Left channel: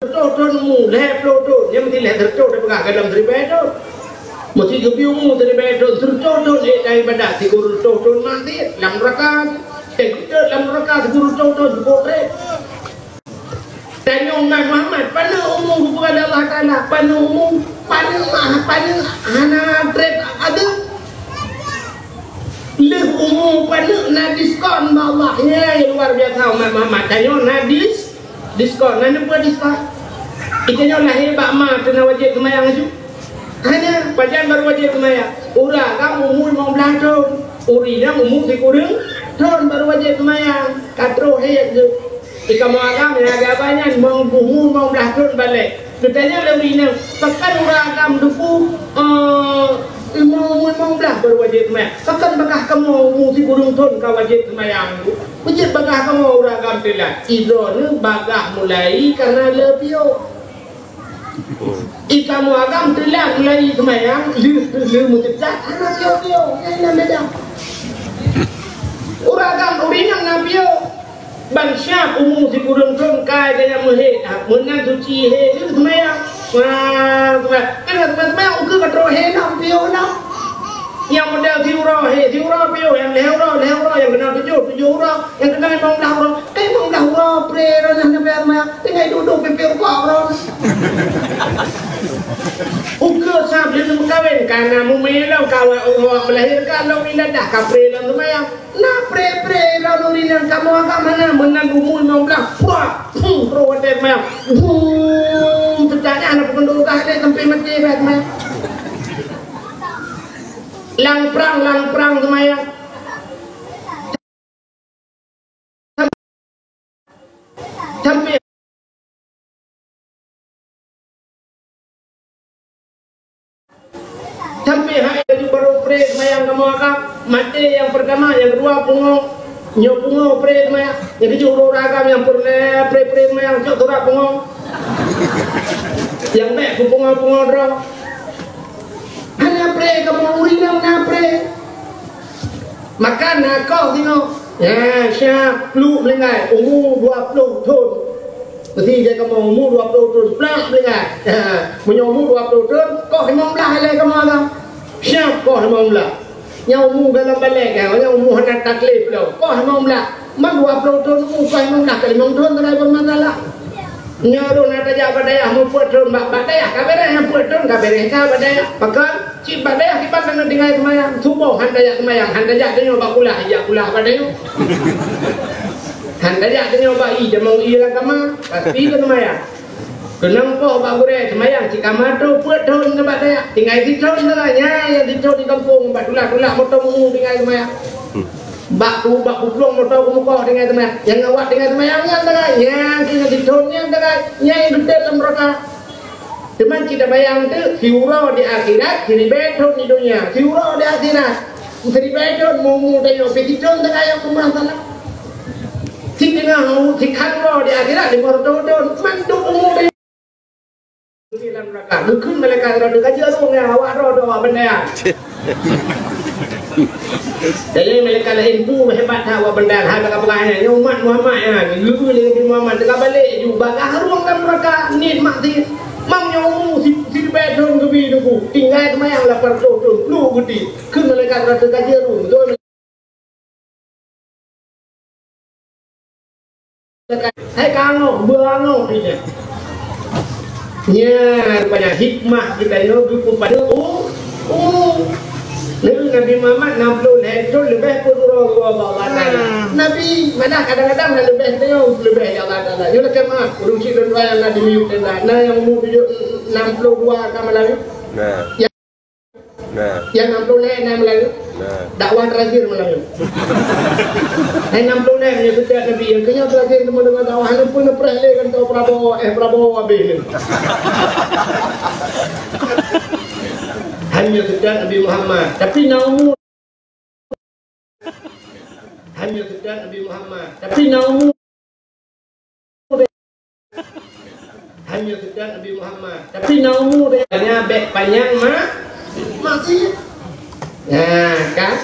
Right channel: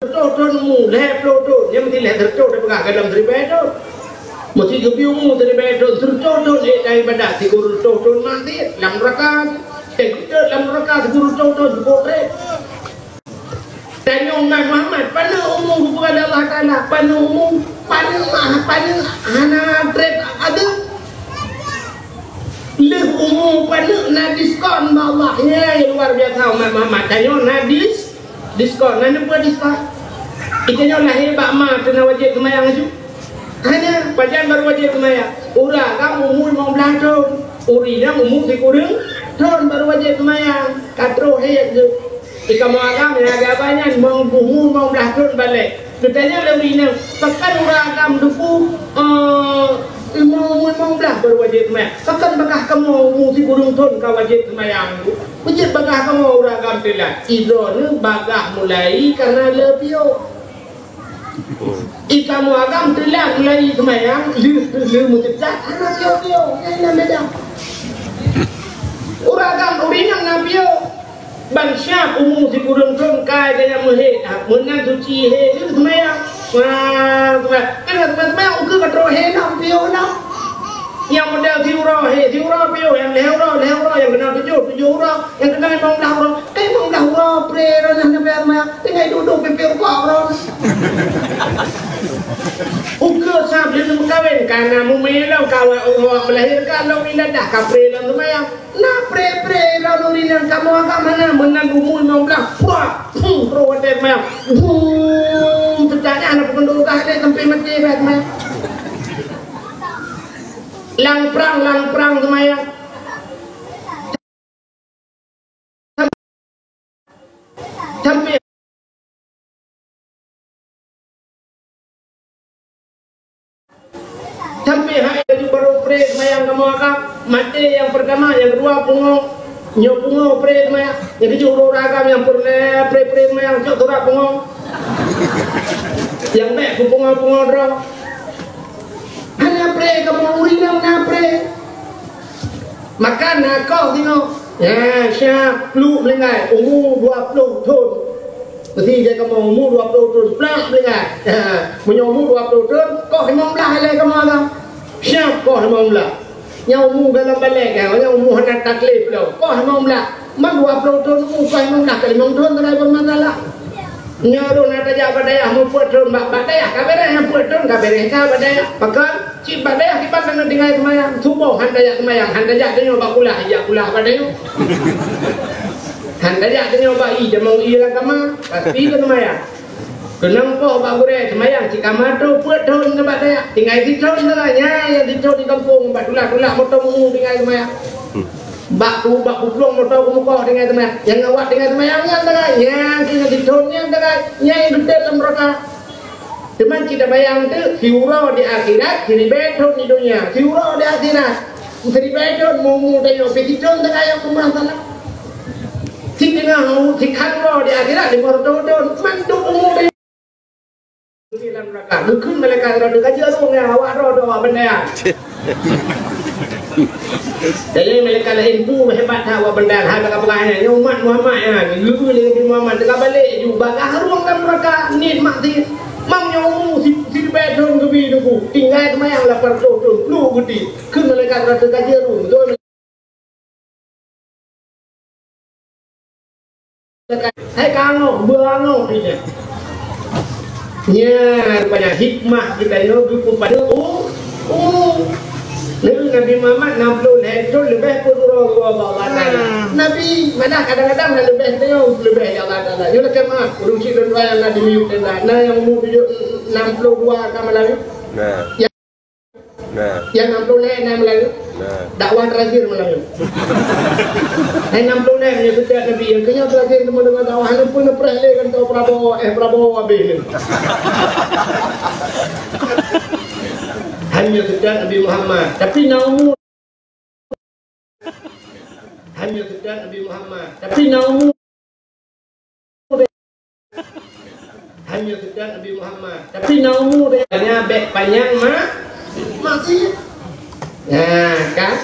Trôn mù lẹp trôn nhưng mà thì lẹp thật trôn để cả cái làm gì bé đâu một thì cứ biêu mù thì bé trôn để đây benda thì guru trôn nanti làm rakaat làm rakaat guru trôn bộ đấy tanya Muhammad pada umum kepada Allah Taala pada umum pada anak trek ada leh umum pada diskon bawahnya yang luar biasa Muhammad tanya nadis diskon nanti buat diskon ikanya lahir bakma kena wajib kemayang itu hanya pajan baru wajib kemayang urang kamu umur mau belakang urinya umur si kurang tahun baru wajib kemayang katro hayat tu jika mau agam ya agaknya mau umur mau belakang balik katanya lebihnya pekan urang agam duku mau belah baru wajib kemayang pekan bakah kamu umur si kurang tahun kau wajib kemayang wajib bakah kamu urang agam telah idron bagah mulai karena lebih ikamu agam telah mulai kemayang lu mujizat anak yo yang beda uragam urinang nabio bangsa umum si kurang ton kai kaya muhe menang suci he itu kemayang wah kemayang ukur katro he nabio na yang model tiura pio yang lehura yang kena tujuh ura yang kena memang dah ura pre ran sampai maya tinggal duduk pipir kau ran ukur sampai tu kawin karena mumelau kalau orang melahirkan lo ina dah kapre lan maya na pre ran urinan kamu agak mana menang umur memang dah wah pro ada maya bertanya anak penduduk ada sampai mati bet maya lang perang semayang sampai hari itu baru pre semayang kamu agak mati yang pertama yang kedua pungo pre semayang yang ketiga ragam yang pre semayang cok turak pungo yang baik pungo drong hanya pre kamu urinam na pre makan na kau tengok ya siap lu melengai umur 20 tahun ketika kamu umur 20 tahun pelak melengai menyumur 20 tahun kau himam belah lagi kamu agam siap kau himam belah yang umur dalam balik yang umur hendak taklif kau himam belah man 20 tahun umur kau himam belah kalau 5 tahun tak ada bermasalah nyaru nada ja badaya mu putrun bak badaya kabere yang putrun kabere ka badaya pakan ci badaya kibat dengan dingai semayang subuh handaya semayang handaya denyo bakula ya kula badaya handaya denyo ba i demong i lang kama pasti ke semayang kenang po ba gure semayang ci kamado putrun ke badaya dingai ditron nanya ya ditron di kampung badula moto mu dingai semayang bak puplong motor kumukoh dengan teman yang ngawat dengan teman yang tengah yang kita ditun yang tengah yang gede dalam mereka teman kita bayang tu hiura di akhirat kini beton di dunia hiura di akhirat kini beton mumu dan petitun tengah yang kemasalah si tengah si kanro di akhirat di mortodon mandu mumu dalam mereka dukun mereka rodo kaji arung yang awak rodo benda jadi mereka lain pun hebat hawa benda hal apa-apanya umat Muhammad lu dengan Muhammad dekat balik juga harum kan mereka nikmati mam nyamu si bedon kebi tu tinggal semayang lapar tu lu gede ke mereka rada kaji arung tu hai kango berango dia nya banyak hikmah kita yo pada Nabi Muhammad 60 hektar lebih pun Allah Taala. Nabi mana kadang-kadang lebih tengok lebih ya Allah Taala. Yo lekas mah urusi dua yang ada di YouTube nah yang umur 62 sama lagi. Yang 60 yang Melayu. Dakwah terakhir Melayu. Yang 60 yang setiap Nabi yang kenya terakhir temu dengan dakwah pun pernah kan tahu Prabowo abis. Hanya sejak Nabi Muhammad tapi naumu hanya sejak Nabi Muhammad tapi naumu hanya sejak Nabi Muhammad tapi naumu dia bek panjang mati nah kan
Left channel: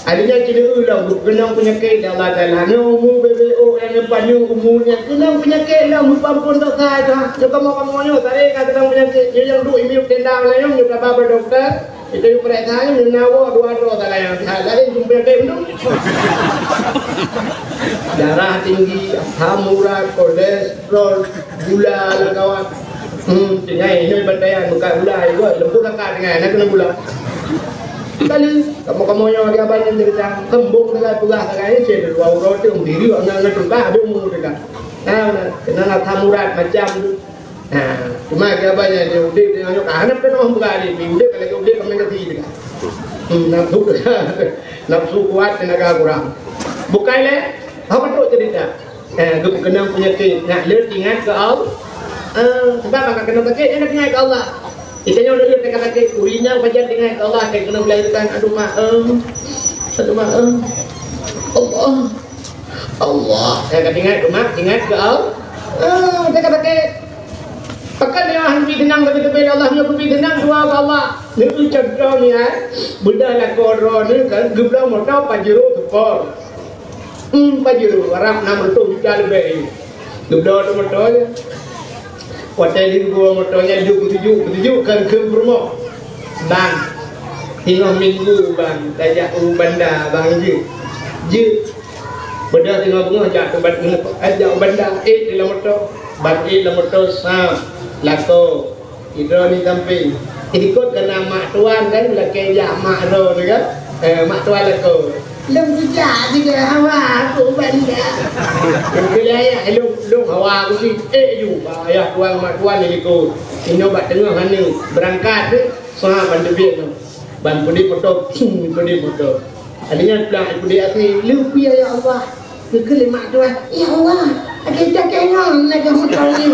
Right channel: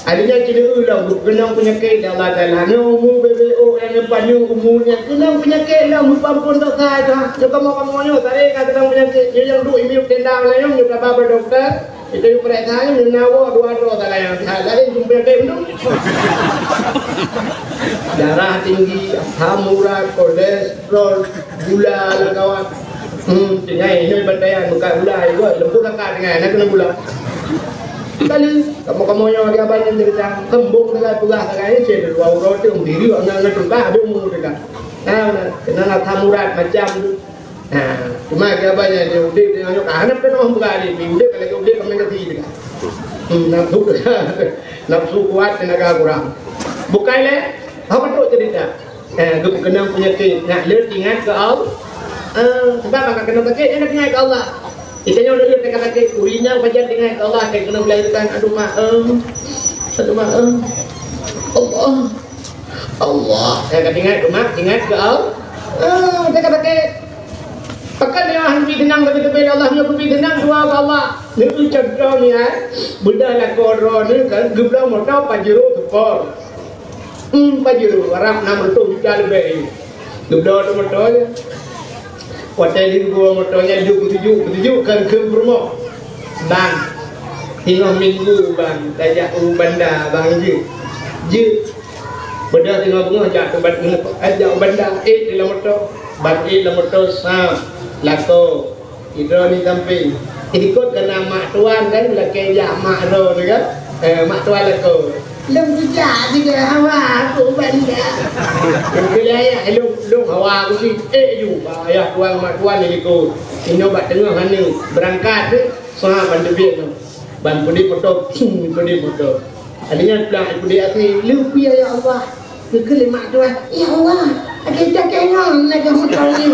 Adanya cerita ulang kenang penyakit Allah Taala. Umur BBO yang depannya umurnya kenang penyakit lah mumpun tak saja. Jika kamu tarik kenang penyakit yang dua ini tendang lah yang kita bawa dokter. Itu yang perhatian menawa dua tak lah yang lain jumpa itu. Darah tinggi, asam urat, kolesterol, gula lah kawan. Tinggal ini berdaya bukan gula itu lembut akar dengan nak kena gula. Kali kamu yang ada banyak cerita kembung dengan pegah kagaknya cedera dua urut itu diri orang ngetukar ada umur dekat. Nah, kena tamurat macam tu. Nah, cuma ada banyak dia udah dengan karena penuh berkali, udah kalau udah kami ngerti dekat. Nafsu kuat tenaga kurang. Bukan le, apa tu cerita? Kena penyakit nak ingat ke Allah. Sebab akan kena penyakit nak ingat ke Allah. Itanya udah lihat kata kurinya baca dengan Allah kayak kena melahirkan aduh maaf Allah saya kata ingat ke Allah saya kata pakai dia hanbi tenang tapi Allah punya kubi tenang dua Allah ni ucap doa ni budak nak koror ni kan geblau motor pajero tekor pajero Arab nama tu juga lebih geblau tu motornya hotel di gua motornya tujuh kan ke rumah bang tengah minggu bang tajak bandar bang je benda tengah bunga ajak bandar dalam motor bang dalam motor sam lako hidro ni samping ikut kena mak tuan kan laki jak mak ro tu kan mak tuan lako lem sejak juga awak aku bandar bila ayah lem awak aku ni juga ayah tuan mak tuan ni ikut ini obat tengah mana berangkat tu sah bantu biar tu ban pudi motor adanya pulang pudi akhir lupi ya Allah ke mak tuan ya Allah ada dagangan lagi motor ni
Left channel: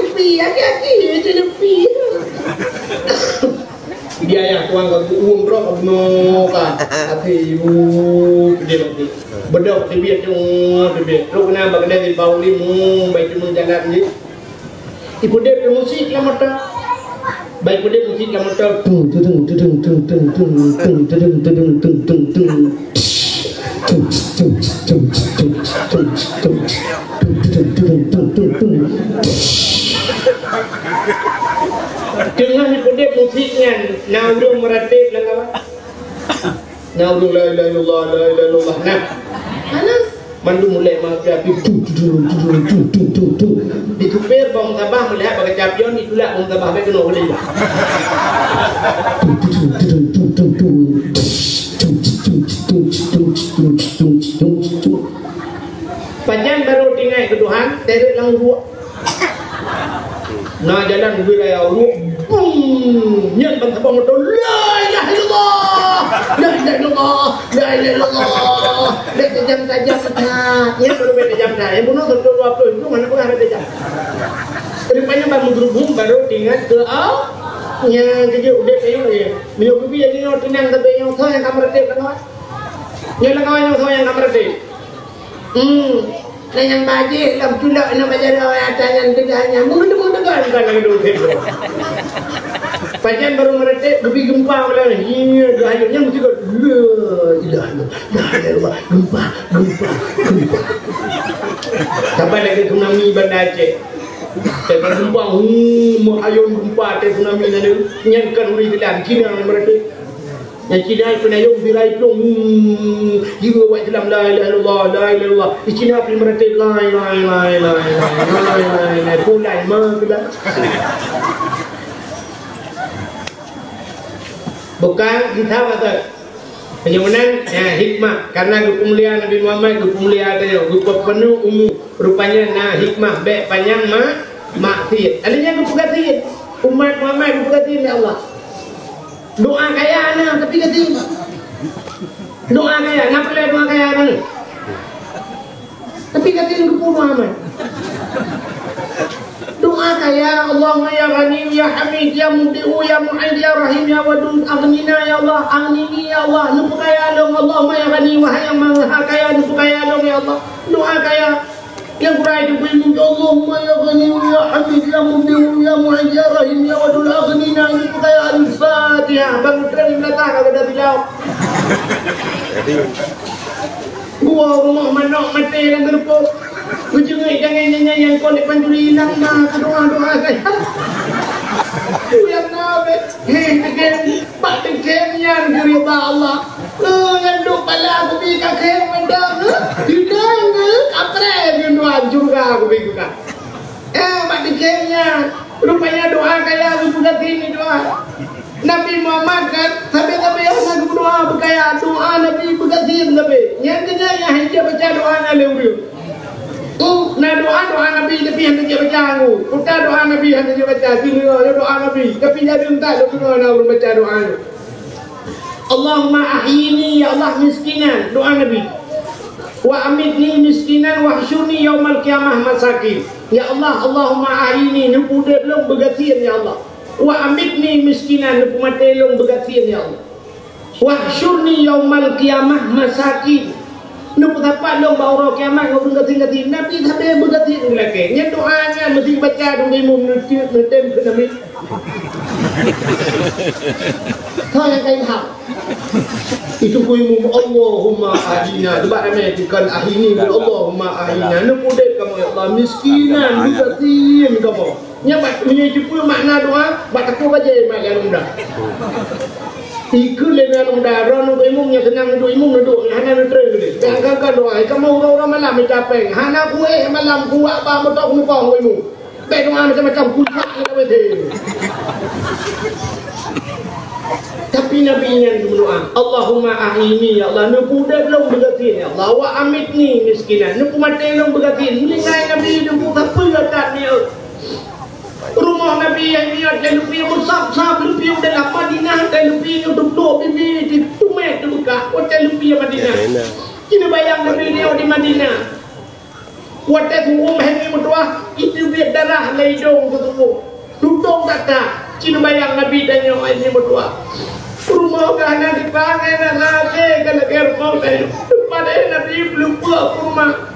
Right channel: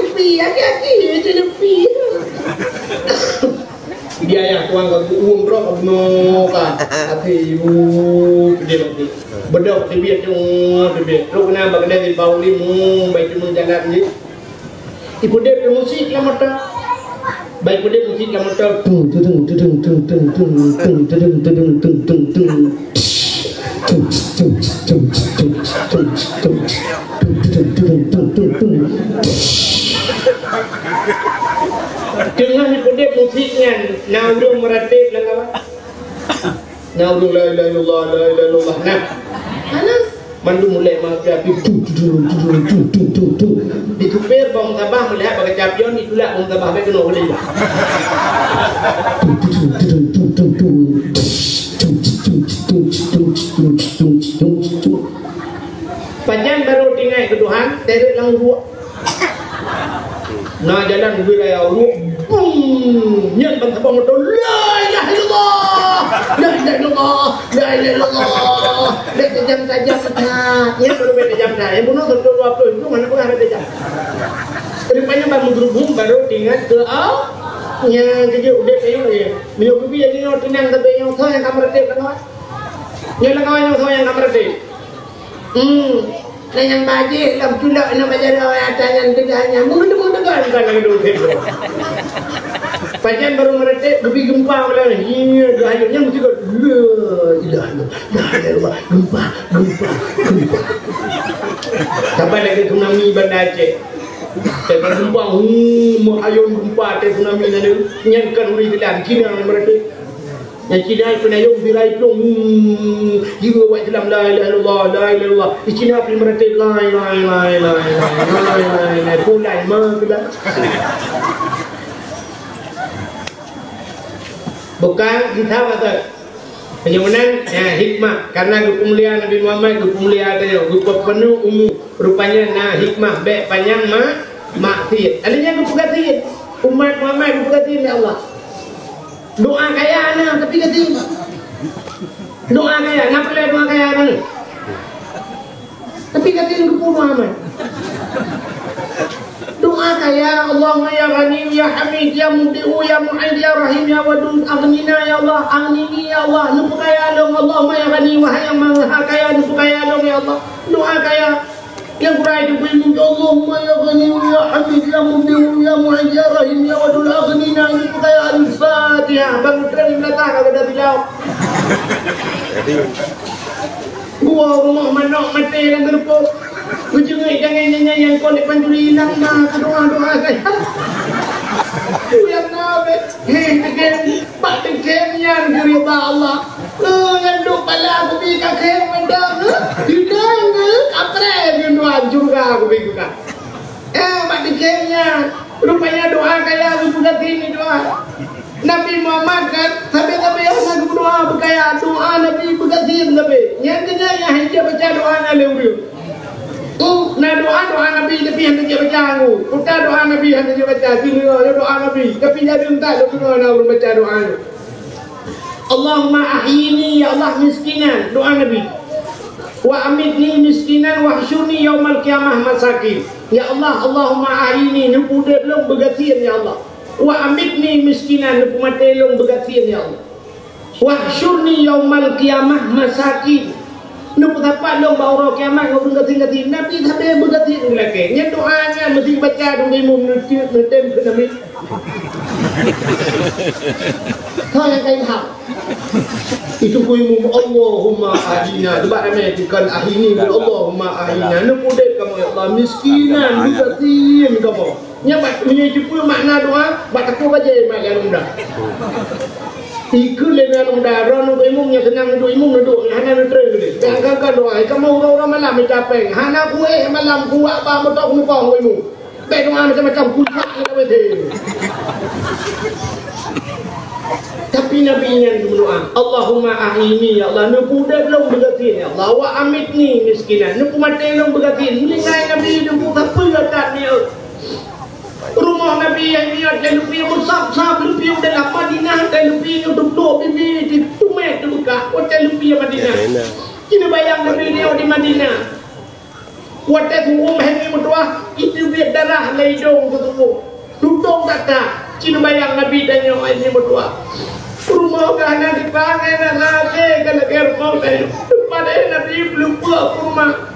lupi akhir je lupi dia yang tuan kau umroh kau noka akhir dia bedok dia tu kena bagada di bawah limu baik tu jalan ni ibu dia musik lah motor baik dia musik lah motor dengan ibu musiknya naudung meratib lah kawan naudung la ilaha illallah nah mana mandu mulai mafia di tupir bang sabah melihat bagai champion itulah bang sabah bagai kena boleh panjang baru tinggal ke Tuhan terik lang ruak nah jalan wilayah ruak boom nyen bang sabah motor la ilaha illallah la ilaha illallah la ilaha illallah dek tajam sangat ya baru beda jam dah yang bunuh betul 20 itu mana pun ada jam rupanya bang berhubung baru tinggal ke yang kerja udah kayu ya minum kopi jadi orang tenang tapi yang tahu yang kamar tip kan yang kawan yang tahu yang kamar tip dan yang bajik lam tulak nak baca doa atasnya tegaknya mungkin kan lagi dulu pajan baru meretik gebi gempa malah iya gayanya mesti kau ilah gempa sampai lagi tsunami Banda Aceh saya gempa mau ayun gempa tsunami nanti nyangkan uri dalam Cina meretik yang Cina penayung birai plong jiwa buat dalam la ilaha illallah di Cina pergi meretik la pulai mah bukan kita kata penyunan hikmah karena kemuliaan Nabi Muhammad kemuliaan dia penuh umum rupanya hikmah baik panjang maksiat adanya kepugatin umat Muhammad kepugatin ya Allah doa kaya anak tapi ketin doa kaya nak boleh doa kaya anak tapi ketin kepu Muhammad doa kaya Allahumma ya Ghani ya Hamid ya Mubdi'u ya Mu'id ya Rahim ya Wadud aghnina ya Allah aghnini ya Allah nupu kaya dong Allahumma ya Ghani wahai yang maha kaya nupu kaya dong ya Allah doa kaya yang kurai itu minta Allahumma ya Ghani ya Hamid ya Mubdi'u ya Mu'id ya Rahim ya Wadud aghnina nupu kaya Al-Fatihah bang keren belakang ada bilau Gua rumah manok mati dan terpuk. Ujungnya jangan nyanyi yang kau lepas duri hilang mah doa saya. Yang nabe, hei pak tegengnya dari Allah. Yang duk pala aku bika keng mendang, tidak kapre yang doa juga aku bika. Pak tegengnya, rupanya doa kayak aku buka ini doa. Nabi Muhammad kan, tapi yang aku doa berkaya doa Nabi buka sini tapi. Yang kenyanya hanya baca doanya lewat. Nah doa Nabi yang dia baca aku. Kita doa Nabi yang dia baca. Sini doa Nabi. Tapi jadi entah doa Nabi baca doa. Allahumma ahyini ya Allah miskinan. Doa Nabi. Wa amitni miskinan wa hsyurni yaumal qiyamah masakin. Ya Allah, Allahumma ahyini nupu delong begatian ya Allah. Wa amitni miskinan nupu matelong begatian ya Allah. Wa hsyurni yaumal qiyamah masakin. Nupu dapat long bawa kiamat ngau bergati Nabi sampai bergati lagi. Nya doanya mesti baca dong imam nutem ke Nabi. Kau yang kain hak. Itu ku imam Allahumma ahyina. Sebab ramai dikal ahyini Allahumma ahyina. Nupu dek kamu ya Allah miskinan bergati kamu. Nya bat menyuci makna doa bat aku baca mak yang mudah. Ikut dengan udara nu imumnya tenang nu imum duduk hana nu terus dia angkat doa kamu orang malam mencapai hana kuih malam kuat apa betok muka imum baik doa macam-macam kuat kita betul tapi Nabi ingin berdoa Allahumma ahyini ya Allah nu puda belum bergatin ya Allah wa amitni miskinan nu mati belum bergatin meninggal Nabi nu apa kata dia rumah Nabi yang niat dan lupi bersab-sab lupi dalam Madinah dan lupi duduk bibi di Tumek buka hotel lupi Madinah. Kini bayang Nabi dia di Madinah. Hotel umum hengi mutua itu biar darah leidong tu duduk kata. Kini bayang Nabi dan yang ini mutua. Rumah kana dipangai dan lagi kalau kermau dan pada Nabi belum buat rumah.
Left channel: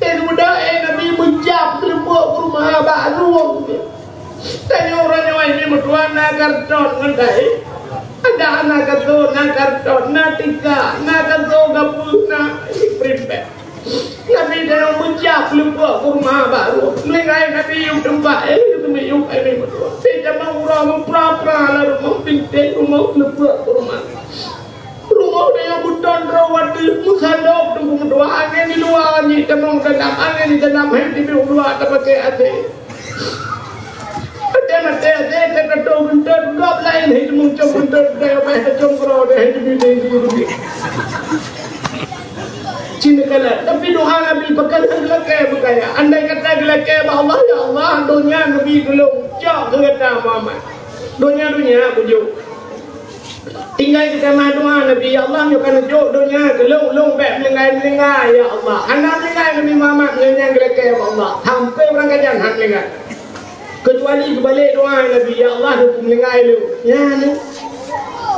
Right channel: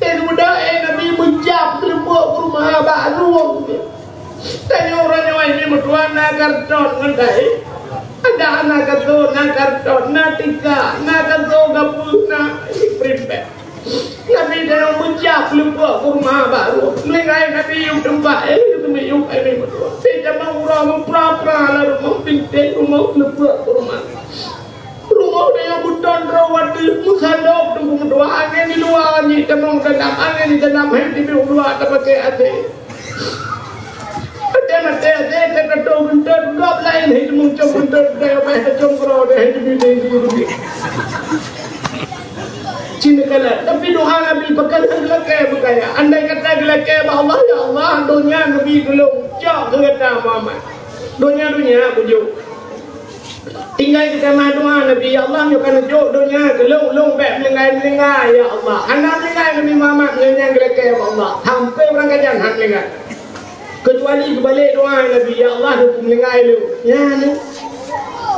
Muda Nabi menjawab belum buat rumah baru. Tanya orang yang ini berdua nak karton ngendai, ada anak karton nak karton nak tiga nak karton gabung nak prepare. Nabi dah menjawab lupa kurma baru. Melengkai Nabi yang tempat itu yang ini berdua. Tidak mau orang memperapa lalu mempintai rumah lupa kurma. Rumah dia yang bukan rawat di musalok tu berdua angin di luar ni temung dalam angin di dalam henti di luar tak pakai hati. Mati terkadang bentar gap lain hidup muncul bentar dia apa congkro dia hidup di Cina kalah tapi doa Nabi bakal gelak berkaya andai kata gelak Allah ya Allah dunia Nabi gelung cak kata Muhammad dunia pujuk tinggal kita mah doa Nabi ya Allah yo kan juk dunia gelung bet melengai ya Allah anak melengai Nabi Muhammad dengan gelak Allah hampir orang kajian hak lengai kecuali kebalik doa Nabi ya Allah hukum lengai lu ya ni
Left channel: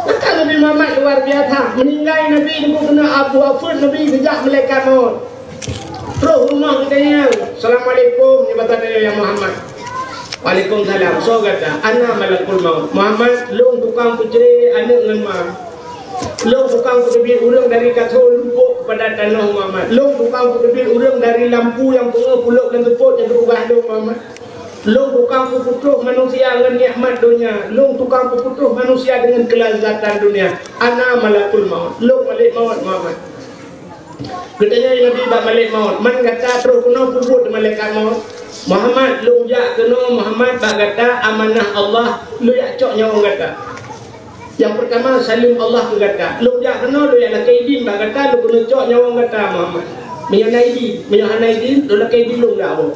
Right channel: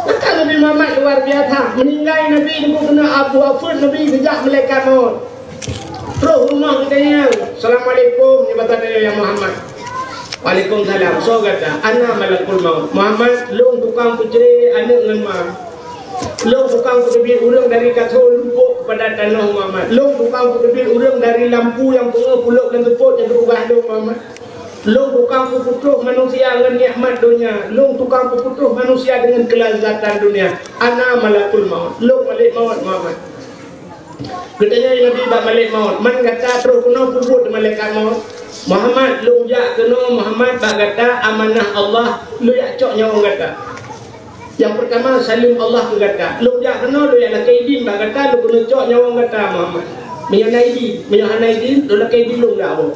kata Nabi Muhammad luar biasa meninggal Nabi dia kena Abu Afud Nabi kejap malaikat maut terus rumah katanya Assalamualaikum jabatan dia ya Muhammad Waalaikumsalam so kata ana malakul maut Muhammad lu tukang pujri anak dengan ma lu tukang putubit urang dari katul lupuk kepada tanah Muhammad lu tukang putubit urang dari lampu yang puluk dan tepuk yang berubah lu Muhammad Long tukang puputuh manusia dengan nikmat dunia. Long tukang puputuh manusia dengan kelazatan dunia. Ana malakul maut. Long malik maut Muhammad. Katanya Nabi bak malik maut. Man kata terus kena puput malaikat maut. Muhammad long jak kena Muhammad bak kata amanah Allah lu yak cok nyawa kata. Yang pertama salim Allah kata. Long jak kena lu yak lakaidin bak kata lu kena cok nyawa kata Muhammad. Menyanaidin, menyanaidin lu lakaidin long dak apa.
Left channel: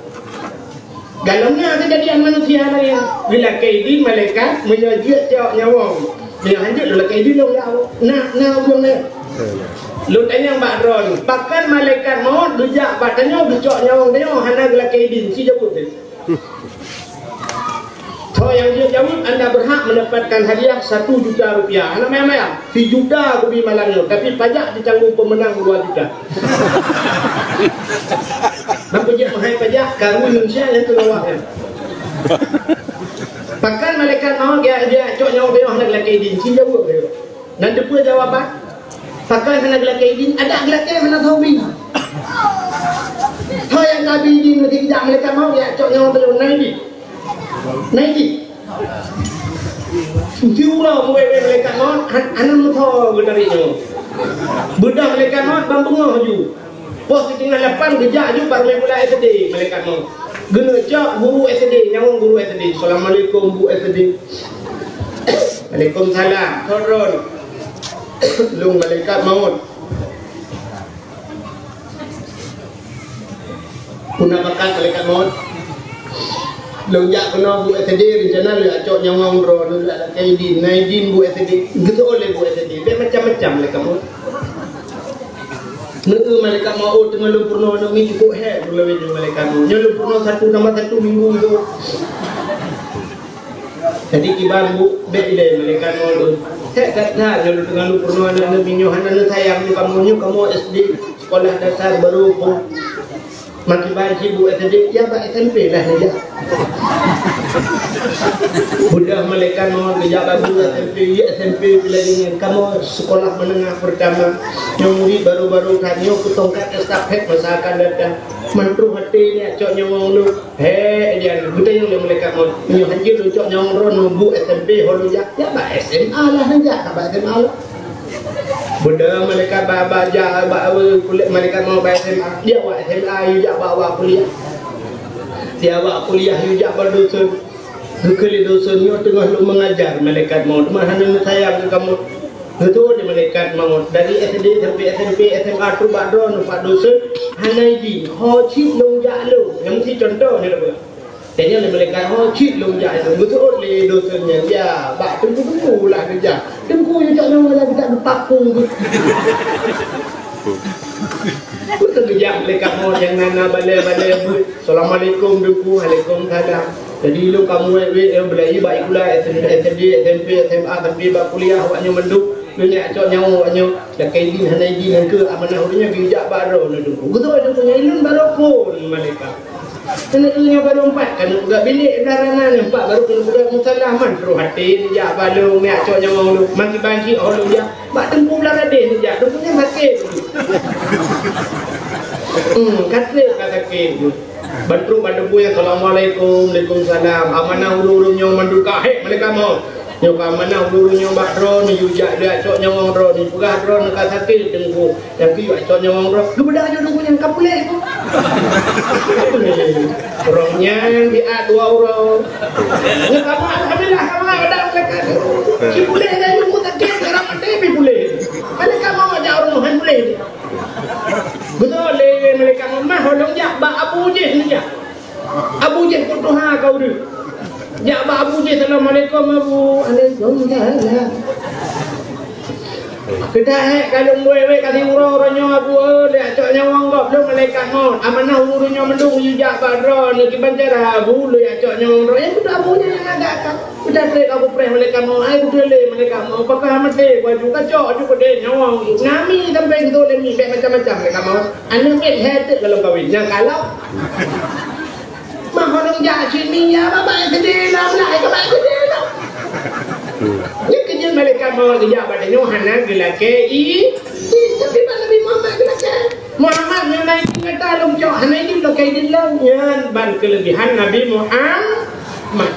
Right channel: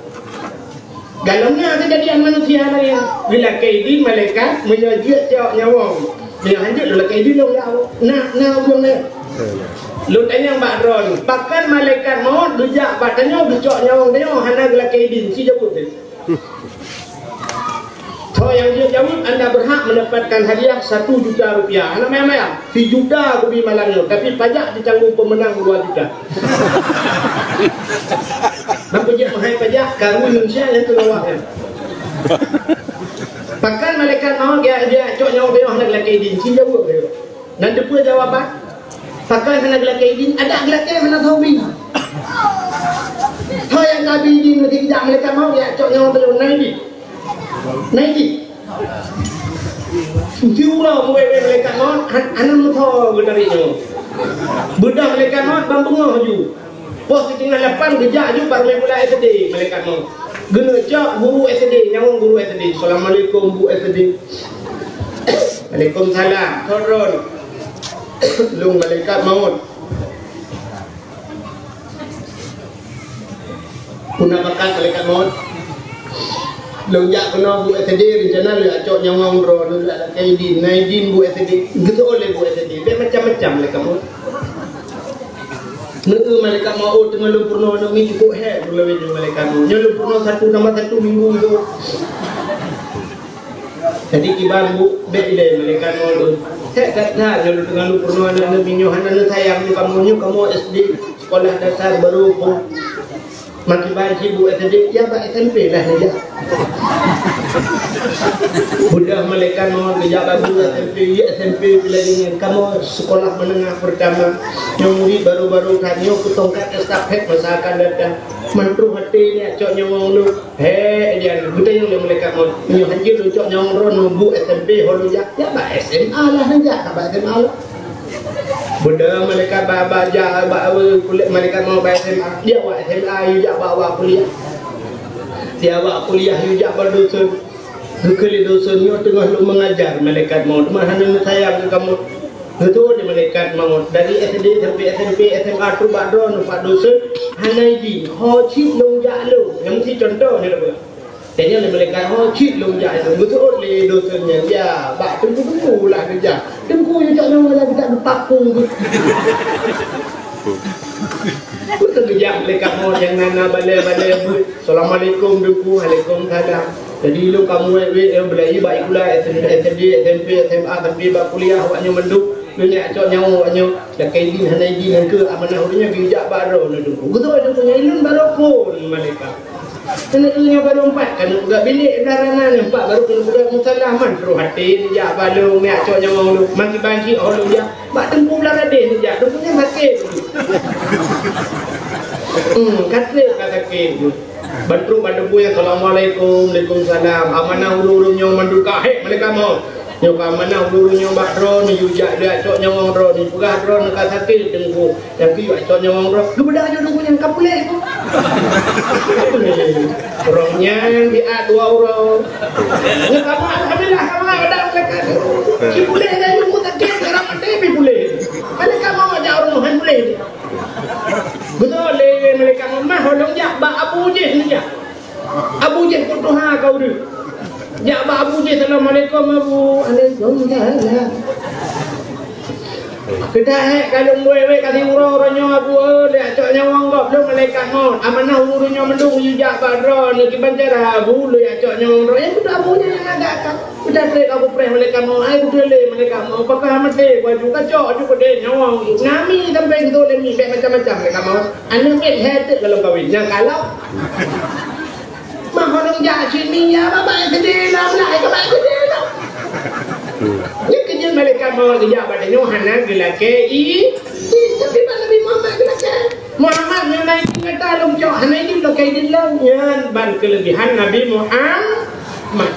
Galaunya kejadian manusia lain. Bila kaidin malaikat menyajak cak nyawa. Bila hanjut lu kaidin lu nyawa. Nah uang ni. Lu tanya Mbak Ron, bahkan malaikat maut dijak batanya dicok nyawa dia hana gela kaidin si jawab dia. So yang dia jawab anda berhak mendapatkan hadiah 1 juta rupiah. Anak maya-maya, 1 juta aku beri malamnya, tapi pajak ditanggung pemenang 2 juta. Nampak je mahal pajak kamu Indonesia yang terlawak ya. Bahkan malaikat maut dia cok nyawa dia hana gela kaidin si jawab dia. Dan depa jawapan Pakai sana gelak kaidin, ada gelak kaidin mana tahu bin. Thôi anh Nabi din mà thì dạng malaikat maut ya chọn nhau tới này đi. Siu lah mulai malaikat maut, anak muda gedari nyo. Budak malaikat maut bang bengah ju. Pos tinggal 8 kejak ju baru mulai SD malaikat maut. Guna cak guru SD, nyawang guru SD. Assalamualaikum bu SD. Waalaikumsalam. Turun. Lung malaikat maut. Kuna makan malaikat maut. Lung jak kena bu SD rencana le acok nyawang ro dulu ada kaidin, naidin bu SD. Gitu oleh bu SD. Dia macam-macam malaikat maut. Neu malaikat maut tengah lumpurno ni cukup he dulu we malaikat maut. Nyo lumpurno 1 minggu tu. Jadi kibar bu bele malaikat maut. Hek kata nyo tengah lumpurno ana minyo hana sayang kamu SD sekolah dasar baru pun makin banyak bu SD ya pak SMP lah saja. Budak malaikat maut kerja baru SMP bila dengan kamu sekolah menengah pertama yang murid baru-baru kanyo kutongkat estafet masa akan datang mentru hati ni cok nyawang lu dia buta yang malaikat maut nyo hanjir lu cok nyawang ron bu SMP holu ya pak SMA lah saja pak SMA lah. Budak malaikat baca kuliah malaikat mau SMA dia buat SMA juga bawa kuliah. Dia bawa kuliah juga berdosen. Kali dosen ni tengah lu mengajar malaikat maut. Mana nak sayang kamu. Itu dia malaikat maut dari SD sampai SMP SMA tu badron pak dosen hanai di ho chip long ja lu. Yang si contoh ni lah. Tanya le malaikat ho chip long ja lu. Betul le dosennya ya bak tunggu lah kerja. Tunggu je tak nama lagi tak berpakung tu. Betul kerja malaikat maut yang nana balai-balai bu. Assalamualaikum duku, waalaikumsalam. Jadi lu kamu belajar baik pula SD, SMP, SMA sampai bab kuliah awaknya menduk dunia acok nyawa awaknya dah kaidin hanaidin ke amanah urnya bijak baru nak duku. Betul ada punya ilmu baru pun malaikat. Kena ilmu baru 4 kan budak bilik daranan 4 baru kena budak musalaman terus hati dia balu mi acok nyawa lu maki banci lu dia bak tempu belarade saja tu punya sakit. Kata ke Bantu bantu yang Assalamualaikum, Waalaikumsalam. Amanah ulu-ulu nyong manduka hek malaikat maut. Nyong amanah ulu-ulu nyong bakro ni yujak dia acok nyong ro ni pugah ro nak sakit tengku. Tapi acok nyong ro. Kebedak jo dulu yang kapulek tu. Rohnya di A2 euro. Ni kamu alhamdulillah kamu ada malaikat. Si boleh dah nyong tak dia sekarang mati boleh. Malaikat maut ajak orang boleh. Betul le malaikat mah holong jak ba Abu Jahal ni jak. Abu Jahal pun Tuhan kau tu. Jak ba Abu Jahal Assalamualaikum Abu. Waalaikumsalam. Kita kalau we kasi uro-uronyo Abu le acok nyawang gop lu malaikat maut. Amanah uronyo mendung jak ba ro ni kibancara Abu le acok nyawang ro. Yang tu Abu ni yang agak kan. Kita trek aku preh malaikat maut. Ai ku le malaikat maut. Pakah mate baju kacok juga de nyawang. Ngami sampai gitu le mi macam-macam malaikat maut. Anu ket het kalau kawin. Yang kalau mah holong jak sini ya baba sedih lah mulai ke baba sedih lah. Ni kerja malaikat maut kerja pada Yohanan gelake tapi Nabi Muhammad gelake. Muhammad yang naik kata long cok hanai ni lo kai din long yan ban kelebihan Nabi Muhammad.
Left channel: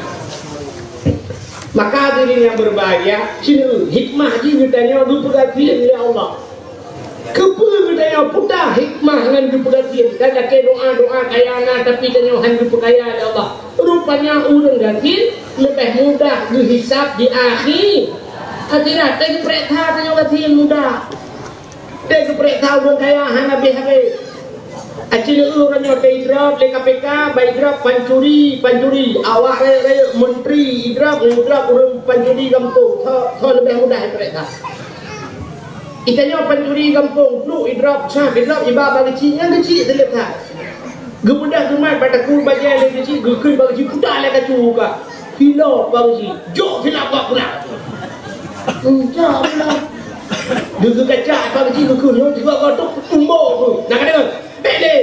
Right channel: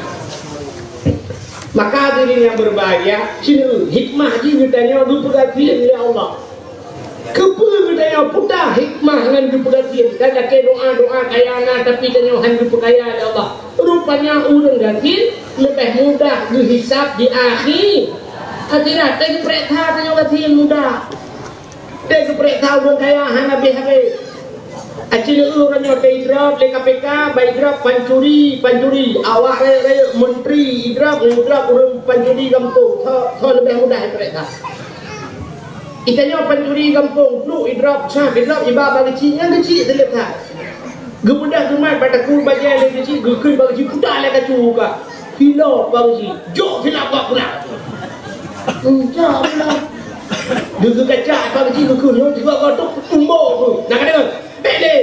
Maka diri yang berbahagia sini hikmah ji ditanya dupugatian ya Allah. Kepu ditanya putar hikmah dengan dupugatian. Kada ke doa-doa kayana tapi tanya han dupugaya ya Allah. Rupanya urang gatin lebih mudah dihisap di akhir. Akhirat teh perintah tanya gatin mudah. Teh perintah urang kaya han habis-habis. Acil urang nyote idrap le KPK baidrap pancuri awak raya menteri idrap urang pancuri kampung tho lebih mudah perintah. Itanya pancuri kampung lu idrap iba bagi cinya kecil selesai. Gebudak rumah pada kur baja le kecil gekun bagi putar le kacu ka. Hilap bagi jok hilap bak pula. Jok pula. Dulu kacak bagi gekun yo tiba kotok umbo tu. Nak kena bele.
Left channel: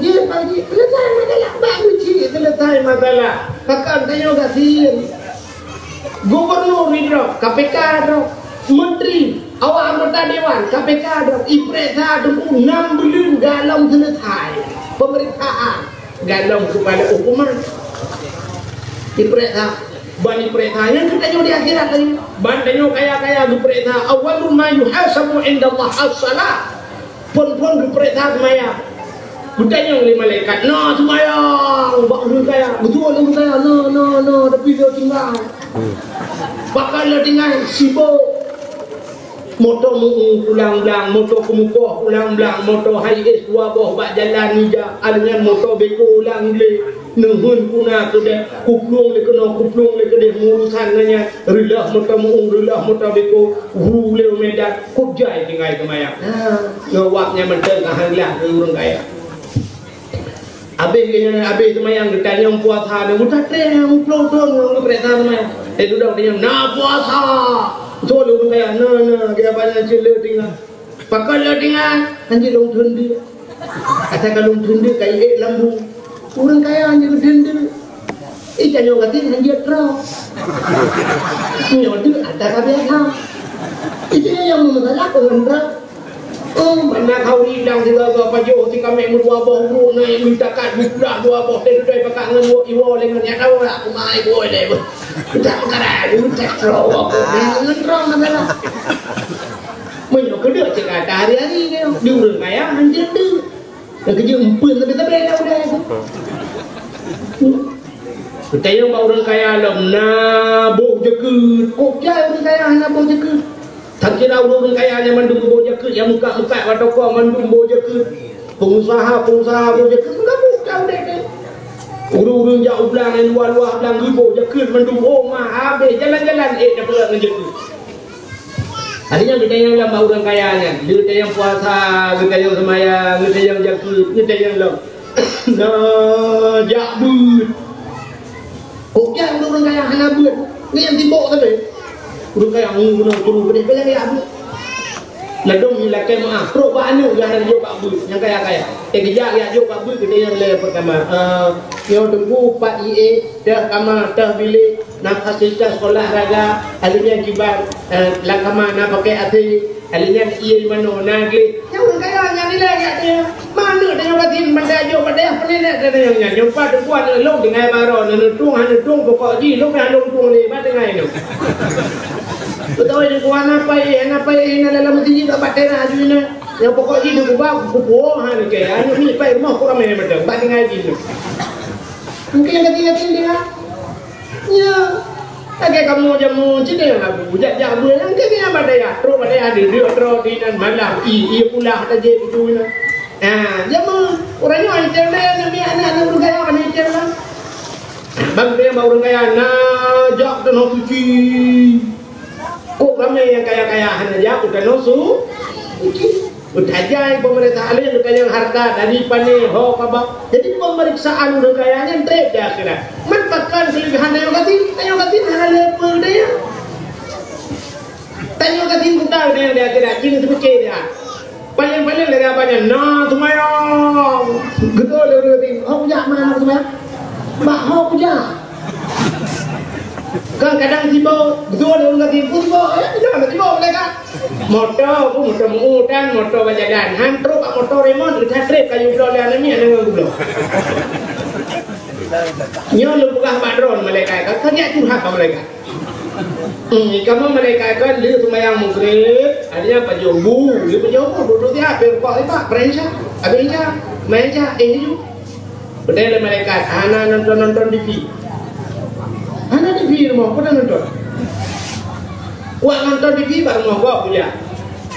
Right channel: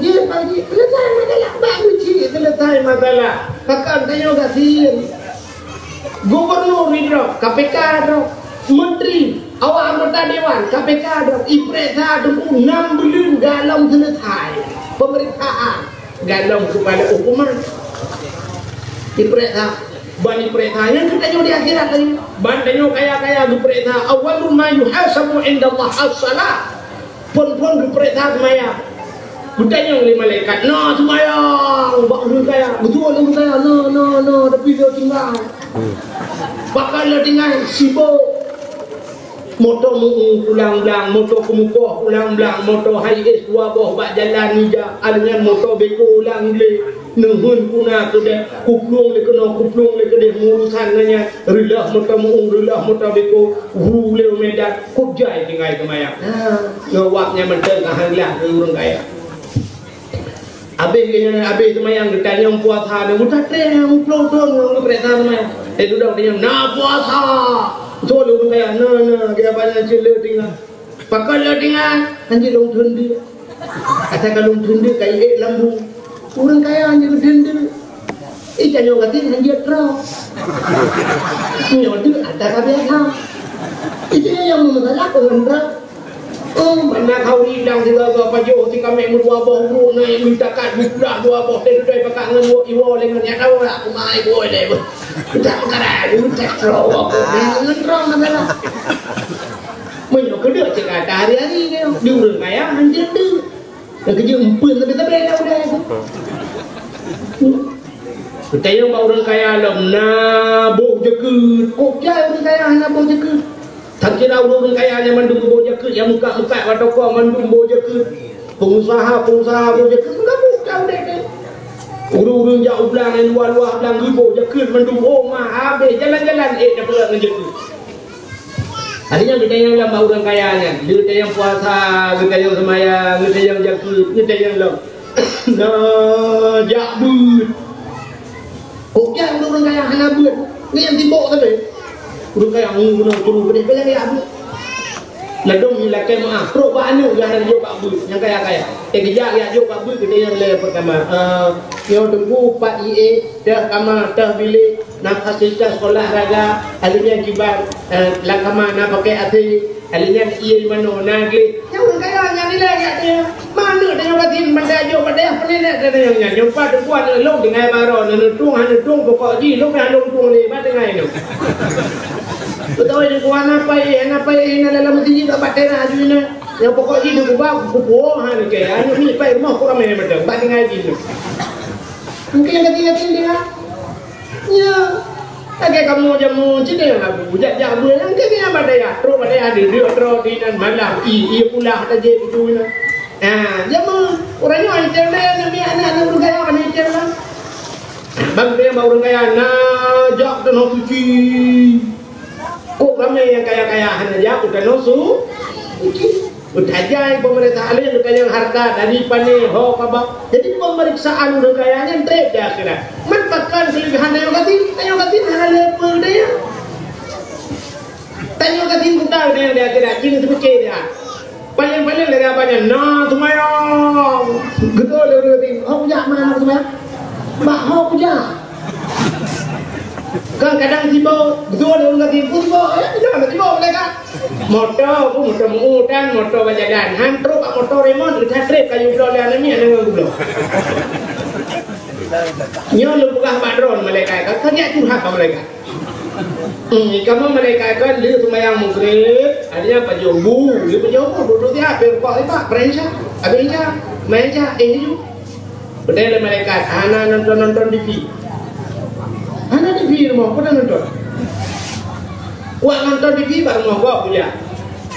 Dia bagi selesai masalah bagi selesai masalah. Kakak tanya gasin. Gubernur idrap KPK drop menteri awak anggota dewan KPK ada ipresa temu 6 bulan dalam selesai pemeriksaan dalam kepada hukuman ipresa ban ipresa yang kita di akhirat tadi ban tanyo kaya-kaya ipresa awalul ma yuhasabu indallah as-salah pun ipresa maya bertanya oleh malaikat no semayang bakal kaya betul kaya no tapi dia tinggal bakal tinggal sibuk motor ulang-ulang motor kemukuh ulang-ulang motor high-es dua boh bak jalan nija dengan motor beko ulang le nehun kuna kede kuplung le kede ngurusan nanya rilah motor beko le medan kujai tinggal kemayang ngewaknya menteng ahliah urang kaya Abe semayang ditanya puasa dan mudah yang pelotong perintah semayang duduk dia na puasa so lu kaya na dia banyak cile tinggal pakal tinggal anjir long thundi kata kalau thundi kai lambu orang kaya anjir thundi janyo gatin anjir tro nyodu ada kabeh itu yang masalah pengendara mana kau hilang segala apa jauh si kami merdua bohong naik minta kat budak dua boh dari pakai ngan iwo lengan ya tahu lah kumai boy deh tak karai tak terlalu ngan terang mana menyok kedua cakap hari-hari dia diurang kaya anjir tu dan kerja empun tapi dah udah kita yang orang kaya lom nabok jekut kok jaya orang kaya nabok jekut tak kira orang kaya yang mandung boja ke yang muka atau kau mandung boja ke pengusaha boja ke enggak bukan deh urung jauh belang yang luar belang boja ke mandung mah habis jalan-jalan dah pulang ngejek tadinya kita yang lama orang kayanya kita yang puasa kita yang semayang kita yang jakut kita yang lom jakbut kok yang orang kaya hana buat ni yang tibok tadi urang kaya ngunu turun gede belang ya abu ladong ni lakai maaf pro banu yang ada juga abu yang kaya kejak ya juga abu kita yang le pertama yo tunggu Pak IE dah kama dah bilik nak fasilitas sekolah raga alinya jibat lakama nak pakai ati alinya IE mano nagli yang kaya yang nilai ya dia mana dia katin mendayo pada penenek dia yang nyompa tuan long dengan baron tung pokok ji long dah long tung le ba dengan itu betul ni kuan apa ini dalam masjid tak batera ajuina yang pokok ji tu ba kupo ha ni ke anu ni pai rumah kurang main betul ba dengan ji tu mungkin kati dia ya agak kamu jamu cedek lagu jak bulan ke ni apa dia tro pada dia tro di dan malam i pula tak je itu na jamu orangnya internet ni anak orang kaya ni internet bang dia orang kaya na jak dan suci kok ramai yang kaya-kaya hanya jauh dan nosu udah jai pemerintah alih yang harta dari pane ho kabak jadi pemeriksaan udah kayanya trip dah kira manfaatkan kelebihan yang katin hanya level dia tanyo katin kita dia kira kini seperti dia paling dari apanya nah semayang gitu dia katin ho punya mana semayang mak ho punya kan kadang tiba betul dia orang tiba jangan tiba mereka motor mengutan motor berjalan hantruk motor remote kita trip kayu blok dan ni ada blok nyo lu buka badron mereka kan kerja curhat mereka kamu mereka kan dia semayang maghrib adanya pajobu duduk dia berkok itu prensa abisnya meja ini betul mereka anak nonton TV anak TV rumah pun nonton nonton TV baru mau gua punya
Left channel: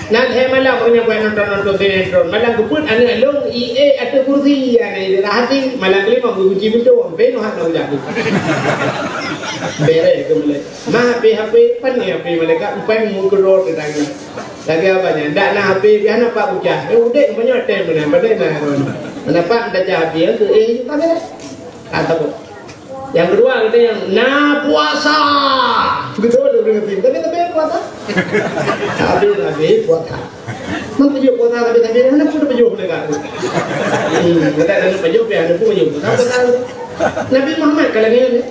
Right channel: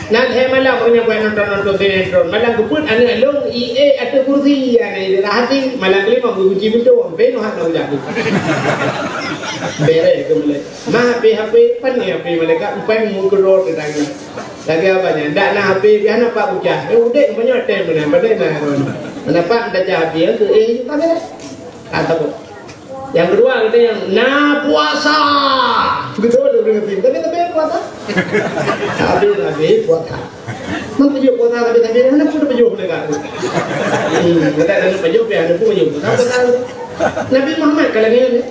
nanti malam punya nonton sinetron malam kuput anak long IE atau kursi ane hati malam kali mau kunci pintu beno hak nak jadi bere kembali mah HP pan ni HP mereka upai mu kerot lagi apa nya ndak nak HP biar nak pak bujah udah punya tem mana pada mana pak dah jadi ke tak ada kata yang kedua kita yang puasa betul tapi puasa habis puasa mang pejuk puasa tapi mana pun pejuk mereka kita ada pejuk ya ada pun pejuk puasa Nabi Muhammad kalau ni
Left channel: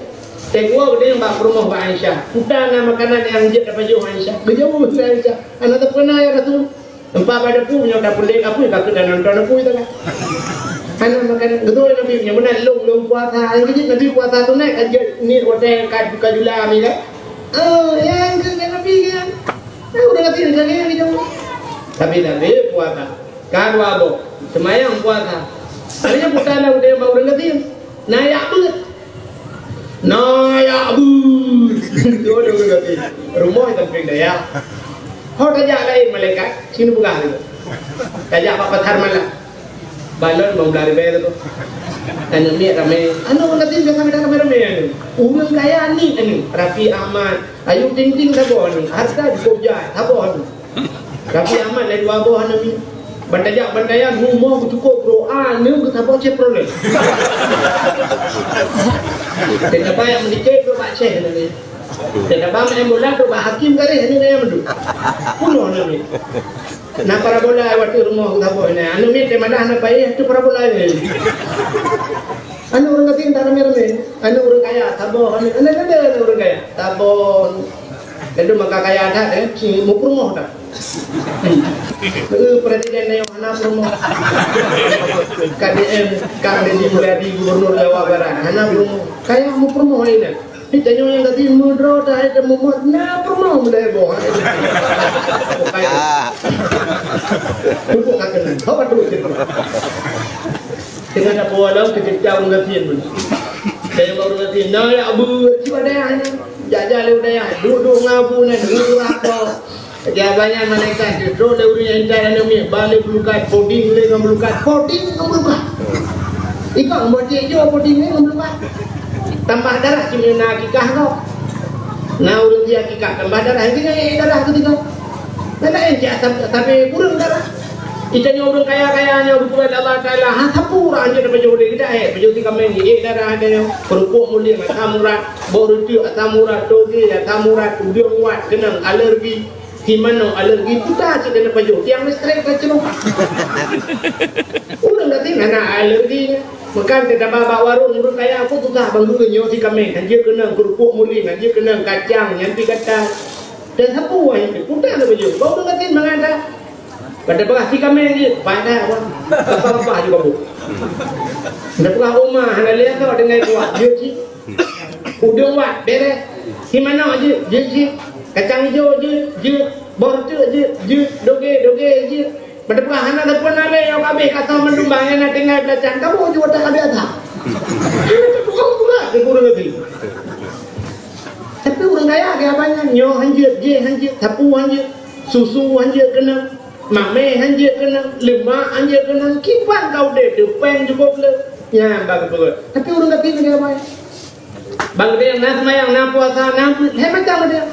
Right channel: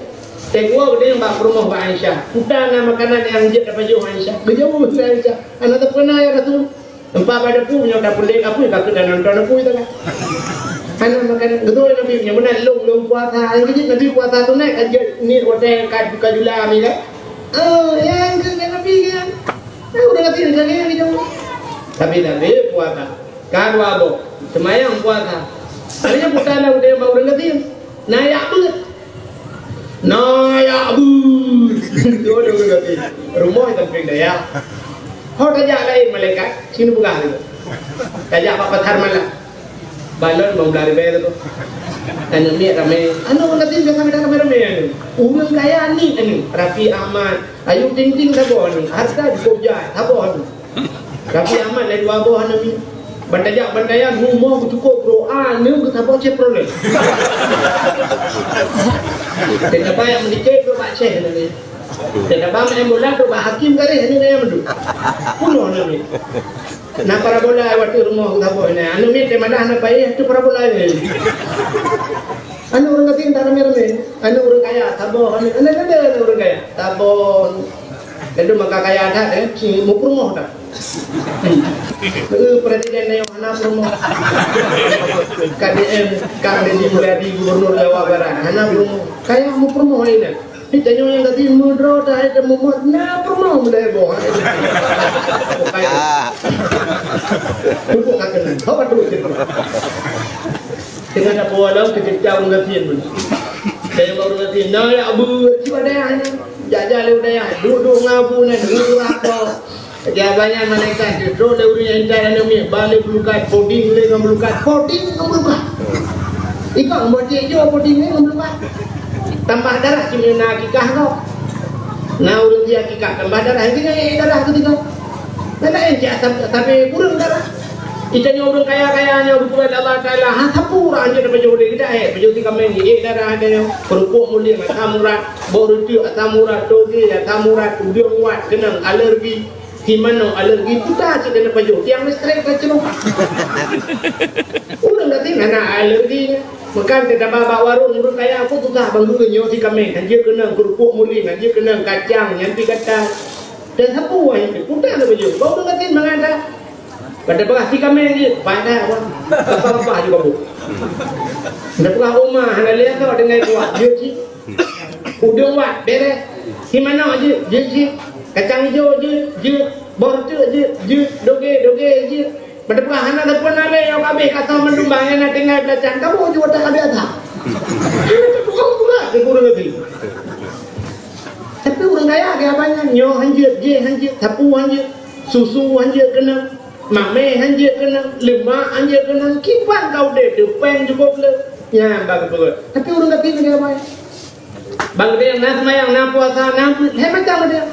Tengok dia yang bak rumah Pak Aisyah. Putana makanan yang jid dapat jauh Aisyah. Berjauh dengan Aisyah. Anak tak pernah ya Rasul. Tempat pada punya dah pendek apa yang kata dan nonton aku itu kan. Anak makanan betul Nabi punya benar long puasa. Yang kecil Nabi puasa tu naik aja ni hotel kad buka jula ni kan. Oh, yang ke Nabi kan. Udah ngerti dengan yang jauh. Tapi Nabi puasa. Kan wabo. Semayang puasa. Hanya putana udah mau ngerti. Nayak banget. Nayak bud. Itu udah ngerti. Rumah itu ping daya. Kau tajak lain malaikat, sini buka itu. Tajak apa pathar malah. Balon mau lari bayar tu. Anu ni ramai. Anu ngerti biasa kita ramai anu. Umum kaya ni anu. Rafi Ahmad, Ayu Ting Ting sabo anu. Harta di Jogja sabo anu. Rafi Ahmad lagi dua bawah anu. Bandayan rumah cukup doa ni ke sabo ceprole. Tidak payah menikah tu pak ceh ni. Tidak payah embulan tu pak hakim kali ni yang mendu. Puno ni. Nak parabola waktu rumah sabo ni. Anu ni temada anak bayi tu parabola ni. Anu orang kata tak ramai. Anu orang kaya sabo anu ada orang kaya. Sabo. Itu maka kaya ada si mupurmoh dah. Presiden yang mana promo KDM Kang Deddy Mulyadi Gubernur Jawa Barat mana promo kayak mau promo ini kita yang tadi mudro dah ada muat na promo mulai boh cukup kakenan apa terus itu dengan apa walau kejauh ngatiin pun saya baru ngatiin nah ya abu siapa dah jajah lewat dah duduk ngapu nih duduk apa jawabannya malaikat itu dawrinya indah nami balik melukat coding le melukat ikut buat je coding le melukat tambah darah cuma nak kikah kau nah urut dia kikah tambah darah ini darah ketika mana enjak tapi kurang darah itanya orang kaya-kayanya berbuat Allah Taala hasapura anje dapat jodoh kita pejuti kami ni darah ada kerupuk mulia tamura boruti tamura toge ya tamura tudiung wat kenang alergi Himano alergi putar je kena paju tiang listrik tak celup udah nanti mana alerginya makan tidak bawa warung urut kaya aku tu tak banggu kenyo si kami anjir kena kerupuk muling anjir kena kacang nyanti kacang dan sapu itu putar le paju kau udah nanti mengada pada bekas si kami ni banyak apa juga bu dah bekas rumah hana lihat kau dengan kuat je si udah wat beres Himano aje je kacang hijau je bor tu je doge je pada perahan ada pun ada yang kabeh kata mendumbangnya nak tinggal belacan kamu juga tak kabeh ada bukan pula ke kurang lebih tapi orang kaya ke apanya nyo hanjir je hanjir sapu hanjir susu hanjir kena mame hanjir kena lemak hanjir kena kipan kau deh depan juga boleh ya bagus tapi orang kata ke apanya bang dia nak semayang nak puasa nak hebat tak dia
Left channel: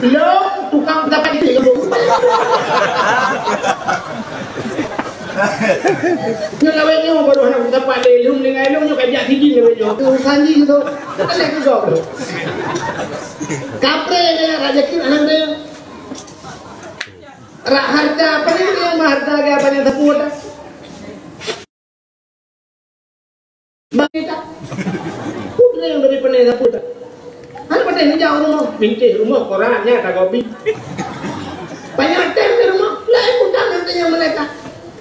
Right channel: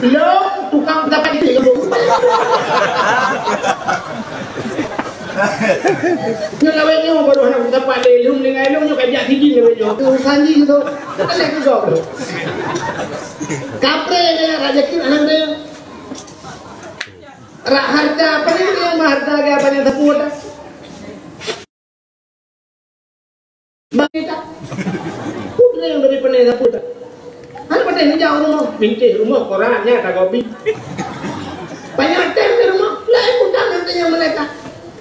lo tukang dapat itu kamu ngawenya baru anak dapat lelum dengan lelum juga kajak tinggi ngawenya tu sanji tu boleh ke kau kapre dia rezeki anak dia rak harta apa ni dia harta ke apa yang tepuk dah Bagita, putra yang dari penela putra. Ada pada ini jauh rumah, binti rumah korannya tak kopi. Banyak tem di rumah, lain putra nanti yang mereka.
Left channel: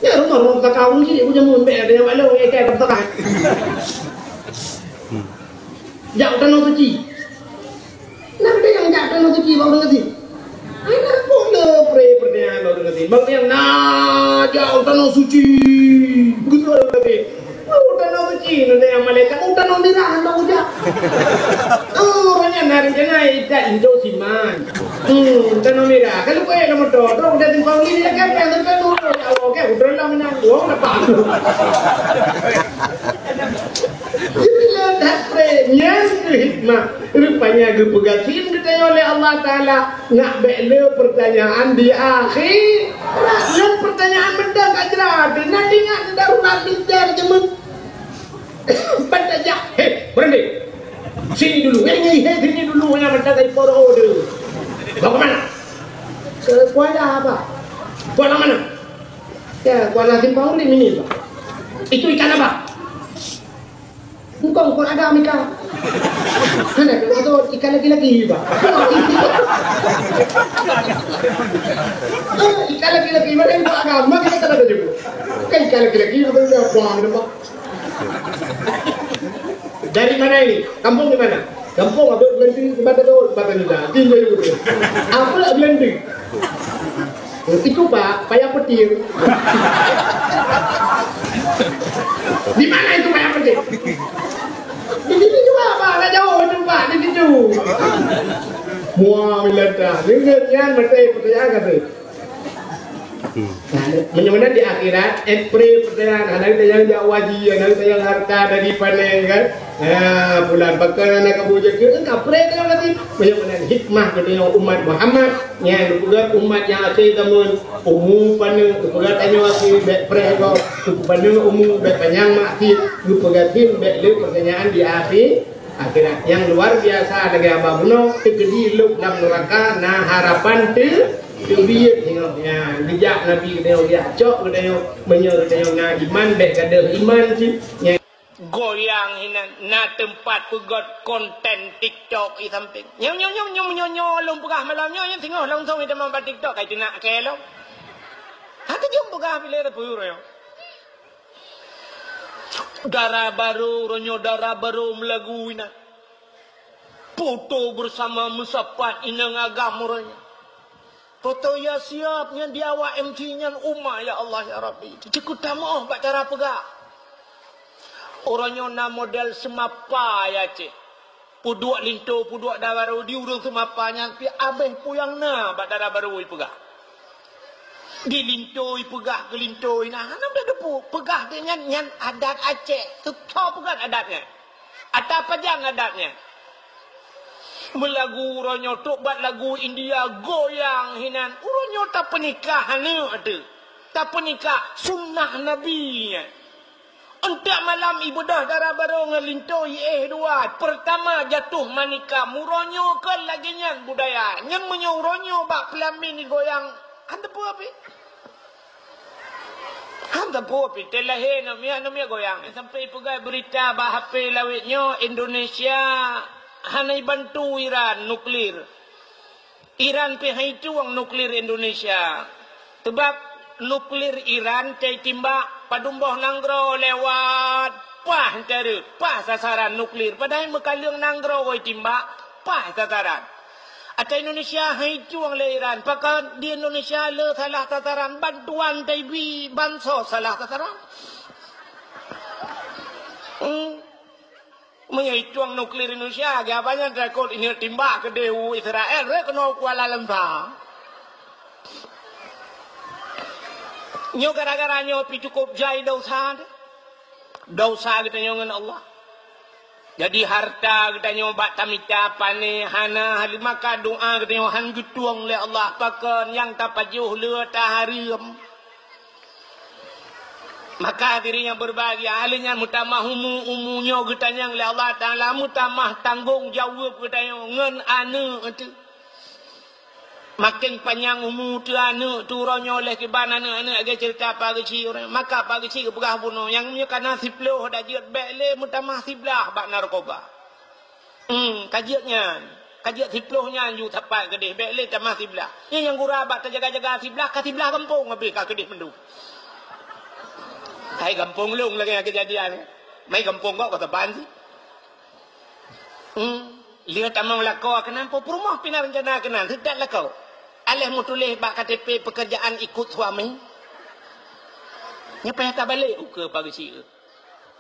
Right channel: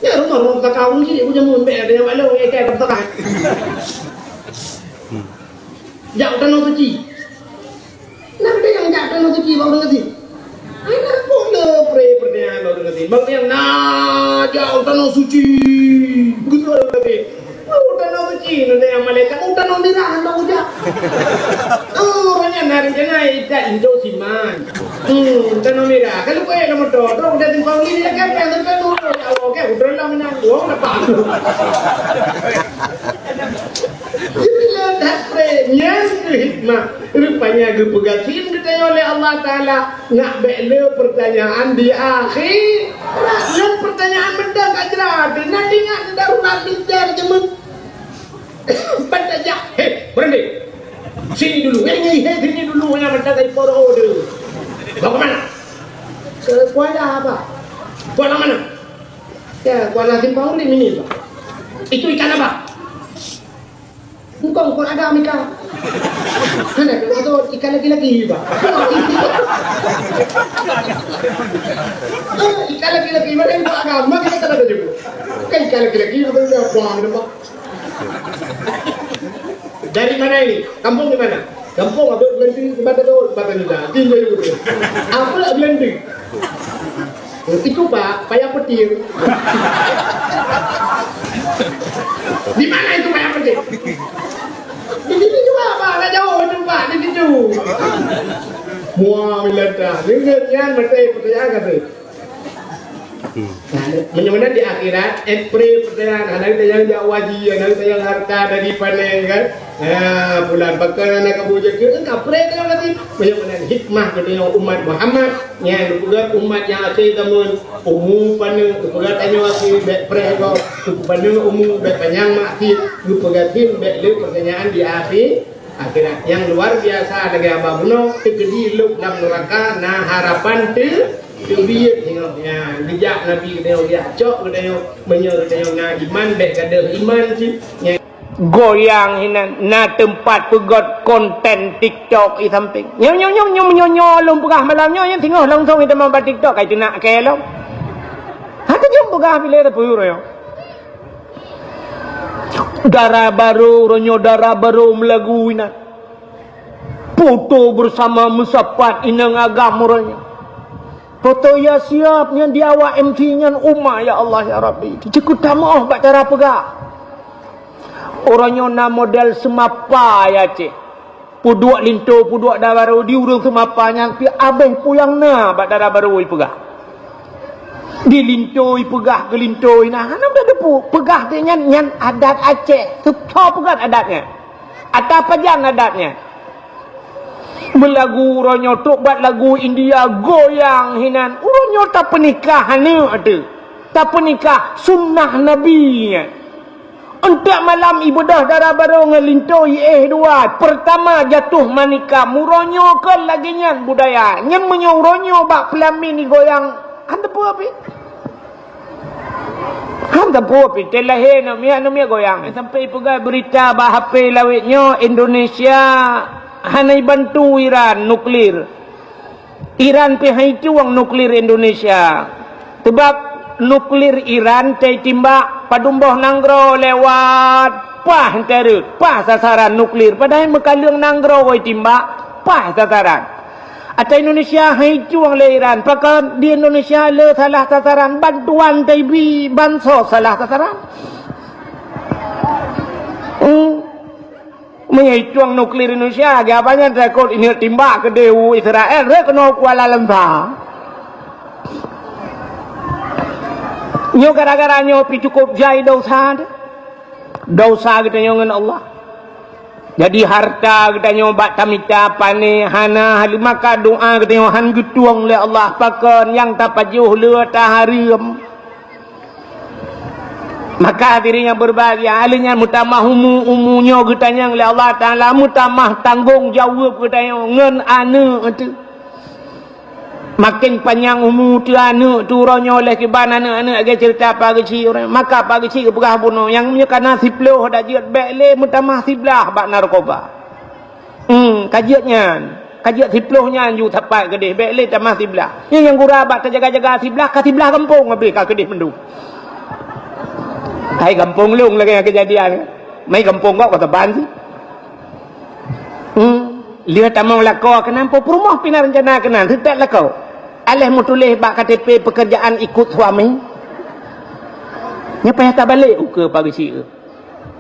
Ya rumah tak kau ni, aku jamun ber dia walau yang kayak bertahan. Jauh tanah suci. Nanti yang jauh tanah suci baru ngerti. Anak pun pray pertanyaan baru ngerti. Bang yang jauh tanah suci, begitu ngerti. Udah no suci nanti yang malaikat udah no mirahan no udah orangnya nari jangan tidak Indo siman udah no mirah kalau kau yang mau dodo udah timpang ini ya kan yang terkait no kalau kayak udah lah menang uang apa jadi lihat prenya hikmah rupanya gepegasin kita oleh Allah Taala nak bela pertanyaan di akhir dan pertanyaan benda kajerat nanti nggak darurat bicara cuma bertanya, hei berhenti. Sini dulu. Sini dulu yang macam tadi poro dulu. Bawa ke mana? Ke Kuala apa? Kuala mana? Ya, Kuala Simpang ini, Pak. Itu ikan apa? Engkau agama ikan. Mana itu ikan lagi-lagi, Pak. Ikan lagi-lagi mana itu agama kita tak ada juga. Kan ikan lagi-lagi itu buang Pak. Dari mana ini? Kampung di mana? Kampung apa Belanding kepada tu Batanda. Tinggal dulu. Apa lah Belanding? Itu Pak, payah petir. Di mana itu payah petir? Di sini juga Pak, tak jauh itu Pak, di situ. Muah melata, dengarnya mesti percaya kata. Menyemana di akhirat, pertanyaan, anak kita yang jawaji, anak kita yang harta dari panen kan, bulan bakal anak kamu jaga, kapre kan nanti, menyemana hikmah kita yang umat Muhammad, yang juga umat yang asyik teman, umum panen, juga tanya lagi, pre kau, panen umum, panjang makti, lupakan, le pertanyaan di akhirat yang luar biasa dengan Abah Buno, tegedi luk dalam neraka, nah harapan Biar tengoknya bijak Nabi kita dia cok kita menyer kita na iman dek kada iman sih goyang hinan na tempat pegot konten TikTok i samping nyong lom pegah malamnya yang tengok langsung kita mambat TikTok kai tu nak ke lo hata jom pegah pilih ada puyur yo darah baru melagu ina foto bersama musapat inang agam muranya. Foto ya siapnya dia awak MT-nya umma ya Allah ya Rabbi. Cukup tamu bak cara pegak. Orangnya na model semapa ya cik. Puduak linto, puduak dah baru diurung semapanya. Pi abeng puyang na bak darah baru pegak. Di linto pegah ke linto nah. Ana dah depu pegah dia nyan adat Aceh. Suka pegat adatnya. Atau apa jang adatnya? Melagu uronyo tu buat lagu India goyang hinan uronyo tak pernikahan ni ada tak pernikah sunnah Nabi untuk malam ibadah darah baru ngelintoi dua pertama jatuh manika muronyo ke lagi nyan budaya nyan menyo uronyo bak pelamin ni goyang anda pu api anda pu api telahe no mia goyang sampai pegai berita bah HP lawitnya Indonesia hanai bantu Iran nuklir. Iran pihai cuang nuklir Indonesia. Sebab nuklir Iran cai timbak padumboh nanggro lewat pah terus pah sasaran nuklir. Padahal mekalung nanggro woi timbak pah sasaran. Atau Indonesia hai cuang le Iran. Pakai di Indonesia le salah sasaran bantuan TB bansos salah sasaran. Mengicuang nuklir Indonesia apanya rekod ini timbak ke Dewa Israel kena Kuala Lumpur nyo gara-gara nyo pi cukup jai dosa kita nyo dengan Allah jadi harta kita nyo bak tamika pane hana maka doa kita nyo han getuang le Allah pakan yang tapajuh le taharim maka dirinya berbahagia alinya mutamah umunya getanya oleh Allah Taala mutamah tanggung jawab getanya ngen anu itu makin panjang umur tu anu turonyo oleh kiban anu agak cerita pagi ci orang maka pagi ci pegah bunuh yang punya kana siploh dah jiat bekle mutamah siblah bak narkoba kajiat siplohnya anju tapak gedeh bekle tamah siblah yang gura bak terjaga-jaga siblah ka siblah kampung ngabri ka gedeh mendu hai kampung lung lagi kejadian mai kampung kok teban lihat tamang lako kenapa rumah pina rencana kenan tidak lako alih mu tulis bak KTP pekerjaan ikut suami nyapa tak balik ke pagi si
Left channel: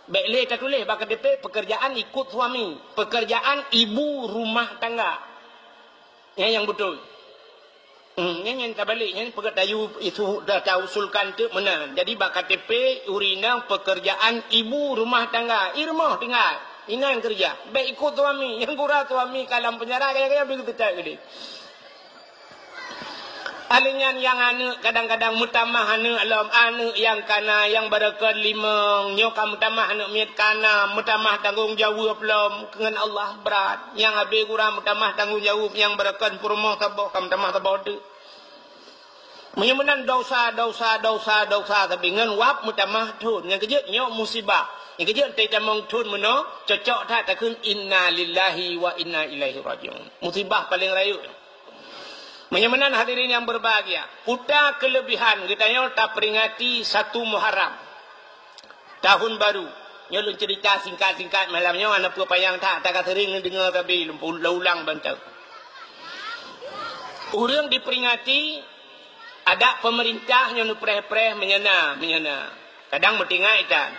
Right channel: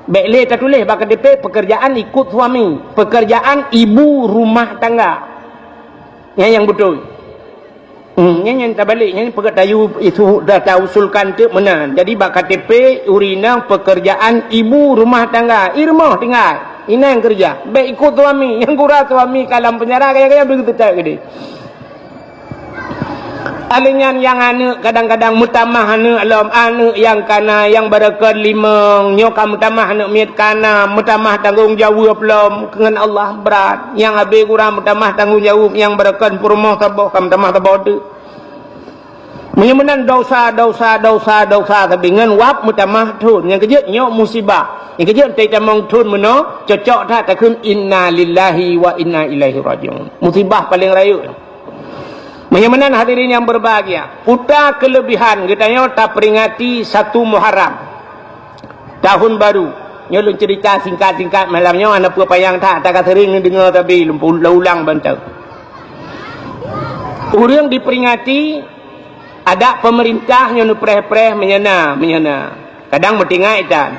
bekle tak tulis bak KTP pekerjaan ikut suami pekerjaan ibu rumah tangga yang betul yang tak balik yang pegatayu itu dah tahu usulkan tu mana jadi bak KTP urina pekerjaan ibu rumah tangga irmah tinggal ini yang kerja baik ikut suami yang kurang suami kalam penjara kayak begitu tak gede Alingan yang anak kadang-kadang mutamah anak alam anak yang kana yang berkat limang nyoka mutamah anak miat kana mutamah tanggung jawab belum dengan Allah berat yang habis kurang mutamah tanggung jawab yang berkat purmah tabah kam mutamah tabah tu menyemenan dosa tapi dengan wap mutamah tun yang kerja nyok musibah yang kerja tak tamang tun meno cocok dah takun inna lillahi wa inna ilaihi rajiun musibah paling raya. Menyemenan hadirin yang berbahagia. Putra kelebihan katanya tak peringati 1 Muharram. Tahun baru. Nyolong cerita singkat-singkat malamnya anak payang tak sering dengar tapi ulang bantau. Orang diperingati ada pemerintah yang preh-preh menyena. Kadang bertinggal itan.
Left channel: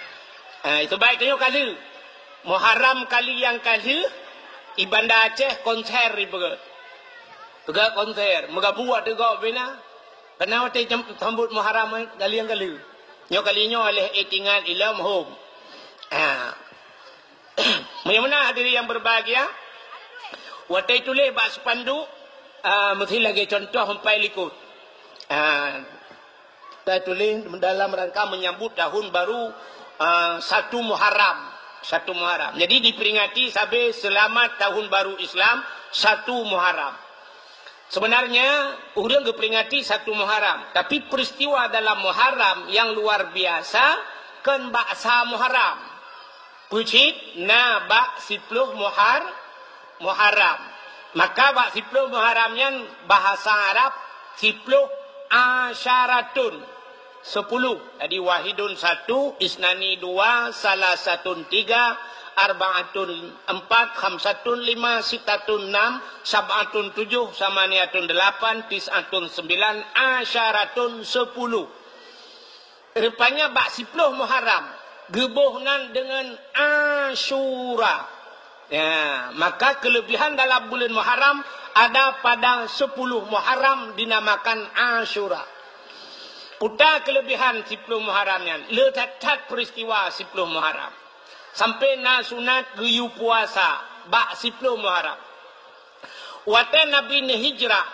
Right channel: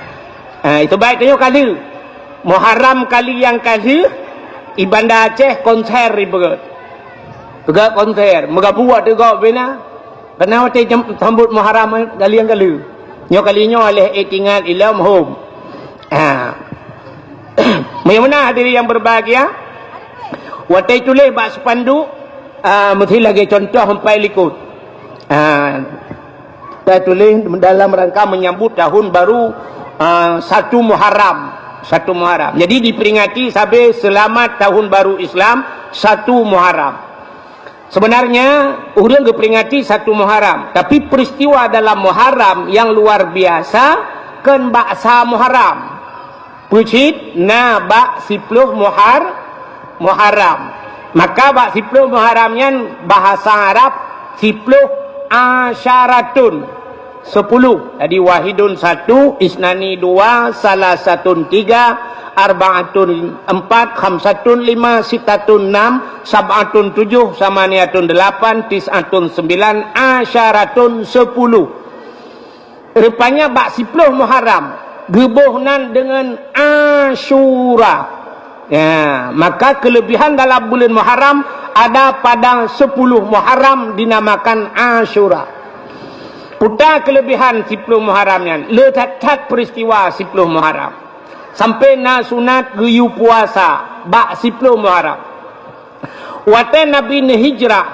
Itu baik tanya kali. Muharram kali yang kali Ibanda Aceh konser ribet. Juga konser, mega buat juga bina. Karena waktu sambut Muharram kali yang kali. Nyo kalinya oleh tinggal ilam home. Bagaimana hadirin yang berbahagia? Waktu itu leh bak sepanduk, mesti lagi contoh sampai likut. Kita tulis dalam rangka menyambut tahun baru 1 Muharram. 1 Muharram. Jadi diperingati sampai selamat tahun baru Islam 1 Muharram. Sebenarnya orang diperingati 1 Muharram, tapi peristiwa dalam Muharram yang luar biasa kan baksa Muharram. Pucit na bak 10 Muharram. Maka bak 10 Muharramnya bahasa Arab 10 asyaratun 10. Jadi wahidun 1, isnani 2, salasatun 3, arba'atun 4, khamsatun 5, sitatun 6, sab'atun 7, samaniatun 8, tis'atun 9, asyaratun 10. Rupanya bak 10 Muharram gebuhnan dengan Asyura. Ya, maka kelebihan dalam bulan Muharram ada pada 10 Muharram dinamakan Asyura. Putar kelebihan 10 Muharramnya. Letak peristiwa 10 Muharram. Sampai na sunat geyu puasa. Bak 10 Muharram. Waktu Nabi hijrah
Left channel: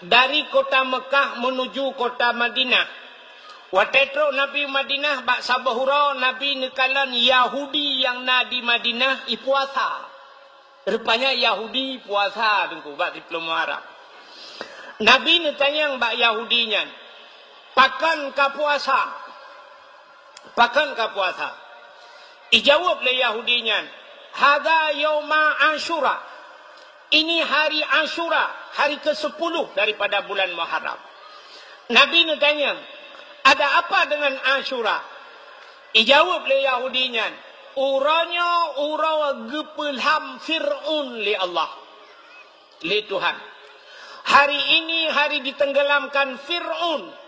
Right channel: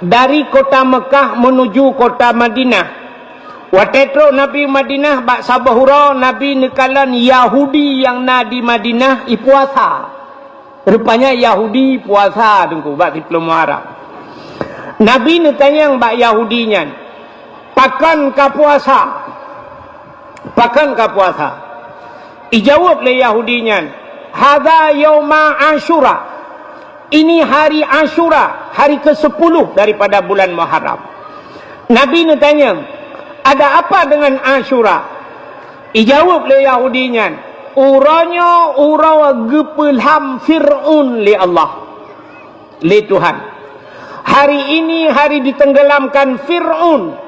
dari kota Mekah menuju kota Madinah. Waktu itu Nabi Madinah bak sabahura Nabi nekalan Yahudi yang na di Madinah puasa. Rupanya Yahudi puasa tunggu bak 10 Muharram. Nabi nekanya yang bak Yahudinya. Pakan ka puasa. Pakan ka puasa. Ijawab le Yahudinya. Hadza yauma Asyura. Ini hari Asyura, hari ke-10 daripada bulan Muharram. Nabi tanya, ada apa dengan Asyura? Ijawab le Yahudinya. Uranya ura gepelham Fir'un li Allah. Li Tuhan. Hari ini hari ditenggelamkan Fir'un.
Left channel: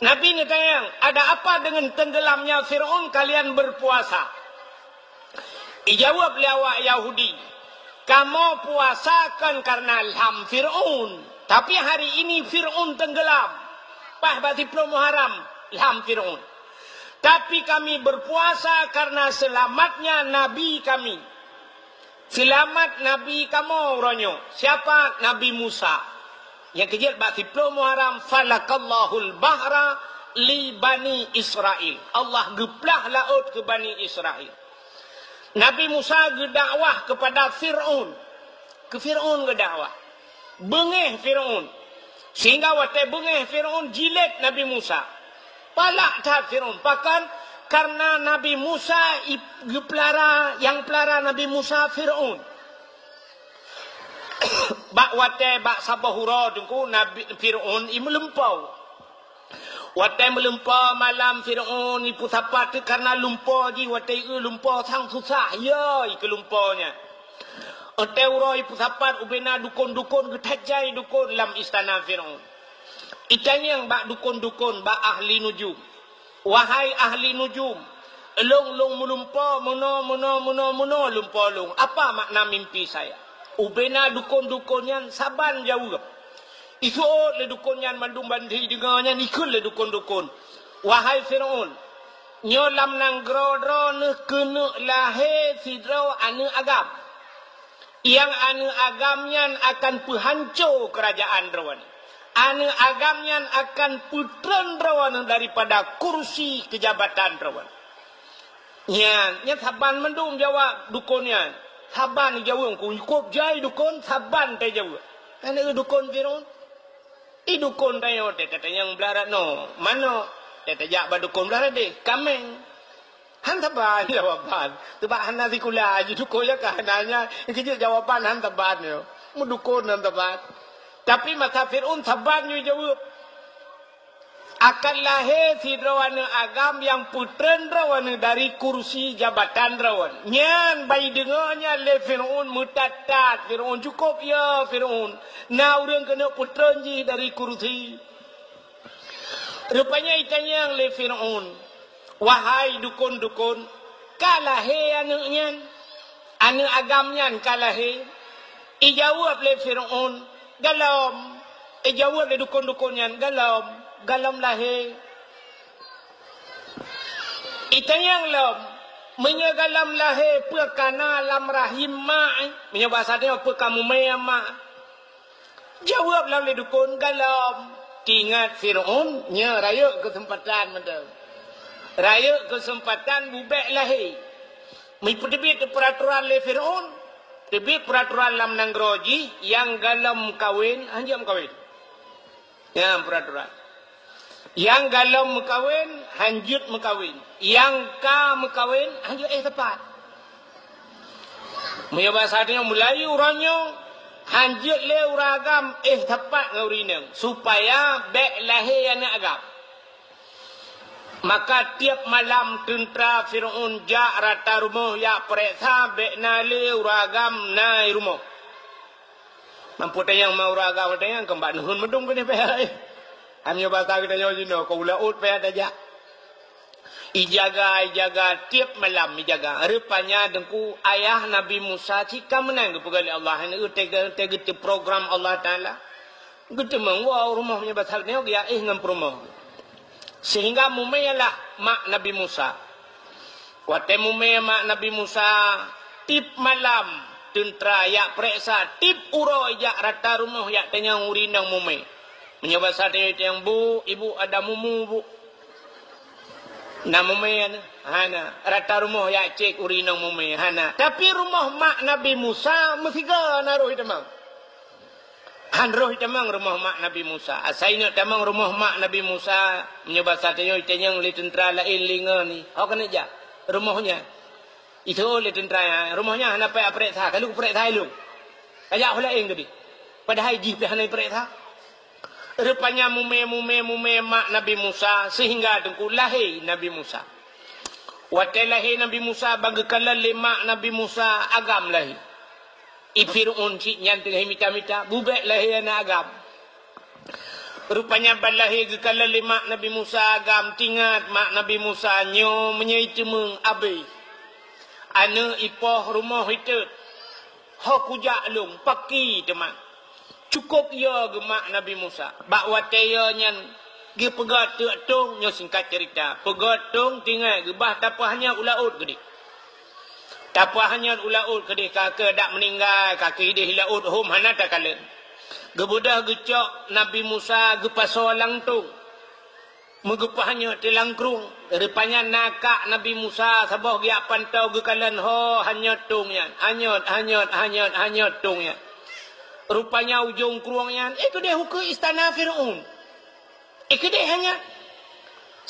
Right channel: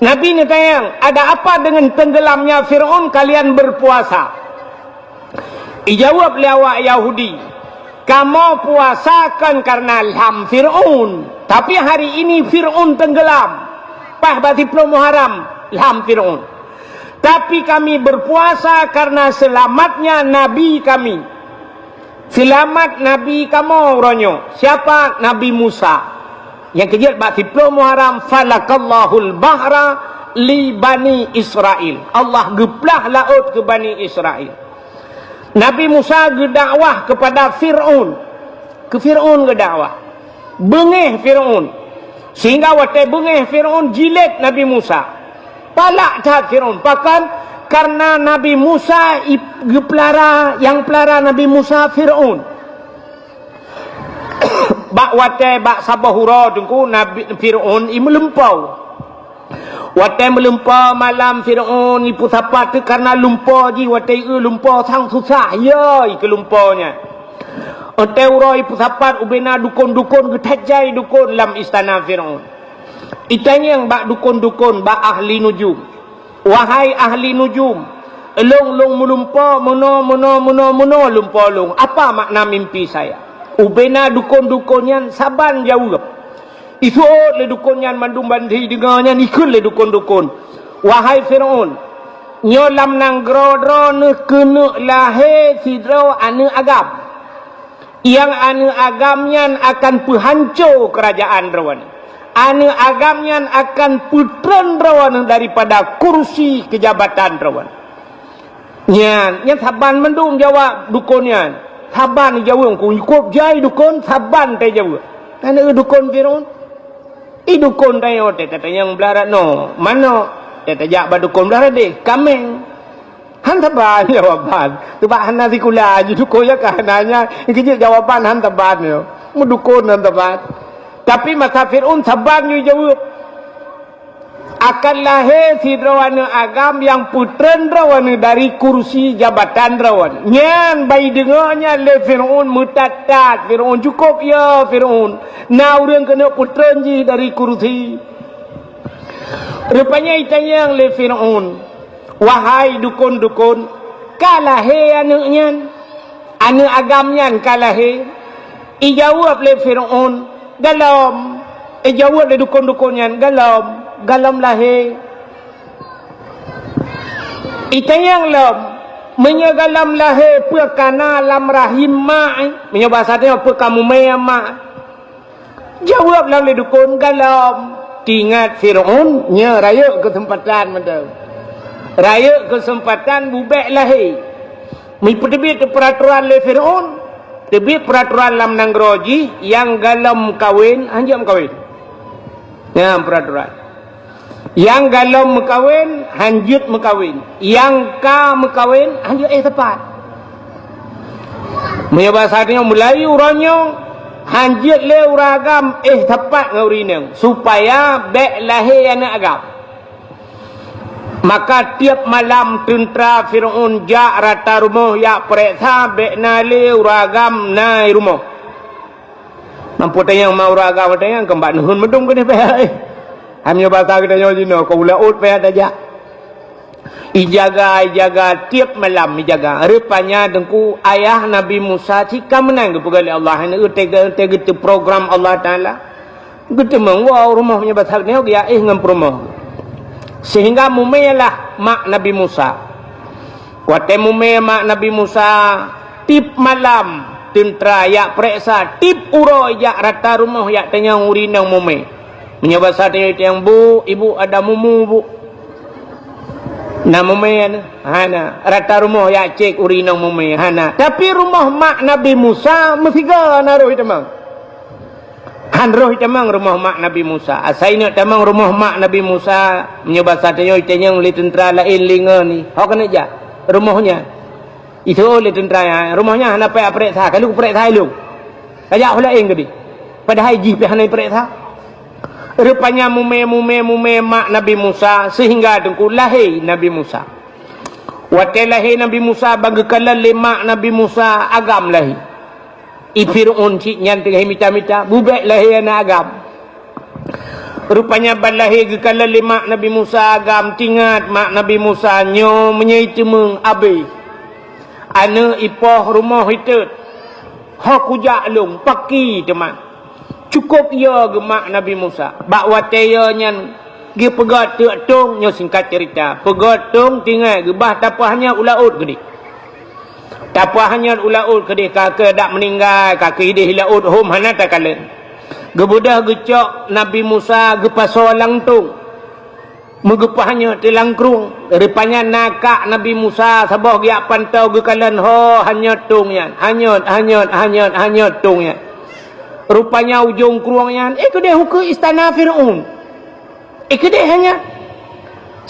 Nabi tanya, ada apa dengan tenggelamnya Fir'aun kalian berpuasa? Ijawab lewat Yahudi, kamu puasakan karena ilham Fir'aun. Tapi hari ini Fir'aun tenggelam. Pas berarti Muharram, ilham Fir'aun. Tapi kami berpuasa karena selamatnya Nabi kami. Selamat Nabi kamu orangnya. Siapa? Nabi Musa. Yang kejadian bak 10 Muharram falakallahul bahra li bani Israel. Allah geplah laut ke bani Israel. Nabi Musa gedakwah kepada Fir'aun. Ke Fir'aun gedakwah. Bengih Fir'aun. Sehingga waktu bengih Fir'aun jilid Nabi Musa. Palak tak Fir'aun. Bahkan karena Nabi Musa gepelara yang pelara Nabi Musa Fir'aun. Bak wate bak sabahura tunggu Nabi Fir'aun melempau. Wate melempau malam Fir'aun ipu sapat karena lumpau ji wate lumpau sang susah ya ke lumpaunya. Wate ura ipu sapat ubena dukun-dukun getajai dukun dalam istana Fir'aun. Itanya yang bak dukun-dukun bak ahli nujum. Wahai ahli nujum, long melumpau mono lumpau long. Apa makna mimpi saya? Ubena dukun-dukunnya saban jauh. Isut le dukunnya mandum bandi dengarnya nikul le dukun-dukun. Wahai Fir'aun, nyolam nang grodro ne kena lahir sidro anu agam. Yang anu agamnya akan penghancur kerajaan rawan. anu agamnya akan putren rawan daripada kursi kejabatan rawan. Nya saban mendung jawab dukunnya. Saban jawab ku ikut jai dukun saban teh jawab. Anu dukun Firaun. Dukun tayo teh kata yang belarat no. Mano teh tajak ba dukun belarat deh kameng. Han taban jawaban. Tuba han nanti kula aju dukun ya kahananya. Iki jawaban han taban yo. Mu dukun han taban. Tapi masa Fir'aun sabar ni jawab. Akan lahir Fir'aun agam yang putren rawan dari kursi jabatan rawan. Nyan bayi dengarnya le Fir'aun mutatat. Fir'aun cukup ya Fir'aun. Nah orang kena putren je dari kursi. Rupanya itanya le Fir'aun. Wahai dukun-dukun. Kalahir anaknya. Anak agamnya kalahir. Ijawab le Fir'aun. Galam. Jawab le dukun-dukunnya. Galam lahir. Itanyang lam. Menyagalam lahir. Perkana lam rahim ma'. Menyebasatnya perkamu maya ma'. Jawab lam le dukun. Galam. Tingat Fir'aun. Nya raya kesempatan mandang. Raya kesempatan bubek lahir. Mengperbit peraturan le Fir'aun. Tapi peraturan lam nangroji yang galam kawin, hanjam kawin. Ya peraturan. Yang galam mekawin, hanjut mekawin. Yang ka mekawin, hanjut tepat. Punya bahasanya mulai urangnya hanjut le uragam tepat ngaurinang supaya bek lahir anak agam. Maka tiap malam tentera Fir'aun jak rata rumah yak periksa bek nali uragam nai rumah. Nampu tayang mau uragam tayang kembak nuhun medung kene peh. Hamnya bahasa kita nyojino kau laut peh aja. Ijaga tiap malam ijaga. Rupanya dengku ayah Nabi Musa cika menang kepada Allah. Ini tega program Allah Taala. Gitu mengwau rumahnya bahasa dia ya ngam rumah. Sehingga mumelah mak Nabi Musa. Wate mume mak Nabi Musa tip malam tentera yak periksa tip uro yak rata rumah yak tanya urinang mume. Menyebasa dia yang bu, ibu ada mumu bu. Nah mume hana rata rumah yak cek urinang mume hana. Tapi rumah mak Nabi Musa mesti ga naruh temang. Han roh tamang rumah mak Nabi Musa. Asaina tamang rumah mak Nabi Musa menyebasa dia yang li tentera lain linga ni. Hok kena ja rumahnya. Itu oleh tentera rumahnya hana pe periksa. Kalau periksa lu. Kaya lain gedi. Padahal ji pe hana periksa. Rupanya mume mak Nabi Musa sehingga dengku lahir Nabi Musa. Waktu lahir Nabi Musa bagi kala lemak Nabi Musa agam lahir. Fir'aun cik nyantik mita-mita bubek lahir anak agam. Rupanya balahir ke kala lemak Nabi Musa agam tingat mak Nabi Musa nyo menyaitemeng abe. Ana ipoh rumah hitut. Hak ujak long paki teman. Cukup ya gemak Nabi Musa. Bak wataya nyan dia pegat tung nyo singkat cerita. Pegat tung tinggal gebah tapahnya ulaut gede. Tapah hanya ulaut kedih kakak dak meninggal kaki dia hilaut hom hana tak kalen. Gebudah gecok Nabi Musa gepaso langtung. Megepahnya tilangkrung. Rupanya nakak Nabi Musa sabah giak pantau gekalan ho hanya tungnya. Hanyut tungnya. Rupanya ujung kruangnya kedih hukum istana Fir'aun. Kedih hanya.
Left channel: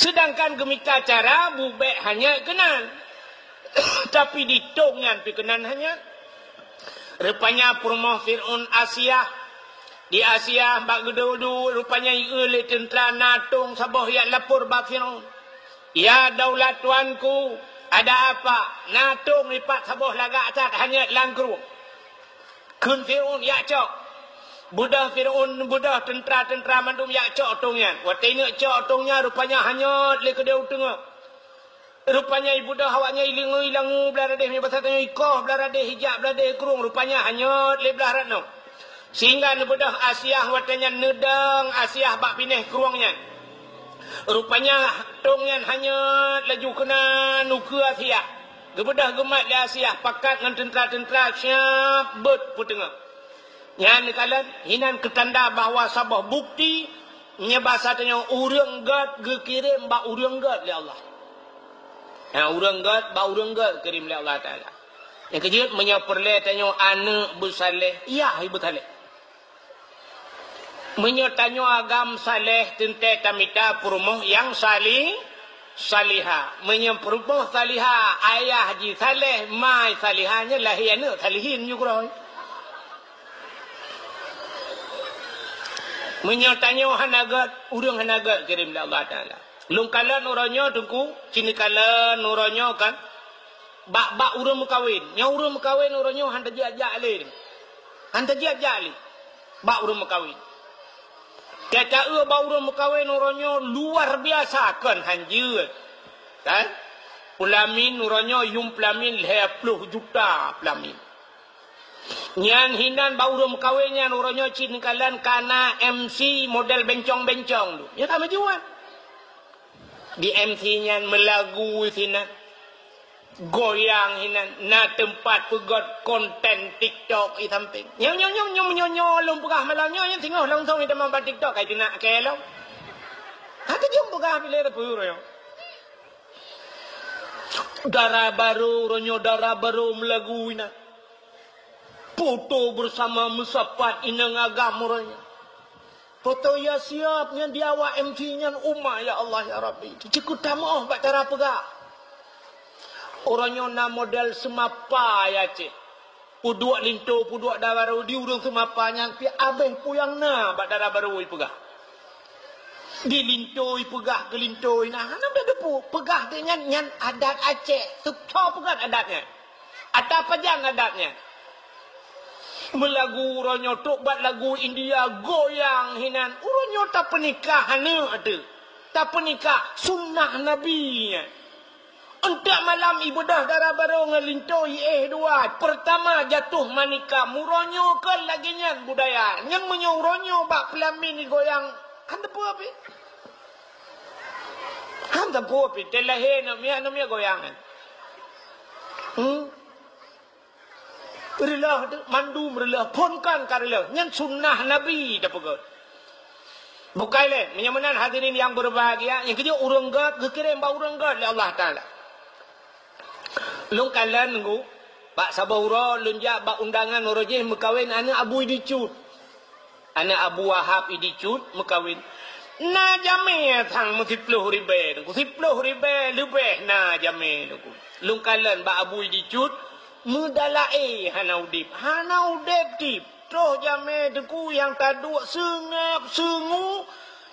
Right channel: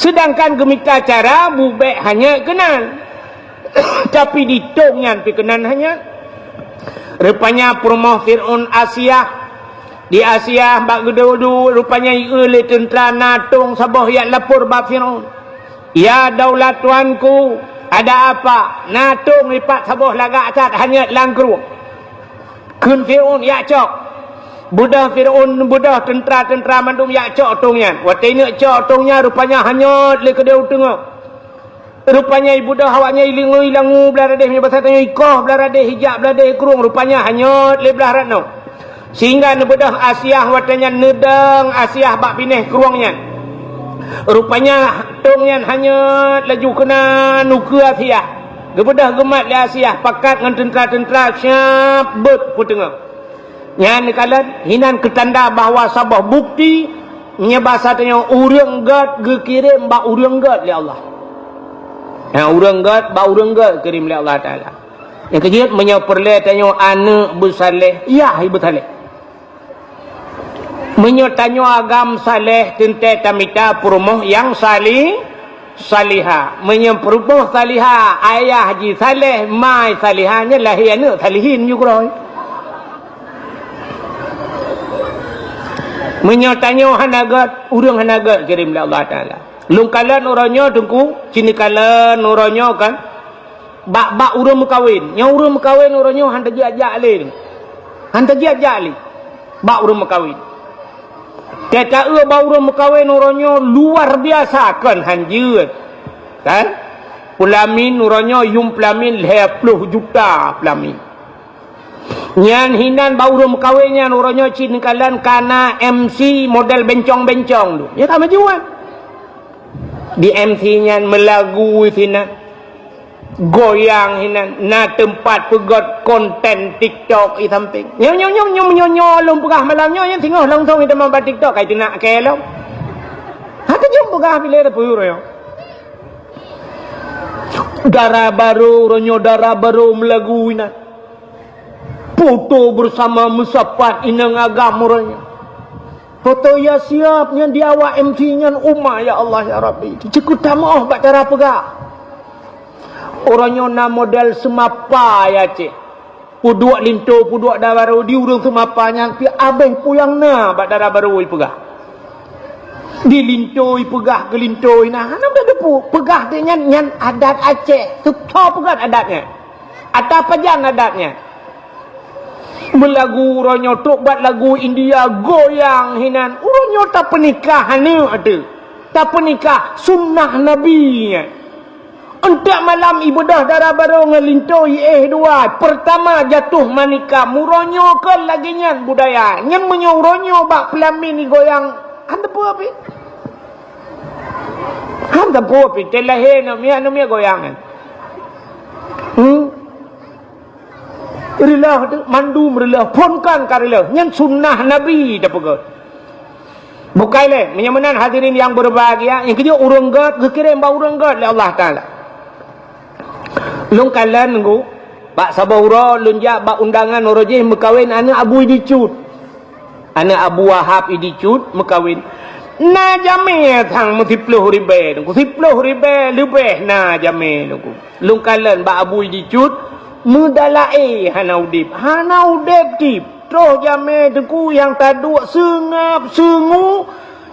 Sedangkan gemika cara bubek hanya kenal. Tapi ditongnya pikenan hanya. Rupanya rumah Fir'aun Asia. Di Asia bak gedodu rupanya oleh tentera natung sabah yang lapor bak Fir'aun. Ya daulat tuanku, ada apa? Natung lipat sabah lagak atat hanya langkru. Kun Fir'aun ya cok. Budah Fir'aun budah tentera mandum ya cok tungnya. Waktu ini cok tungnya rupanya hanya le kedau tengok. Rupanya ibu dah awaknya ilangu belah radih punya bahasa tanya ikoh belah radih hijab belah radih kurung rupanya hanya le belah radno. Sehingga nebedah Asia watanya nedang Asia bak pineh kurungnya. Rupanya tongnya hanya laju kena nuku Asia. Gebedah gemat le Asia pakat dengan tentera-tentera siap bet pu tengah. Yang kalan hinan ketanda bahawa sabah bukti nya bahasa tanya urang gad gekirim ba urang gad li Allah. Nah urang gad ba urang gad kirim li Allah Taala. Yang kejut menyeperle tanya anak bersaleh, ya ibu saleh. Menyetanyo agam saleh tente tamita perumoh yang salihah. Menyeperumoh salihah ayah haji saleh, mai salihahnya lahir anak salihin juga. Menyetanyo hanagat, urang hanagat kirim li Allah Taala. Lungkalan orangnya tungku, cinikalan orangnya kan. Bak urang mekawin. Nya urang mekawin orangnya hantar ajak le. Hantar ajak le. Bak urang mekawin. Teka ba urang mekawin orangnya luar biasa kan hanjeut. Kan? Pulamin orangnya yung pulamin 20 juta pulamin. Nyan hinan ba urang mekawinnya orangnya cinikalan kana MC model bencong-bencong tu. Ya tak majuan. Di MC-nya melagu sinan. Goyang hinan na tempat pegot konten TikTok i samping. Nyong long pegah malamnya yang tengok langsung kita mampat TikTok kai nak ke lo. Ha tu jom pegah pilih dah puyur yo. Darah baru ronyo darah baru melagu hinan. Foto bersama musapat inang agam ronyo. Foto ya siapnya dia awak MC-nya umma ya Allah ya Rabbi. Cukup tamoh bak darah pegah. Orangnya na model semapa ya cik. Puduak linto, puduak dah baru di urung semapanya. Pi abeng puyang na bak darah baru pegah. Di linto pegah ke linto nah. Hanam dah depu. Pegah dia nyan adat Aceh. Tukar pegah adatnya. Atau pajan adatnya. Melagu orangnya tok buat lagu India goyang hinan. Orangnya tak pernikahan ada. Tak pernikah sunnah Nabi. Untuk malam ibadah darah baru ngelintoi dua. Pertama jatuh manika. Muronyo ke lagi nyan budaya. Nyan menyuronyo bak pelamin ni goyang. Anda pun apa? Anda pun apa? Telahe namia goyangan. Rilah tu. Mandu merilah. Ponkan karilah. Nyan sunnah Nabi. Dah pegawai. Bukai le. Menyamanan hadirin yang berbahagia. Yang kedua urang gad. Kekirim bau urang gad. Allah Ta'ala. Lung kalan nunggu Pak Sabahura lunjak bak undangan orojih mekawin anak Abu Idicut. Anak Abu Wahab Idicut mekawin. Na jame thang multipluh ribe nunggu. 10 ribe lebih na jame nunggu. Lung kalan bak Abu Idicut mudalae hanaudip. Hanaudip tip. Terus jame tengku yang taduk sengap sengu.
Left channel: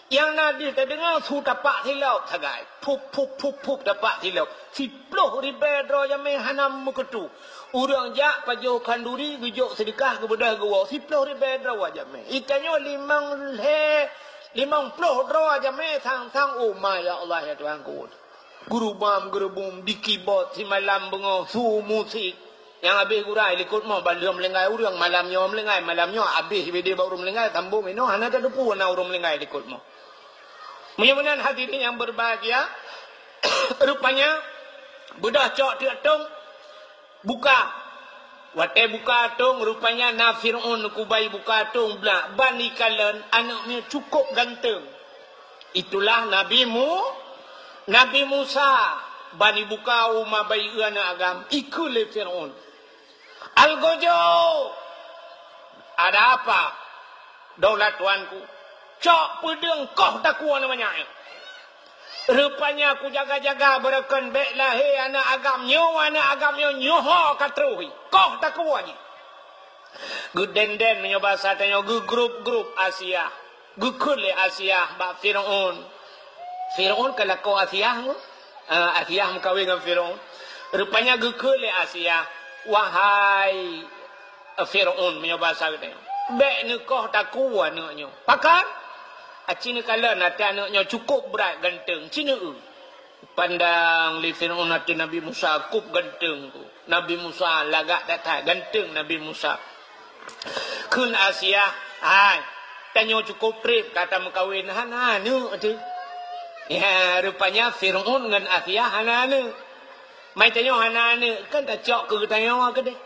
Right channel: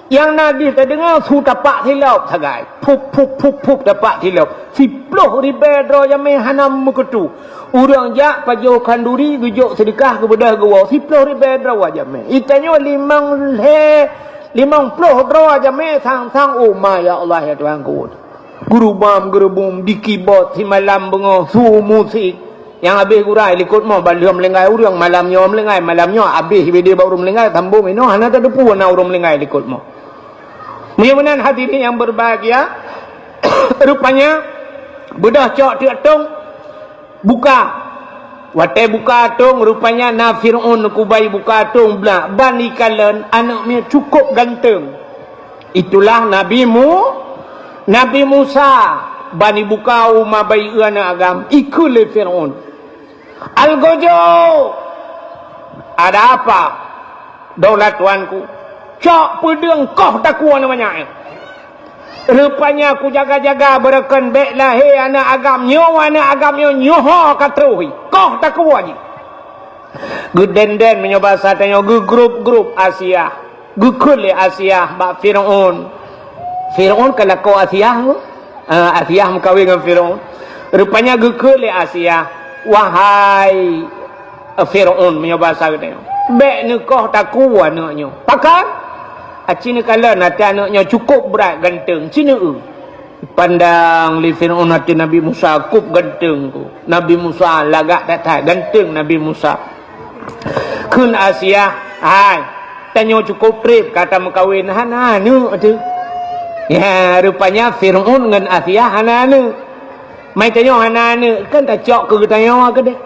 Yang nadis tak dengar su tapak silap sagai. Pup tapak silap. 10 ribu dro yang hanam mukutu. Urang jak pajo kanduri gujuk sedekah kepada gua 10 ribu dro aja me. Itanya 50 dro aja me sang oh ma ya Allah ya Tuhan ku. Guru bam gerubum di keyboard di malam bengo su musik. Yang habis gurai likut mo balum lengai urang malamnya melengai malamnya habis dia baru melengai sambung ino hana tak depu na urang melengai likut mo. Mudah-mudahan hadirin yang berbahagia. Rupanya bedah cok tiak tong buka. Watai buka tong rupanya na Fir'aun kubai buka tong belak. Bani kalan anaknya cukup ganteng. Itulah Nabi Musa. Bani buka umma bai anak agam ikut le Fir'aun. Al-Gojo. Ada apa? Daulat tuanku. Cok pedeng koh takua namanya. Rupanya aku jaga-jaga berakan baik lahir anak agam nyoho katruhi. Koh takua je. Gudenden menyoba satanya grup Asia. Gukul Asia bak Fir'aun. Fir'aun kalau kau Asia Asia mengkawin dengan Fir'aun. Rupanya gukul Asia. Wahai Fir'aun menyoba satanya. Baik ni koh takua anaknya. Pakai Cina kala nanti anaknya cukup berat ganteng. Cina pandang li Fir'aun nanti Nabi Musa kup ganteng tu. Nabi Musa lagak datang ganteng Nabi Musa. Kun Asia, hai, tanya cukup trip kata mengkawin hana nu tu. Ya, rupanya Fir'aun dengan Asia hana nu. Mai tanya hana nu kan tak cok ke tanya ke deh.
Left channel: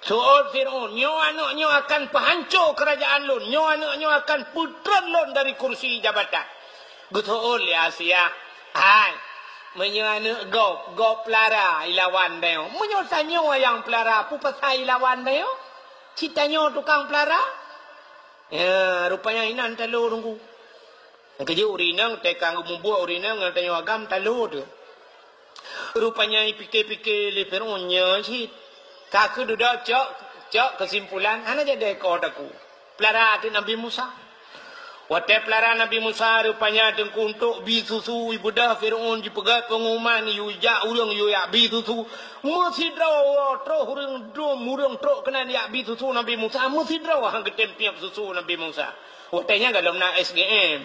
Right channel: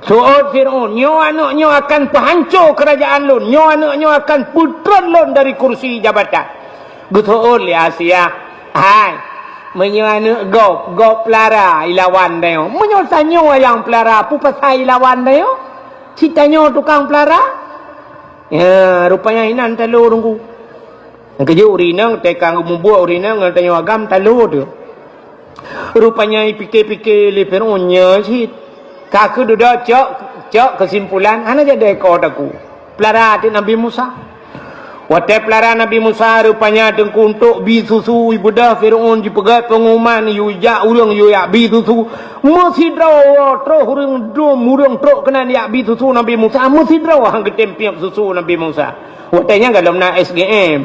Su'ud Fir'aun, nyo anaknya akan penghancur kerajaan lun, nyo anaknya akan putran lun dari kursi jabatan. Gutu'ud li Asia. Hai, menyo anak gop pelara ilawan dia. Menyo tanya yang pelara, pu pasal ilawan dia. Si tanya tukang pelara. Ya, rupanya inan telur rungku. Kerja urinang, tekang membuat urinang, tanya agam telur tu. Rupanya pikir-pikir li Fir'aunnya si. Kaku duduk cok kesimpulan, ana jadi ekor aku. Pelara hati Nabi Musa. Waktu pelara Nabi Musa rupanya tengku untuk bi susu ibu dah Fir'aun dipegat pengumuman yu ja urang yu ya bi susu. Mesti draw tro urang tro kena ya bi susu Nabi Musa. Mesti draw hang ketempiap susu Nabi Musa. Waktunya dalam na SGM.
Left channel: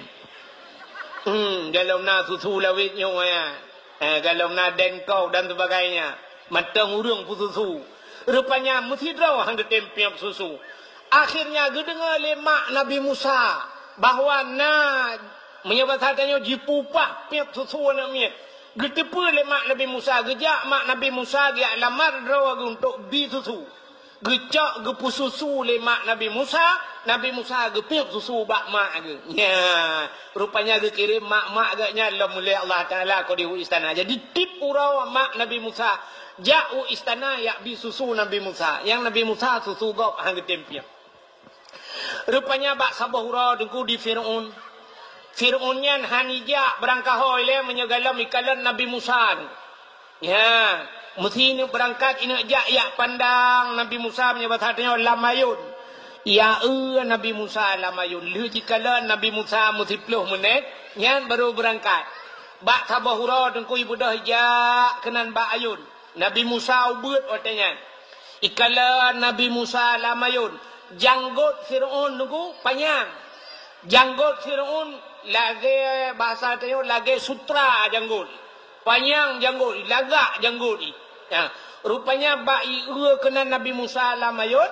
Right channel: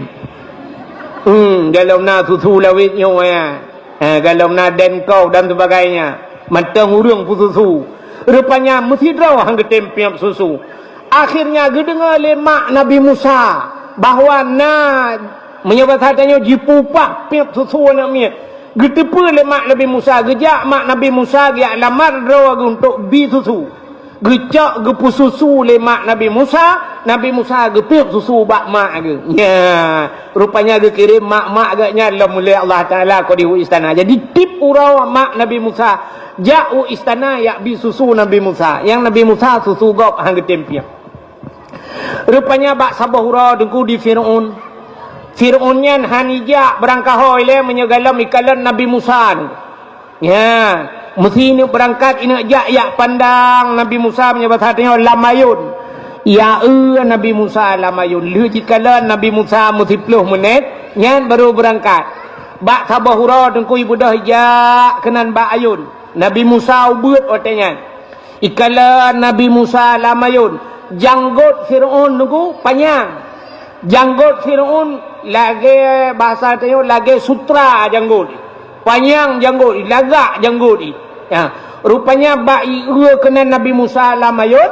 Dalam na susu lawit nyo ya. Dalam na Denko dan sebagainya. Matang urang susu. Rupanya mesti draw hang ketempiap susu. Akhirnya gedengar lemak Nabi Musa bahawa menyebut hatanya jipupak piap susu nak miat. Getepa lemak Nabi Musa, gejak mak Nabi Musa dia lamar draw untuk bi susu. Gecak gepu susu lemak Nabi Musa gepiap susu bak mak ge. Ya, rupanya ge kirim mak agaknya mulai Allah Taala ko di istana. Jadi tip urau mak Nabi Musa jauh istana ya bi susu Nabi Musa. Yang Nabi Musa susu gop hang getempiap. Rupanya bak sabahura dengku di Fir'aun. Fir'aunnya hanija berangkat hoi le menyegalam ikalan Nabi Musa tu. Ya, mesti ni berangkat ina jak ya pandang Nabi Musa menyebut hatinya lamayun. Ya Nabi Musa lamayun. Lu jikalan Nabi Musa mesti 10 menit nyan baru berangkat. Bak sabahura dengku ibu dah jak kenan bak ayun. Nabi Musa ubut otenya. Ikala Nabi Musa lamayun. Janggut Fir'aun nunggu panjang. Janggut Fir'aun lagi bahasa tayo lagi sutra janggut. Panjang janggut, lagak janggut. Ya, rupanya bai kena Nabi Musa lamayun.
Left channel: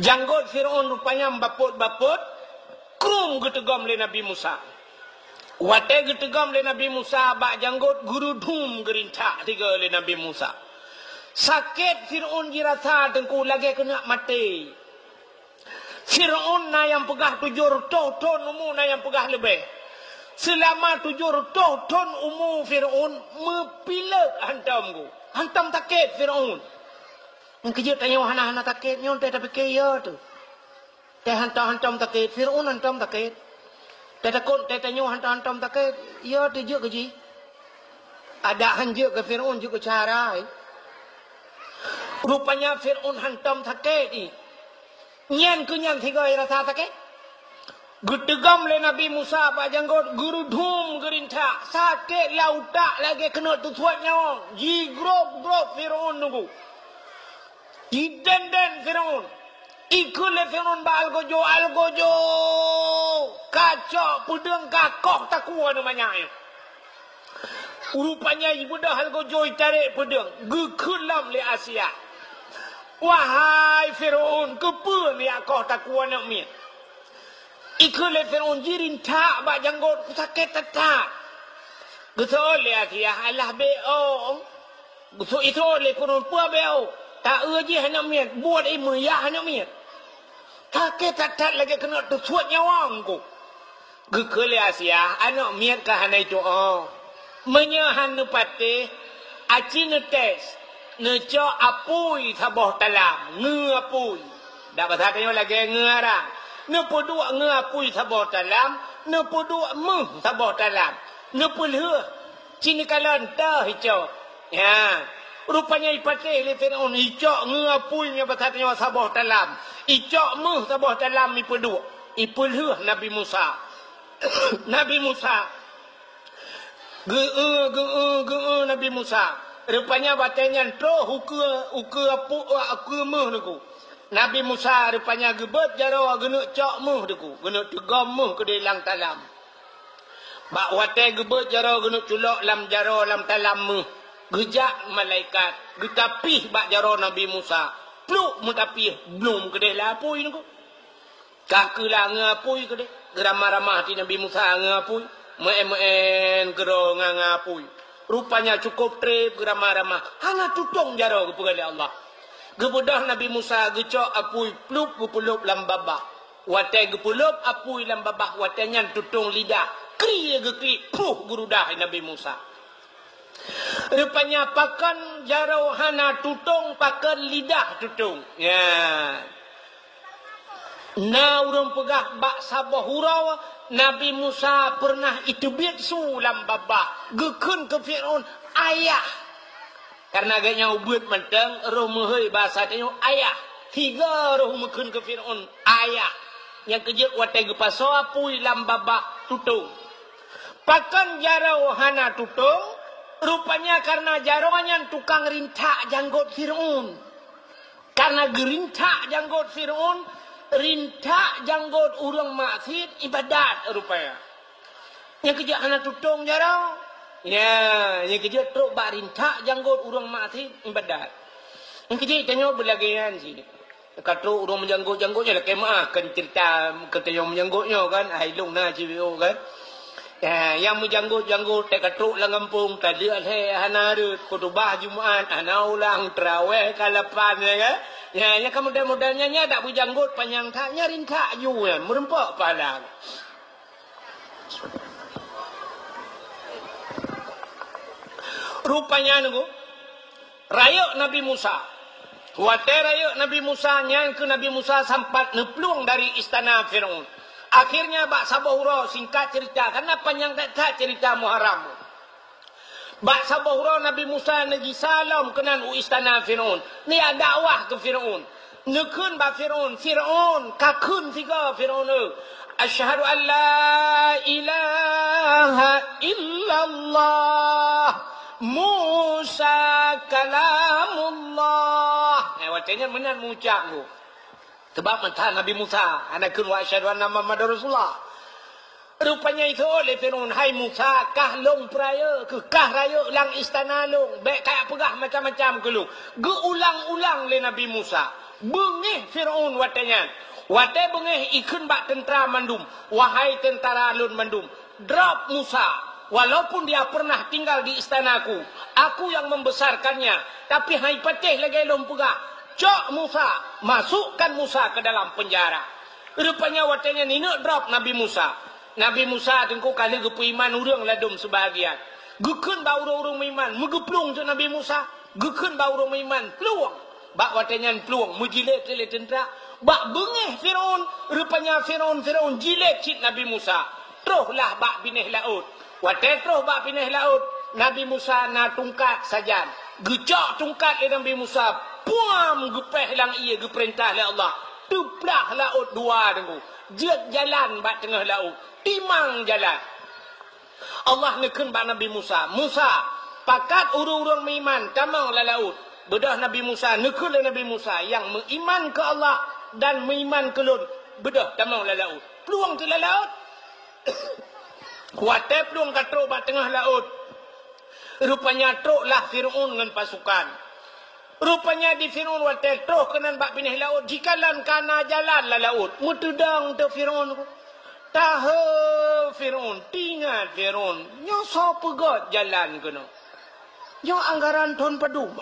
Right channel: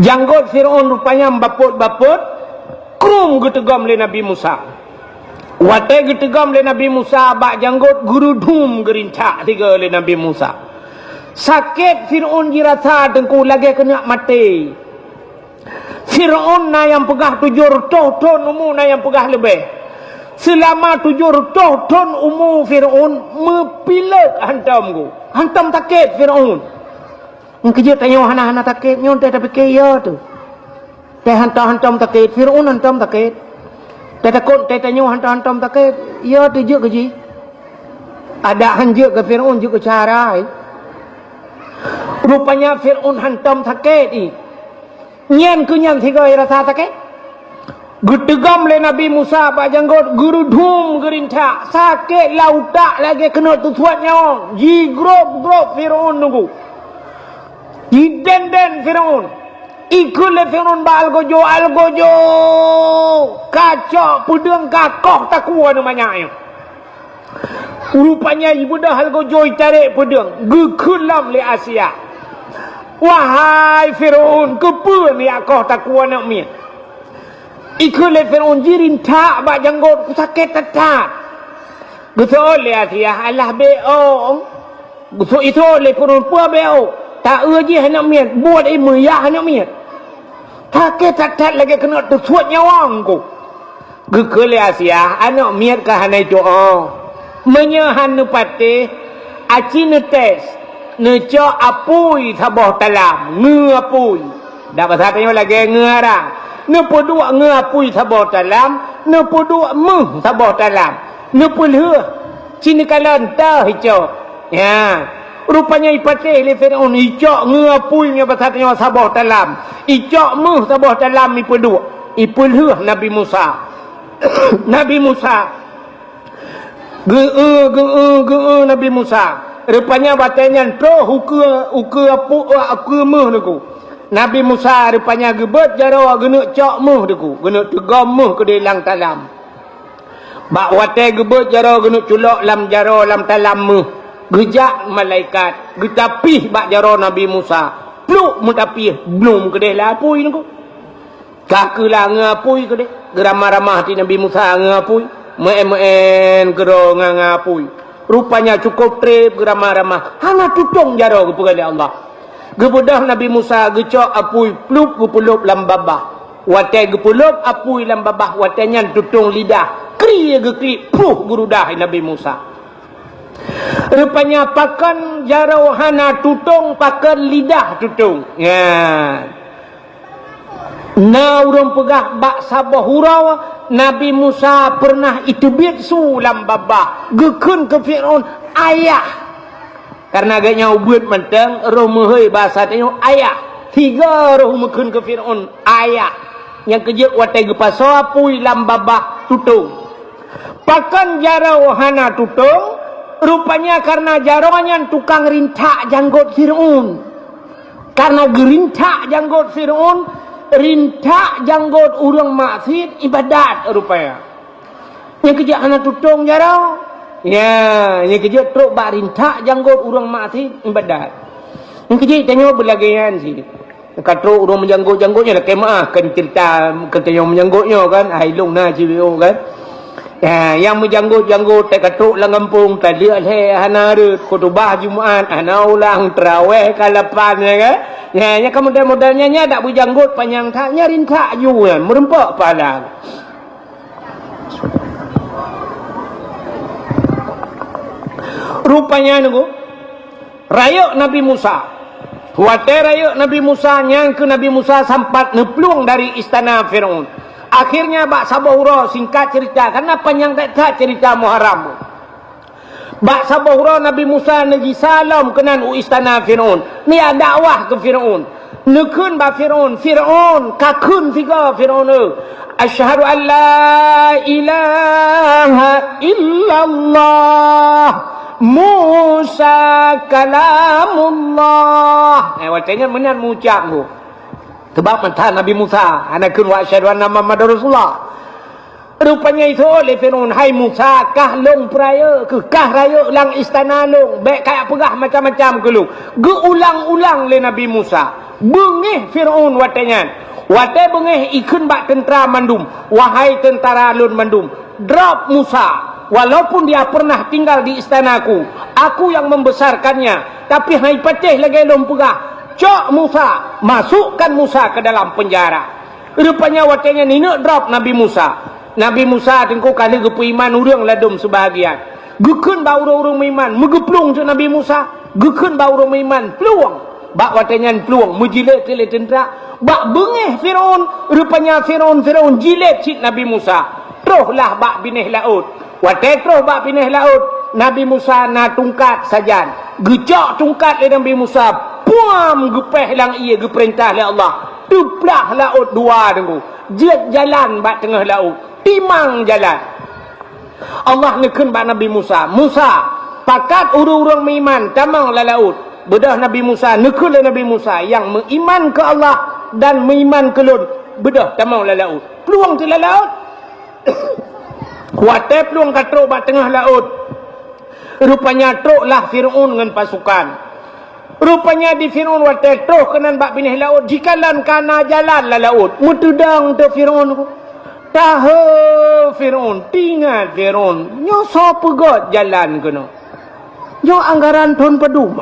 Janggut Fir'aun rupanya baput-baput. Krum getegam le Nabi Musa. Wate getegam le Nabi Musa bak janggut gurudum gerincak tiga le Nabi Musa. Sakit Fir'aun dirasa tengku lagi kena mati. Fir'aun na yang pegah 700 ton umur na yang pegah lebih. Selama 700 ton umur Fir'aun mepilat hantam ku. Hantam takit Fir'aun. Kerja tanya hana takit nyon teh tapi kaya tu. Teh hantam takit Fir'aun hantam takit. Teh takut teh tanya hantam takit. Ya tu je kerja. Ada hanjuk ke Fir'aun juga cara. Rupanya Fir'aun hantam sakit ni. Nyan ku nyan tiga rasa sakit. Getegam le Nabi Musa pak janggut gurudum gerintak. Sakit lautak lagi kena tusuat nyawa. Ji grop Fir'aun nunggu. Ji den Fir'aun. Ikut le Fir'aun ba algojo. Kacok pudeng kakoh takua namanya. Rupanya ibu dah algojo tarik pedang. Gekulam le Asia. Wahai Fir'aun, kepa ni akoh takua nak mi. Ikut le Fir'aun jirin tak bak janggut sakit tetat. Betul le Asia, Allah be'o. Betul itu le Fir'aun pua be'o. Tak uji nak mi, buat imuyah nak mi. Sakit tetat lagi kena tersuat nyawang ku. Gekul le Asia, anak mi ka hanai doa. Menyahan nupate aci netes neco apui sabah talam ngapui dak bahasa tanya lagi ngarang nepodua ngapui sabah talam nepodua meh sabah talam nepulhe cini kalan tah hijau ya rupanya ipate le Fir'aun hijau ngapui nya bahasa tanya sabah talam hijau meh sabah talam ipodua ipulhe Nabi Musa Nabi Musa Ge Nabi Musa. Rupanya batanya pro uku meh deku. Nabi Musa rupanya gebet jaro genuk cok meh deku. Genuk tegam meh ke dalam talam. Bak wate gebet jaro genuk culok lam jaro lam talam meh. Gejak malaikat. Getapih bak jaro Nabi Musa. Pluk mutapih belum ke dalam apui deku. Kakulah ngapui ke de. Geramah-ramah ti Nabi Musa ngapui. Meen gero ngapui. Rupanya cukup trip geramah-ramah. Hana tutung jaro kepada Allah. Gebudah Nabi Musa gecok apui plup gepulup lam babah. Watai gepulup apui lam babah. Watainya tutung lidah. Kri gekri puh gurudah Nabi Musa. Rupanya pakan jaro hana tutung pakan lidah tutung. Ya. Na urang pegah bak sabah hurau Nabi Musa pernah itubit su lam babah gekun ke Firaun ayah karena agaknya ubud menteng roh mehoi bahasa tengok ayah tiga roh mekun ke Firaun ayah yang kejut watai gepaso apui lam babah tutung pakan jarau hana tutung rupanya karena jaronya tukang rintak janggut Firaun karena gerintak janggut Firaun rintak janggut urang maksud ibadat rupanya. Yang kejak anak tutung jarau. Ya, yang kejak truk bak rintak janggut urang maksud ibadat. Yang kejak tengok berlagian sini. Kata urang menjanggut-janggutnya dah kemah kan cerita kata yang menjanggutnya kan ailung na cirio kan. Ya, yang menjanggut-janggut tak katruk lang kampung tadi hana rut khutbah Jumaat hana ulang tarawih kalapan ya kan. Ya, nya modal-modalnya nya dak berjanggut panjang tak nya rintak juan merempak padang. Rupanya nunggu rayuk Nabi Musa. Watai rayuk Nabi Musa nyang ke Nabi Musa sampat neplung dari istana Firaun. Akhirnya bak sabahura singkat cerita karena panjang tak cerita Muharram. Bak sabahura Nabi Musa negi salam kenan istana Firaun. Ni ada dakwah ke Firaun. Nekun ba Firaun, Firaun kakun tiga Firaun. Asyhadu an la ilaha illallah Musa kalamullah. Watanya menan mengucap tu. Sebab mentah Nabi Musa anakun wa asyhadu anna Muhammadar Rasulullah. Rupanya itu oleh Firaun, hai Musa kah long peraya ke kah raya lang istana long baik kayak pegah macam-macam ke lu. Geulang-ulang le Nabi Musa. Bengih Firaun watanya. Watai bengih ikun bak tentera mandum. Wahai tentara lun mandum, drop Musa. Walaupun dia pernah tinggal di istanaku, aku yang membesarkannya, tapi hai patih lagi long pegah. Cok Musa, masukkan Musa ke dalam penjara. Rupanya watanya ni nak drop Nabi Musa. Nabi Musa tengku kali gepu iman urang ladum sebahagian. Gekun ba urang-urang iman, megeplung tu Nabi Musa. Gekun ba urang iman, peluang. Bak watanya peluang, menjilat ke tentera. Bak bengih Firaun, rupanya Firaun jilat cik Nabi Musa. Teruslah bak binih laut. Watai terus bak binih laut, Nabi Musa na tungkat sajan. Gecok tungkat le Nabi Musa. Puam gepeh lang ia geperintah oleh Allah. Tuplah laut dua tengku. Jet jalan bak tengah laut. Timang jalan. Allah nekun bak Nabi Musa. Musa, pakat urang-urang meiman tamang la laut. Bedah Nabi Musa, nekun le Nabi Musa yang meiman ke Allah dan meiman ke Lut. Bedah tamang la laut. Peluang tu la laut. Watai peluang katruk bak tengah laut. Rupanya truklah Firaun dengan pasukan. Rupanya di Firaun watai terus kenan bak binih laut. Jikalan kana jalan la laut. Mutudang tu Firaun. Tahu Firaun. Tinggal Firaun. Nyo so pegot jalan kena. Nyo anggaran ton pedum.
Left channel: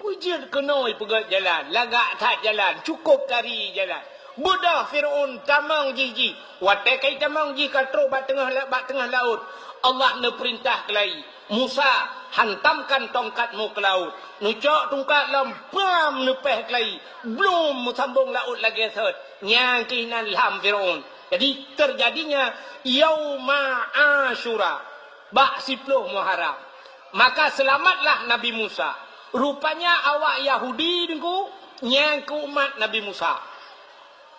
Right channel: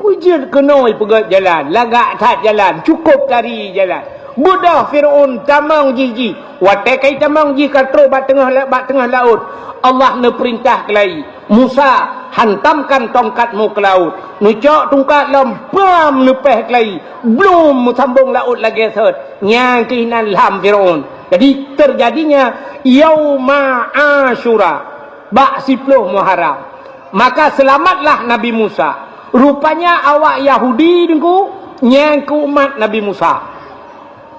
Pujit kena pegot jalan. Lagak tak jalan. Cukup tari jalan. Budah Firaun tamang jiji. Watai kai tamang jiji katro bak tengah laut. Allah ne perintah kelai. Musa, hantamkan tongkatmu ke laut. Nucok tongkat lempam lepeh kelai. Belum sambung laut lagi set. Yang keinan lam Firaun. Jadi terjadinya Yauma Asyura. Bak 10 Muharram. Maka selamatlah Nabi Musa. Rupanya awak Yahudi dengku nyang ke umat Nabi Musa.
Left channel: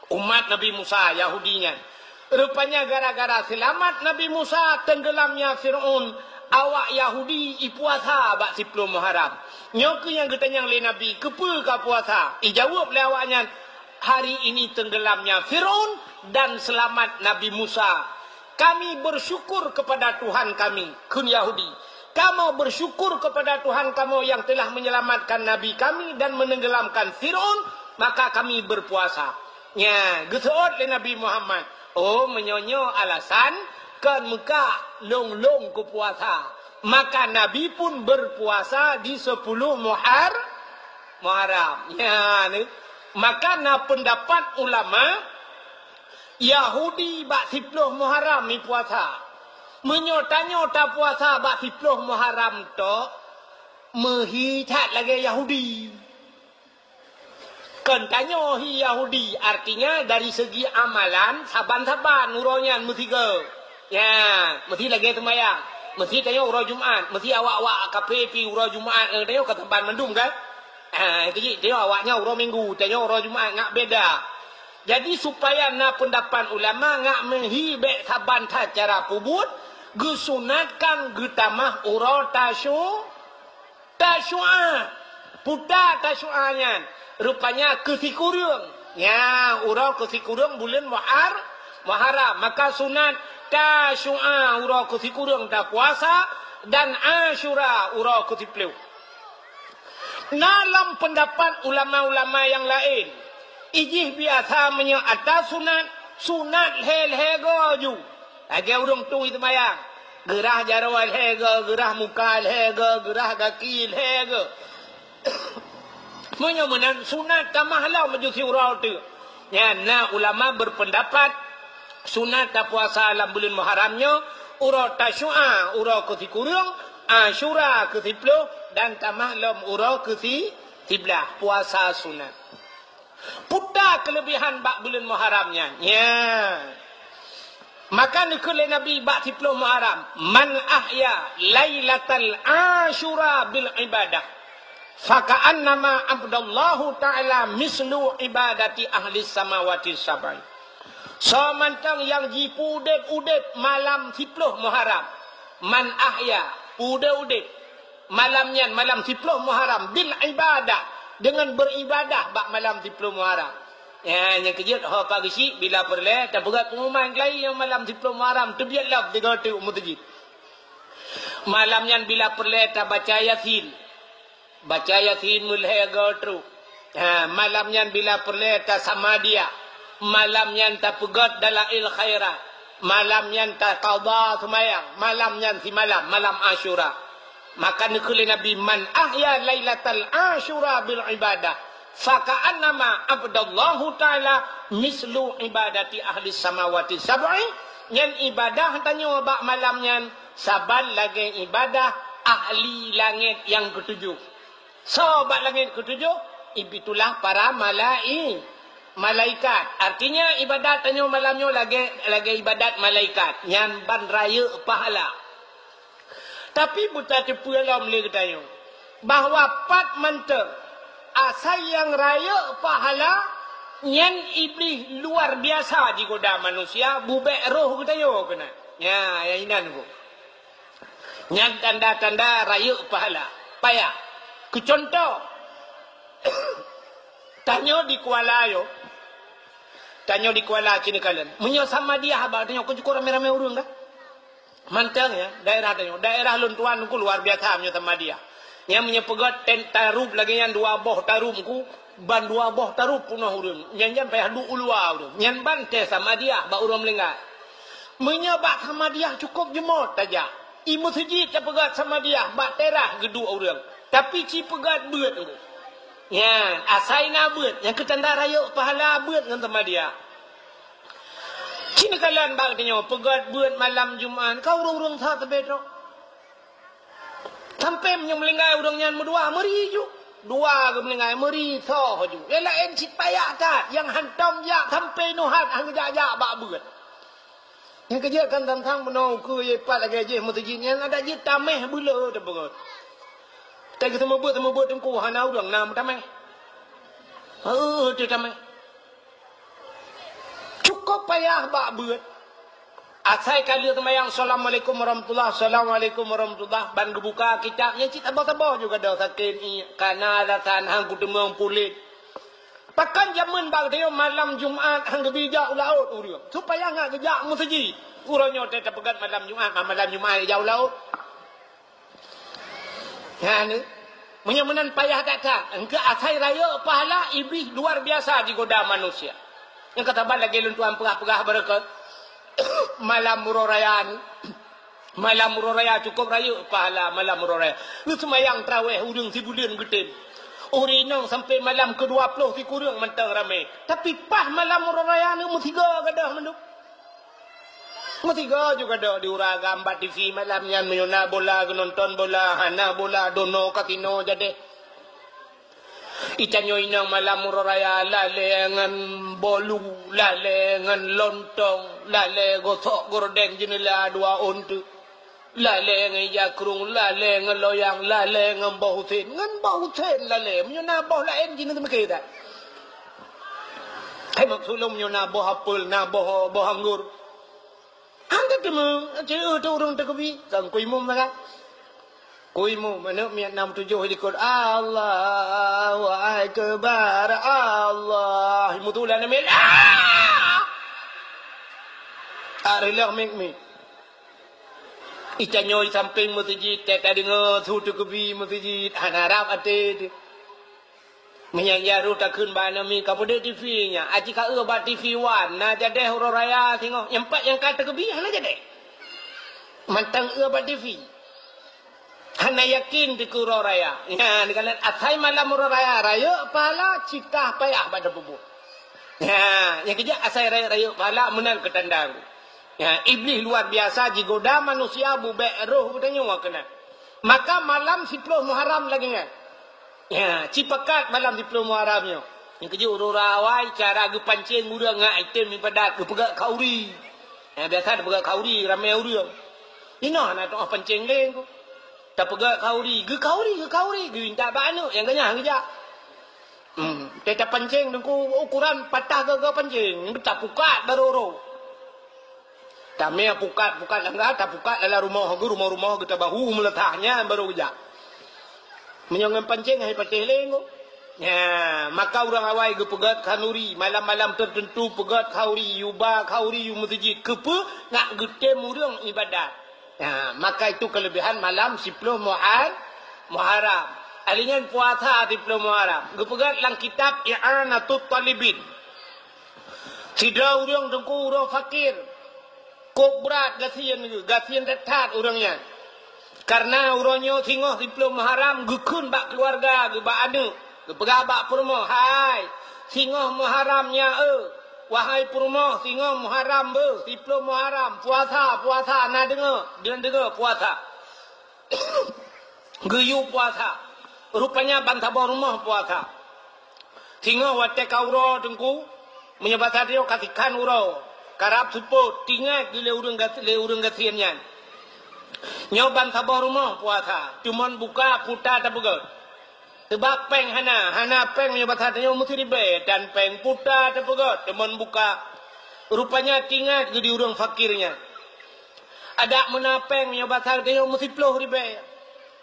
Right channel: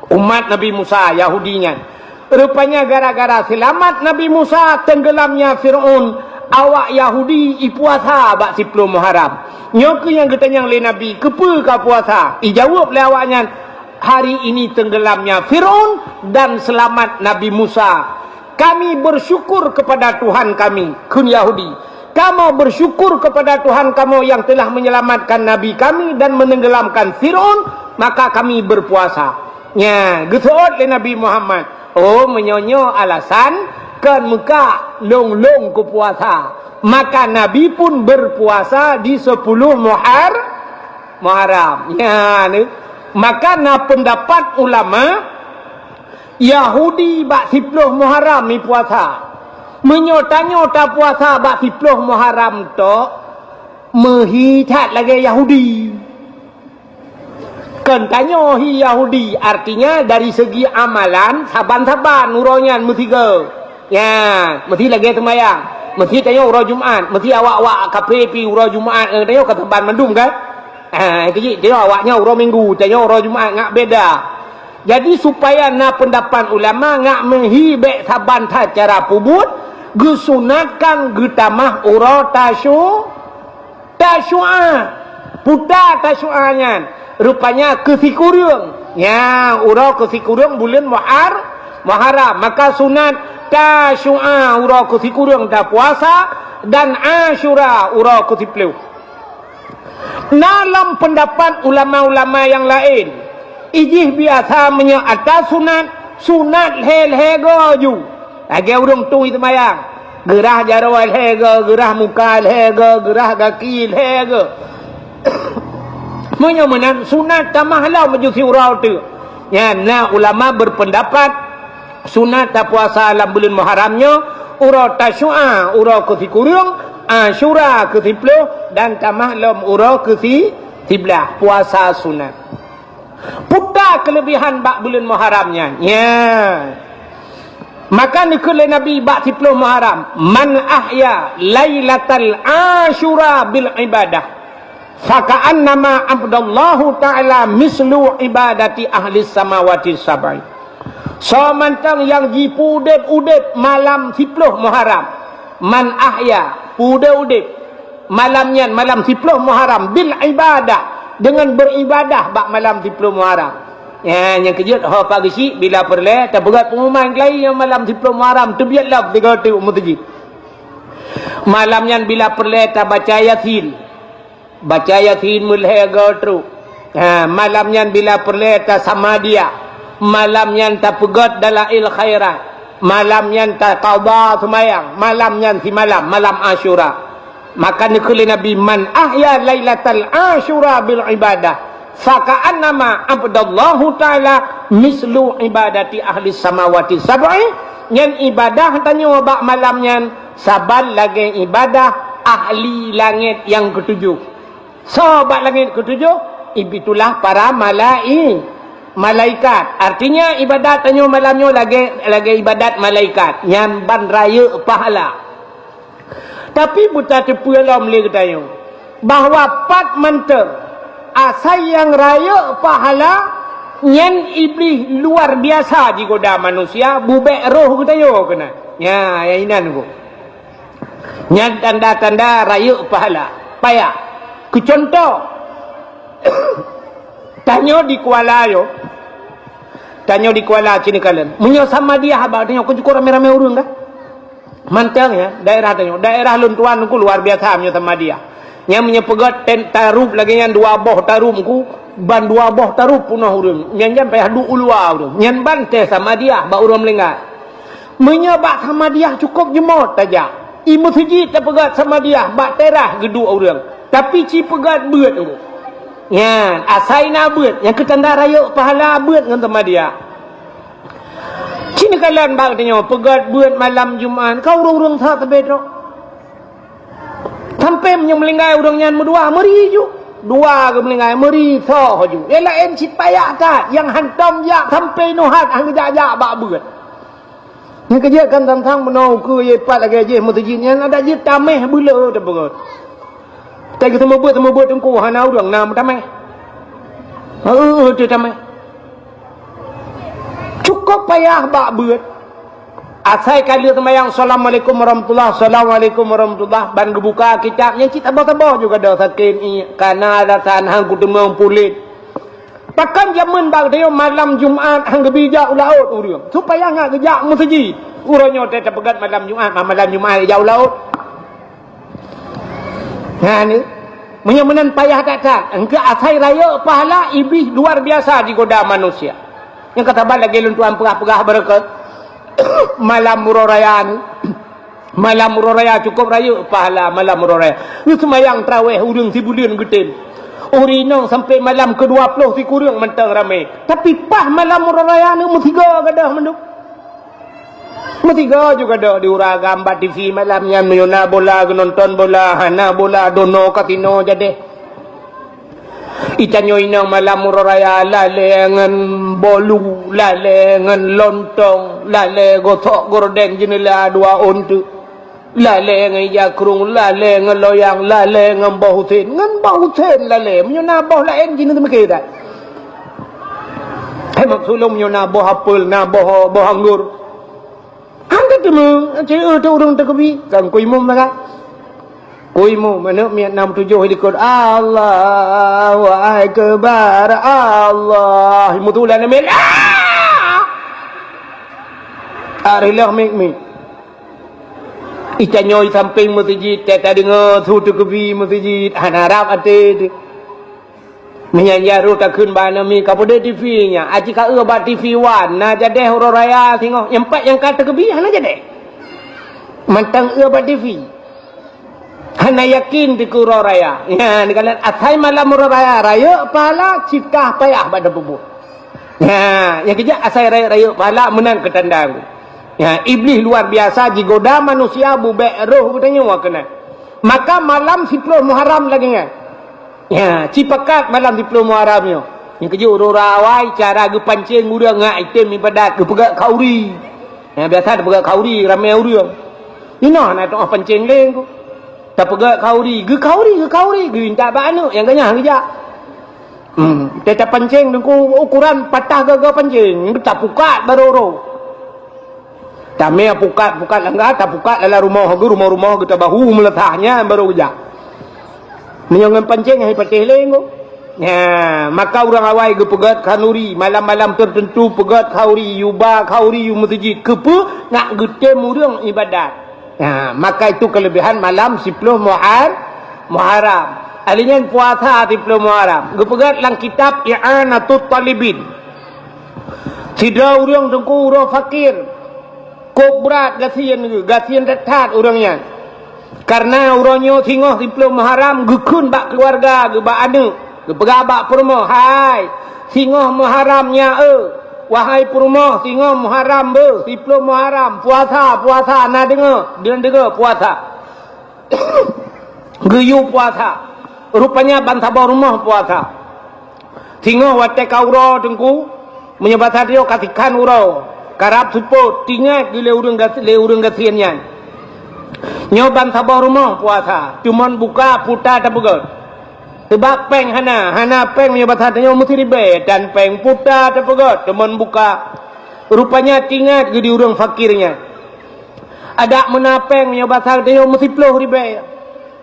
Umat Nabi Musa Yahudinya. Rupanya gara-gara selamat Nabi Musa tenggelamnya Firaun, awak Yahudi ipuasa bak 10 Muharram. Nyoke yang ketanyang le Nabi, kepa ka puasa? Ijawab le awaknya, hari ini tenggelamnya Firaun dan selamat Nabi Musa. Kami bersyukur kepada Tuhan kami, kun Yahudi. Kamu bersyukur kepada Tuhan kamu yang telah menyelamatkan Nabi kami dan menenggelamkan Firaun, maka kami berpuasa. Ya, getot le Nabi Muhammad. Oh, menyonyo alasan kan Mekah long ke puasa. Maka Nabi pun berpuasa di 10 Muharram. Ya, ni. Maka na pendapat ulama Yahudi bak 10 Muharram ni puasa. Menyota-nyota puasa bak 10 Muharram tu menghitat lagi Yahudi. Kan tanya hi Yahudi, artinya dari segi amalan saban-saban uronya mesti ke. Ya, mesti lagi sembahyang. Mesti tanya urau Jumaat, mesti awak-awak kaprepi urau Jumaat, tanya ke tempat mendum kan? Jadi dia awaknya urau Minggu, tanya urau Jumaat ngak beda. Jadi supaya na pendapat ulama ngak menghibek saban cara pubut, gesunatkan getamah urau tasyu'a. Puta tasyu'anya. Rupanya kesikurung. Ya, urau kesikurung bulan Muharram. Maka sunat tasyu'a urau kesikurung dah puasa dan Asyura urau kesipuluh. Dalam pendapat ulama-ulama yang lain, ijih biasa menyata sunat hel-hego ju. Lagi urung tu itu mayang. Gerah jarawal hego, gerah muka hego, gerah kaki hego. Menyemenan sunat tamahlah menjusi urau tu. Ya, nah ulama berpendapat sunat tak puasa dalam bulan Muharramnya urau tasyu'a, urau kesikurung, Asyura ke-10 dan tamahlam urau ke-11 puasa sunat. Putar kelebihan bak bulan Muharramnya. Ya. Maka nikul Nabi bak 10 Muharram, man ahya lailatal Asyura bil ibadah faka'annama abdallahu ta'ala mislu ibadati ahli samawati sab'i. So mantang yang jipu udip malam 10 Muharram, man ahya udip malamnya malam 10 Muharram bil ibadah, dengan beribadah bak malam 10 Muharram. Ya, yang kejut ho pagi si bila perle terberat pengumuman lain yang malam 10 Muharram tu biarlah 3 umutji. Malamnya bila perle ta baca Yasin. Baca Yasin mulai gotru. Ha, malamnya bila perle ta samadiyah. Malamnya ta pegat dalail khairat. Malamnya ta qada semayang. Malamnya si malam Asyura. Maka nikul Nabi man ahya lailatal Asyura bil ibadah faka'annama abdallahu ta'ala mislu ibadati ahli samawati sab'i. Yang ibadah tanya wabak malamnya saban lagi ibadah ahli langit yang ketujuh. Sobat langit ketujuh itulah para malaikat. Artinya ibadat tanya malamnya lagi ibadat malaikat yang ban raya pahala. Tapi buta tepu dalam boleh tanya bahawa pat menter asal yang raya pahala yang iblis luar biasa jika dah manusia bubek roh kita yo kena. Ya, yang ini nunggu. Yang tanda-tanda raya pahala. Payah. Kecontoh. Tanya di Kuala yo. Tanya di Kuala sini kalian. Munyo sama dia habaq tanya kau cukup rame-rame urun dah. Mantang ya, daerah tanya. Daerah luntuan ku luar biasa munyo sama dia. Yang menyepegat tarup lagi yang 2 boh tarup ku ban 2 boh tarup punah urun yang sampai hadu ulua urun yang ban te sama dia ba urun melenggat menyebak sama dia cukup jemot saja imu siji terpegat sama dia ba terah gedu urun tapi ci pegat beut urun ya asaina beut yang ketanda raya pahala beut dengan sama dia cini kalian ba tanya pegat beut malam Jumaat kau urung-urung sa tebedro sampai menyelingkai urangnya berdua meri ju dua ke melingkai meri so ju yang lain si payah kat yang hantam jak sampai nuhat hang jak bak beut ni kerja kan tang menau ke ye pat lagi je mutajin yang ada je tameh bula dah beut tak kita mau beut tengku hana urang nam tameh tu tameh cukup payah bak beut. Asai kali sembahyang assalamualaikum warahmatullahi ban gebuka kitab yang kita tabah juga dah sakin kana alasan hang kutemang pulit. Takkan zaman bal dia malam Jumaat hang gebijak laut urang. Supaya ngak gejak musji. Urangnya teh pegat malam Jumaat jauh laut. Ha ni menyamanan payah tak engke asai raya pahala iblis luar biasa di goda manusia. Yang kata bal lagi luntuan perah-perah berkat. malam murah raya ni. Malam murah raya cukup raya pahala malam murah raya. Ni semayang tarawih urang si bulan getin. Urinong sampai malam ke-20 si kurang mentang ramai. Tapi pas malam murah raya ni mutiga gadah menduk. Mutiga juga dah diurang gambar TV malamnya menyona bola, nonton bola, hana bola, dono kasino jadi. Itanyo inang malam murah raya lale ngan bolu, lale ngan lontong, lale gotok gorden jenela dua ontu, lale ngan yakrung, lale ngan loyang, lale ngan bahutin, lale menyona bau lain jenis macam dah. Hemat sulung menyona bau apel, na bau anggur. Anda tu mu, cakap tu orang terkebi, kan kuimu mana? Kuimu mana miat 67 ikut Allahu Akbar Allah mutulan amil arilah mik itanyo samping masjid kata dengar tu kebi masjid hanarap ate menyanyi tak kun bana mi kapode TV nya aji ka ba TV wan na jadeh ro raya tengok yang empat yang kata kebi hana jadeh mantang ba TV hana yakin di kuro raya. Ya, dikalat atai malam murah raya. Raya pahala cipta payah pada bubuh. Ya, yang kejap asai raya pahala menang ketandang. Ya, iblis luar biasa jigoda manusia bubek roh bertanya wa kena. Maka malam 10 Muharram lagi kan. Ya, cipakat malam 10 Muharramnya. Yang kejap rawai cara ge pancing urang ngak item ibadat ge pegak kauri. Ya, biasa ada pegak kauri ramai urang. Ina nak tengok pancing leng tu. Tak pegak kauri, ge kauri, ge minta banu yang ganyah gejak. Kita pancing dengan ukuran patah gagal pancing, tak pukat baru ro. Tak meh pukat langgar, tak pukat dalam rumah kita bahu meletaknya baru gejak. Menyongan pancing hai patih leng. Ya, maka orang awai ge pegat kanuri, malam-malam tertentu pegat kauri, yuba kauri yu masjid kepe nak getem urang ibadat. Ya, maka itu kelebihan malam 10 Muharram. Alingan puasa 10 Muharram. Gepegat lang kitab I'anatut Talibin. Sida urang tengku urang fakir. Kok berat gasian detat urangnya. Karena urangnya tinggal 10 Muharram gekun bak keluarga, ge bak anak, gepegat bak perumah. Hai, tinggal Muharramnya wahai perumah tinggal Muharram be 10 Muharram puasa nak dengar puasa geyu puasa rupanya bantabah rumah puasa tinggal watek kauro tengku menyebabkan dia katikan urau karab support tinggal gile urang gasiannya nyoban sabah rumah puasa cuman buka putar tak begot. Sebab peng hana peng ni bahasanya mesti ribet dan peng putar terpegot cuman buka rupanya tinggal jadi orang fakirnya ada menapeng ni bahasanya mesti puluh ribet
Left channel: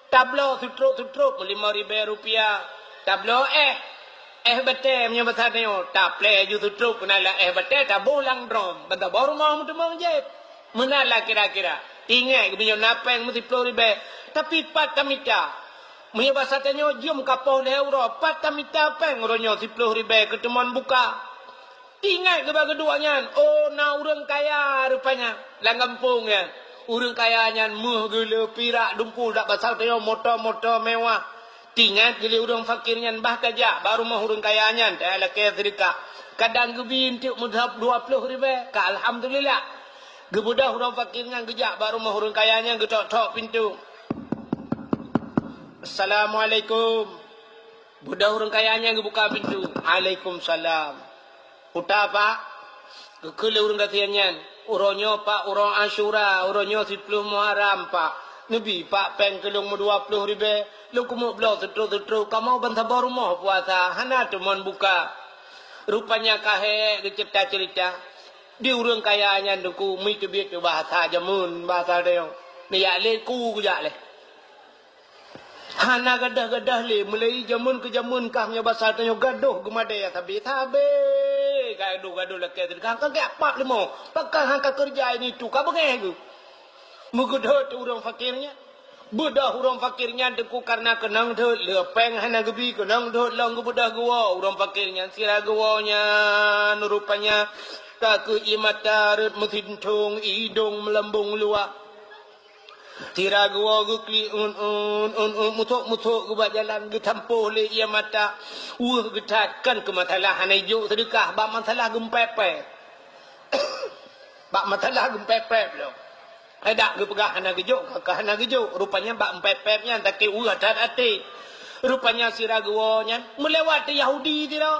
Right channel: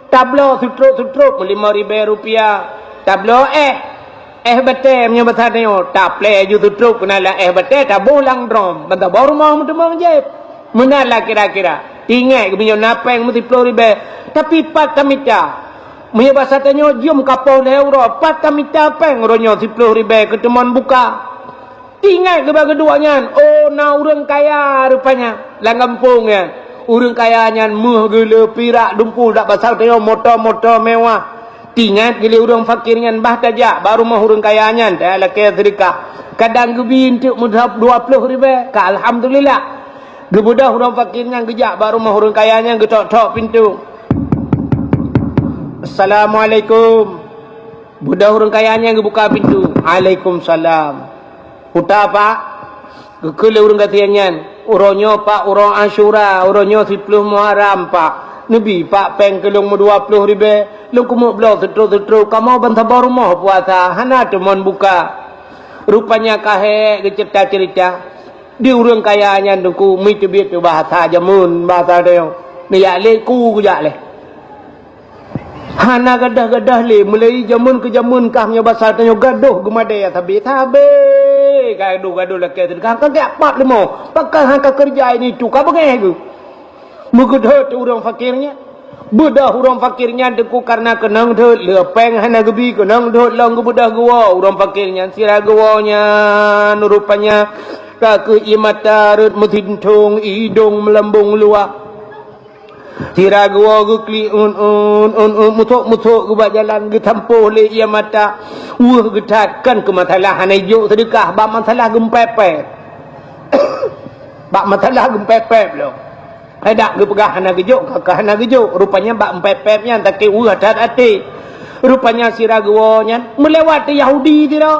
tablo sutruk 5 ribu rupiah tablo betul ni bahasanya tak play ju sutruk kenala betul tak bolang drum benda baru mau memang je menala kira-kira tinggal punya napeng mesti 10 ribu tapi patamita punya bahasa tanya jom kapal euro patamita peng ronyo 10 ribu ketemuan buka ingat keduanya na orang kaya rupanya lang kampung ya orang kayanya muh gele pirak dumpul dak pasal tanya motor mewah ingat gele orang fakirnya bah tajak baru mah orang kayanya tak laki sedekah kadang gebi untuk mudhab 20 ribu ka alhamdulillah gebudah orang fakirnya gejak baru mah orang kayanya getok-tok pintu. Assalamualaikum. Budak orang kayanya yang buka pintu. Waalaikumsalam. Putar pak. Kekele orang katiannya. Orangnya pak orang Ashura. Orangnya 10 Muharram pak. Nabi pak peng kelung 20 ribu. Lu kumuk belau setruk. Kamu bantabah rumah puasa. Hana teman buka. Rupanya kahek cerita. Di orang kayanya tu mi kebit bahasa jamun bahasa dia. Ni le ku jak le. Hana gadah le mulai jamun ke jamun kah nya bahasa tanya gaduh gemade tabe gaduh laki sedekah kan tak pat lemo pakai hangka kerja ini tu ka bagai tu mugedh orang fakirnya bedah orang fakirnya deku karena kenang deh lepeng hana gebi kenang deh lang gebedah gua orang fakirnya sira gawanya rupanya tak ke imata rut mutintung idung melambung luar tiragwa gukli mutuk ke jalan ke tampuh le ia mata getatkan ke masalah hanajuk sedekah bab masalah gempepet bab masalah gempepet lo ada ke pegah hana gejuk ke hana gejuk rupanya bab empepetnya tak ke hadat ati rupanya siragwa nya melewati Yahudi tidak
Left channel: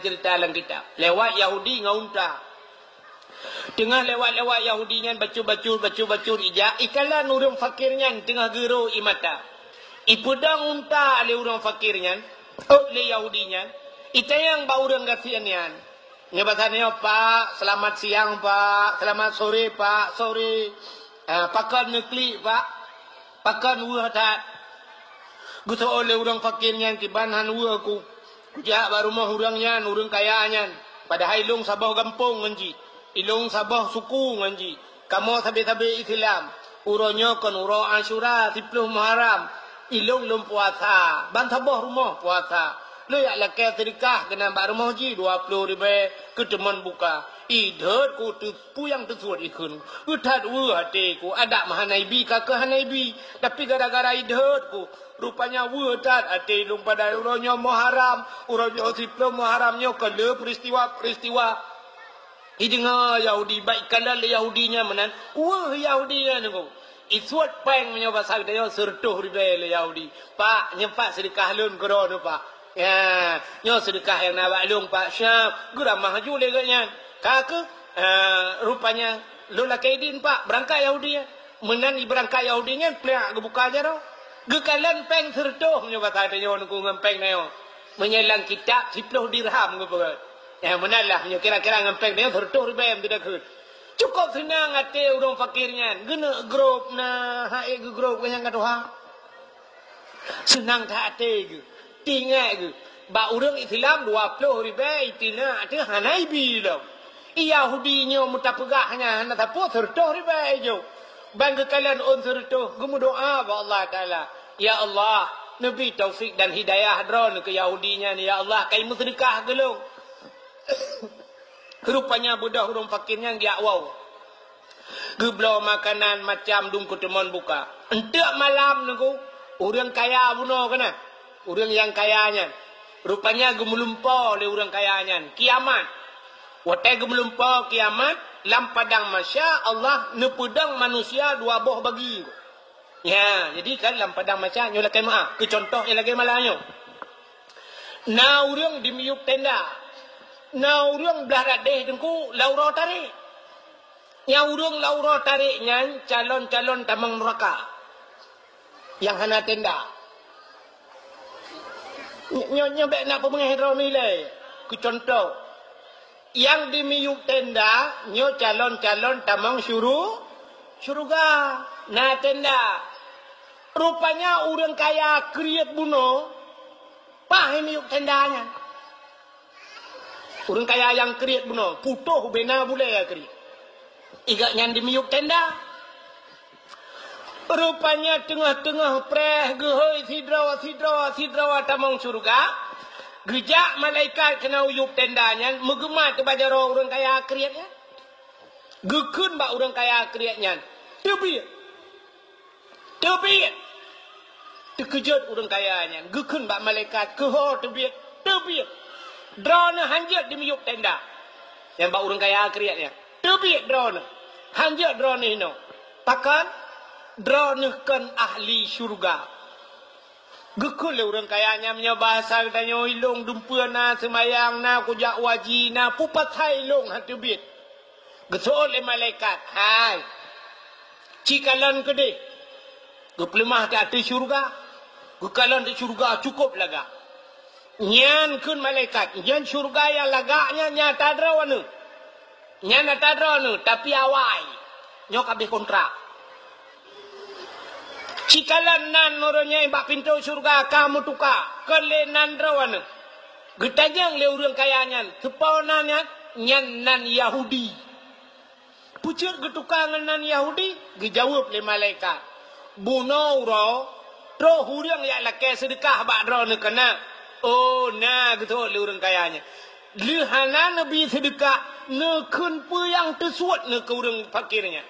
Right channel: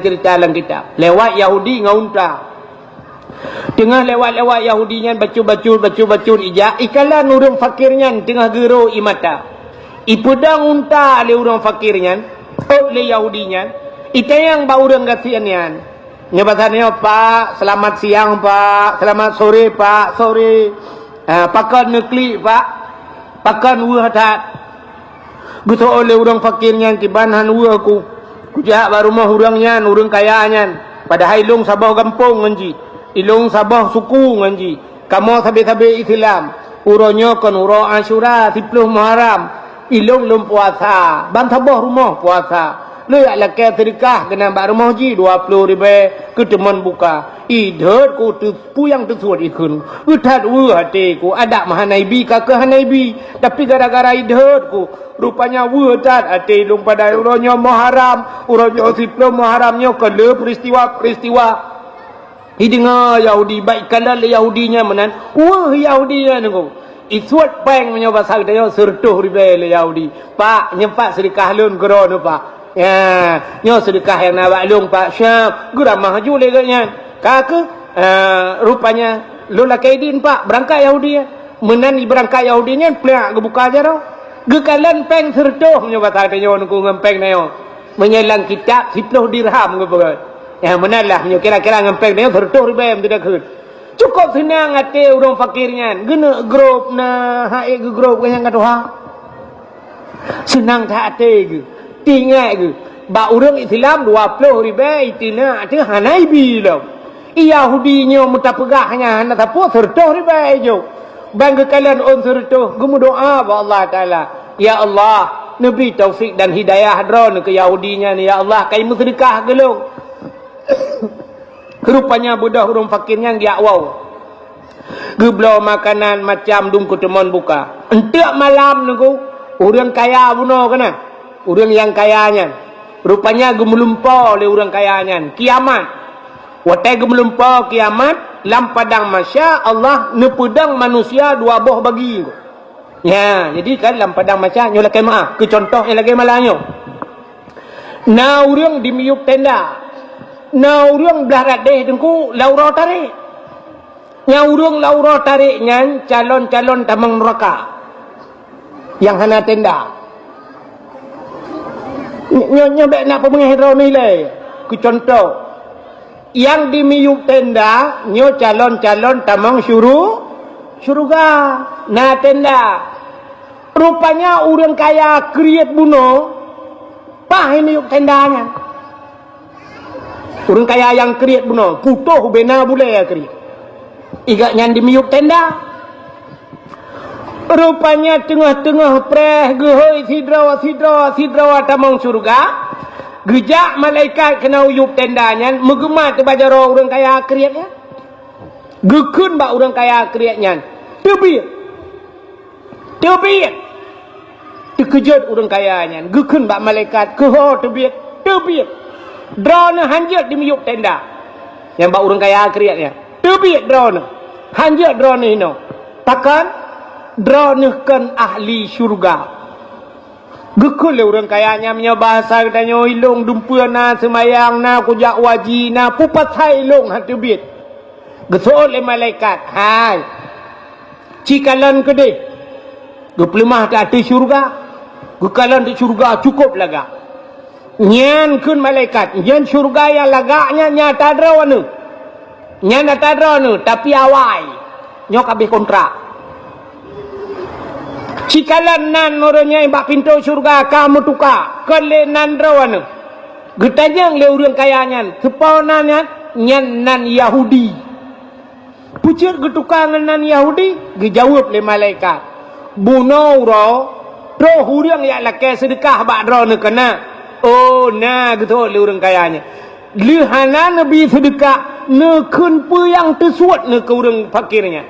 cerita dalam kitab lewat Yahudi ngaunta tengah lewat-lewat Yahudinya bacu ijak ikalan urang fakirnya tengah gero imata ipudang unta le urang fakirnya le Yahudinya itayang ba urang gasiannya nyabatannya Pak selamat siang Pak selamat sore Pak sore pakan nekli Pak pakan hadat betul oleh urang fakirnya kibanhan ku jak baru mah urangnya urang kayanya padahal ilung sabah gampung nganji ilung sabah suku nganji kamu sabe-sabe Islam uronyo kan uro Asyura 10 Muharram ilung lum puasa ban sabah rumah puasa le ala ke sedekah kena ba rumah ji 20 ribu ke teman buka idhot ku tu puyang tu suat ikun utat hati ku ada mahanaibi ka ke hanaibi tapi gara-gara idhot ku rupanya wudat ati lum pada uronyo Muharram uronyo 10 Muharramnya ke le peristiwa hidengar Yahudi baikkanlah Yahudinya menan Yahudinya nunggu isuat peng menyoba sang dia sertuh ribe Yahudi Pak nyempat sedekah lun geron Pak nyo sedekah yang nak lung Pak syap gura maju leganya kak rupanya lun kaidin Pak berangkat Yahudi menan berangkat Yahudinya pelak kebuka aja ro gekalan peng sertuh menyoba sang dia nunggu ngempeng nayo menyelang kitab 10 dirham ke menalah kira-kira ngempeng dia tertuh ribe tidak ke cukup senang ate urang fakirnya gena grup na hae ke grup yang kata senang tak ate ke tinggal ke ba urang Islam 20 ribe itina ate hanaibi lo Yahudinya muta pegahnya hana tapu tertuh ribe jo bangga kalian on tertuh gumu doa ba Allah taala ya Allah nabi taufik dan hidayah dron ke Yahudinya ni ya Allah kai musyrikah gelung rupanya budak urang fakirnya dia wow geblau makanan macam dung kutemon buka entek malam nunggu urang kaya buno kana urang yang kayanya rupanya gemulumpa le urang kayanya kiamat watai gemulumpa kiamat lam padang masya Allah nepedang manusia 2 boh bagi ya jadi kan lam padang masya nyola kai maaf ke contoh yang lagi malanyo na urang dimiup tenda na urang belah deh tengku laura tarik nya urang laura tarik nyan calon-calon tamang neraka yang hana tenda nyonya bek nak pemengahiro nilai ku contoh yang dimiup tenda nyo calon-calon tamang syurga na tenda rupanya urang kaya kriet buno pah miup tendanya urang kaya yang kriat benar putuh bena boleh ya kriat iga nyan dimiup tenda rupanya tengah-tengah preh gehoi sidrawa tamang surga gejak malaikat kena uyup tendanya megemat bajaro urang kaya kriatnya gekun ba urang kaya kriatnya tebit terkejut urang kayanya gekun ba malaikat keho tebit drone hanjat di miyuk tenda yang bak urang kaya kriatnya tebit drone hanjat drone ino takkan drone kan ahli syurga gekul le urang kayanya nya bahasa katanya ilung dumpeuna semayang na kujak waji na pupat sai ilung hat tebit gesol le malaikat hai cikalan kede geplemah tak di syurga gekalan di syurga cukup laga nyan kun malaikat nyan syurga yang lagaknya nyata drawana nyan nyata drawana tapi awai nyok habis kontrak cikalan nan orangnya bak pintu syurga kamu tuka kelenan drawana getajang le urang kayanya sepaunanya nyan nan Yahudi pucuk getukangan nan Yahudi dijawab le malaikat buno ro roh urang yang lake sedekah bak drawana kena oh nah gitu le urang kayanya lihana Nabi sedekah nekun yang tersuat ne ke orang fakirnya.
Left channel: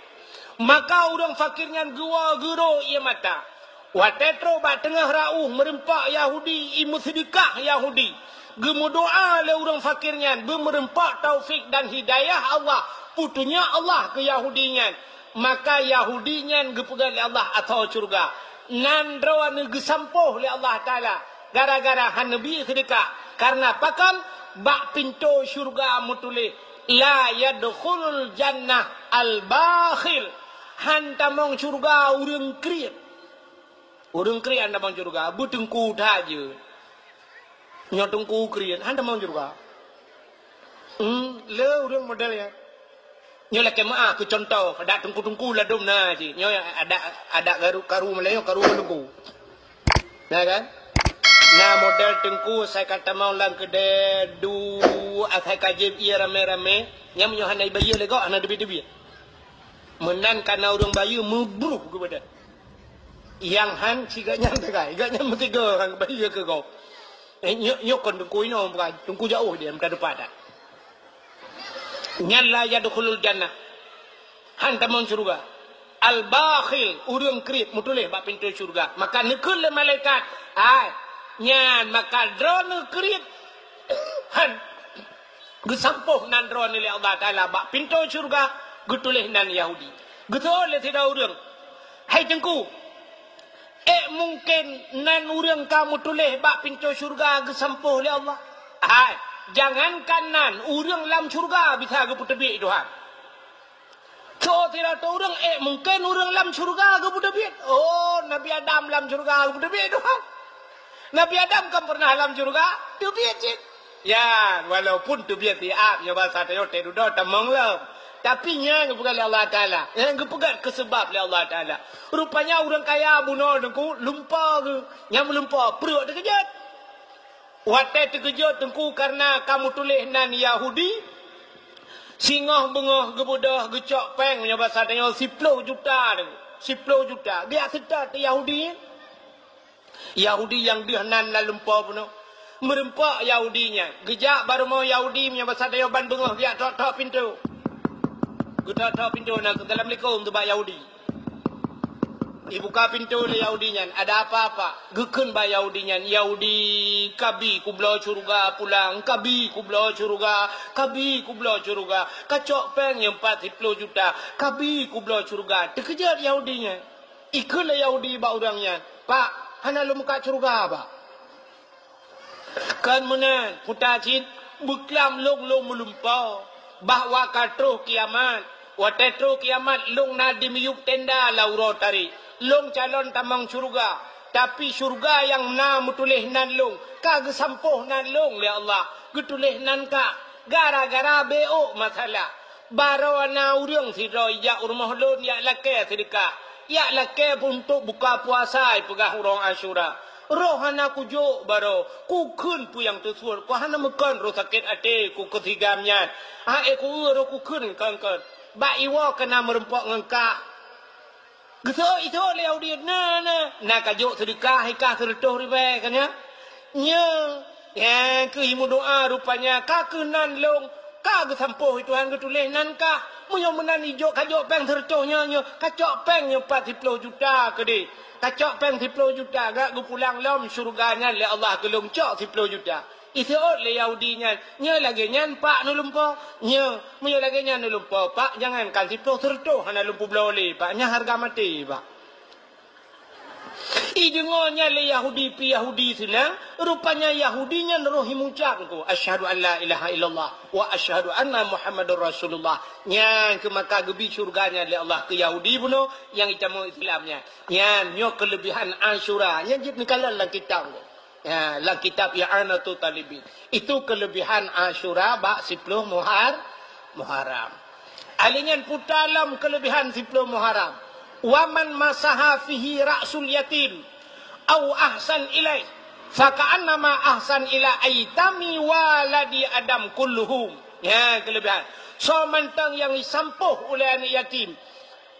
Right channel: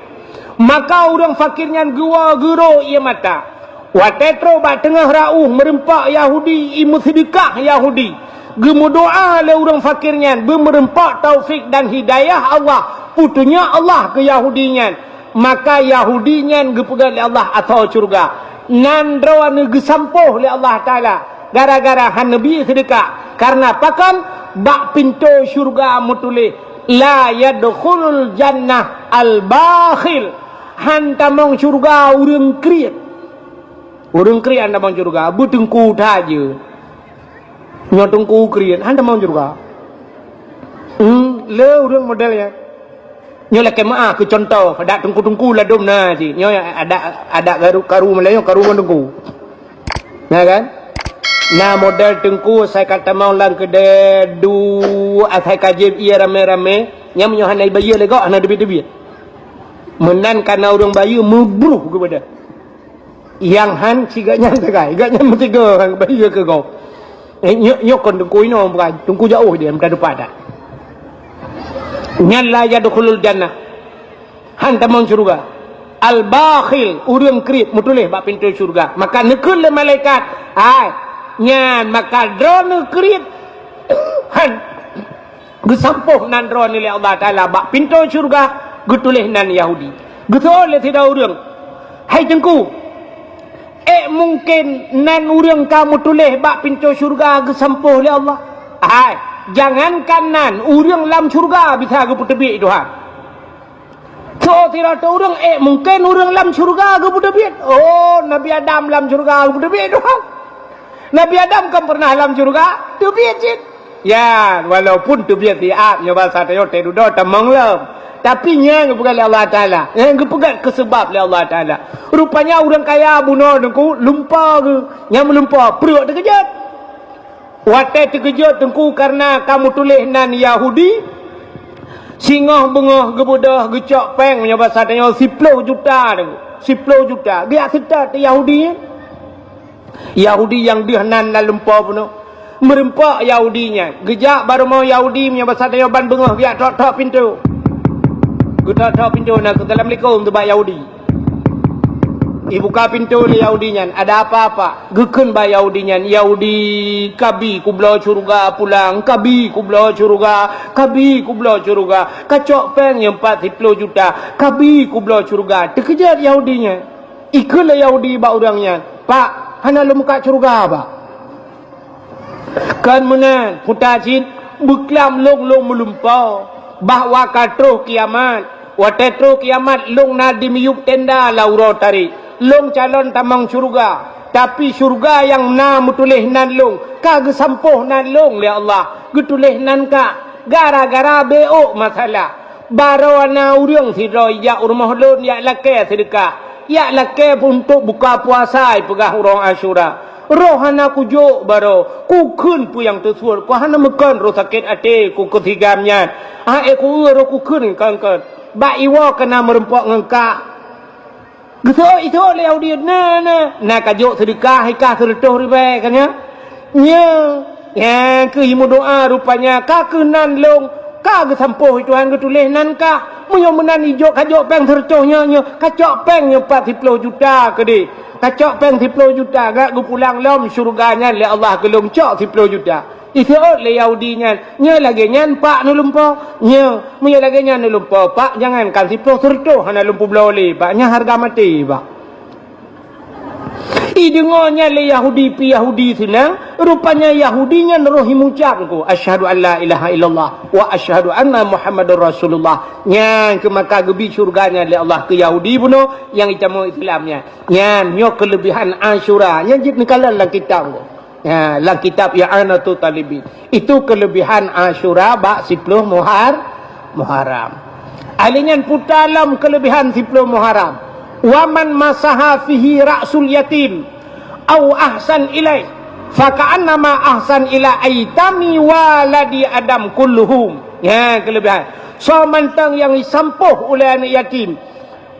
Maka orang fakirnya gua gero ia mata. Watetro ba tengah rauh merempak Yahudi imu sedekah Yahudi. Gemu doa le orang fakirnya bermerempak taufik dan hidayah Allah. Putunya Allah ke Yahudinya. Maka Yahudinya gepegang le Allah atau surga. Nandro ane gesampuh le Allah Ta'ala. Gara-gara han Nabi sedekah. Karena pakan bak pintu syurga mutulih. La yadkhulul jannah al-bakhil. Han tamong syurga urang kriat. Urang kriat han tamong syurga. Bu tengku taja. Nyo tengku kriat. Han tamong syurga. Le urang modelnya. Nyo lah kemaah ke contoh. Ada tengku-tengku lah dom na. Nyo ada karu Melayu karu tengku. Nah kan? Nah model tengku saya kata mau lang kedai saya kaji ia rame-rame yang menyohan naik bayi lagi anak debit-debit menan karena orang bayi membruh kepada yang han ciganya segai gaknya mesti ke orang bayi ke kau nyok kon tengku ini orang bukan tengku jauh dia berada pada nyalla yadkhulul jannah han tamang surga al-bakhil urang krip mutulih bak pintu surga maka nekul le malaikat ai nyan maka drone krit han gesampuh nan drone le Allah Taala bak pintu syurga getulih nan Yahudi getol le tidak urang hai tengku mungkin nan urang kamu tulih bak pintu syurga gesampuh le Allah hai jangankan nan urang lam syurga bisa ge putebik itu ha so tidak urang mungkin urang lam syurga ge putebik oh Nabi Adam lam syurga ge putebik itu ha Nabi Adam kan pernah dalam surga? Tebiat. Ya, walaupun tebiat diak nyoba satayo tedudo tamang lam. Tapi nya bukan Allah Taala. Yang pegang kesebab Allah Taala. Rupanya orang kaya bunuh dengku lumpah ke. Yang melumpah perut terkejut. Watai terkejut dengku karena kamu tulis nan Yahudi. Singah bengah gebudah gecok peng nyoba satayo 10 juta dengku. 10 juta. Dia serta Yahudi. Yahudi yang dihanan dalam lumpur pun merempak Yahudinya gejak baru mau Yahudi punya bahasa Tayaban bengah dia tok pintu kita tok pintu nak Assalamualaikum tu bak Yahudi buka pintu le Yahudinya ada apa-apa gekun bak Yahudinya Yahudi kabi ku belah surga pulang kabi ku belah surga kacok peng yang 40 juta kabi ku belah surga terkejar Yahudinya ikut le Yahudi bak orangnya pak hana lu muka surga apa? Kan mana kutacin buklam long melumpau bahwa katruh kiamat watetruh kiamat long nadi miyuk tenda lauro tari long calon tamang surga tapi surga yang na mutulih nan long kagak sampuh nan long ya Allah getulih nan ka gara-gara beo masalah barawana urang sidoi ya urmah lon ya lake sedekah ya lake untuk buka puasa pegah orang Asyura. Rohana kujuk baro. Ku kun pu yang tersuar. Ku hana mekan roh sakit hati ku ketigamnya. Ku uro ku kun kan. Ba iwa kena merempok ngengkak. Gitu itu le Yahudi na kajuk sedekah ikah sertuh ribe kan ya. Ya ke himu doa rupanya ka kenan long ka gesampuh Tuhan getulih nan ka. Munyo menan ijo kacok peng sertuhnya kacok peng 40 juta ke di. Kacok peng 10 juta gak gu pulang lom surganya le Allah gelung cok 10 juta. Itu le Yahudinya nya lagi nyan pak nu lumpo nya munyo lagi nyan nu lumpo pak jangan kan 10 sertuh hana lumpo bloli pak nya harga mati pak. Idengonya le Yahudi pi Yahudi senang rupanya Yahudinya nerohi mucapku asyhadu an la ilaha illallah wa asyhadu anna Muhammadur Rasulullah nyang ke maka gebi surganya le Allah ke Yahudi buno yang itamu Islamnya nyang nyok kelebihan Asyura nyang jit nikalan lang kitab ko ya lang kitab ya anatu talibin itu kelebihan Asyura bak 10 Muharram alinyan putalam kelebihan 10 Muharram waman masaha fihi ra'sul yatim au ahsan ilai faka'annama ahsan ila aitami waladi adam kulluhum ya kelebihan so mantang yang disampuh oleh anak yatim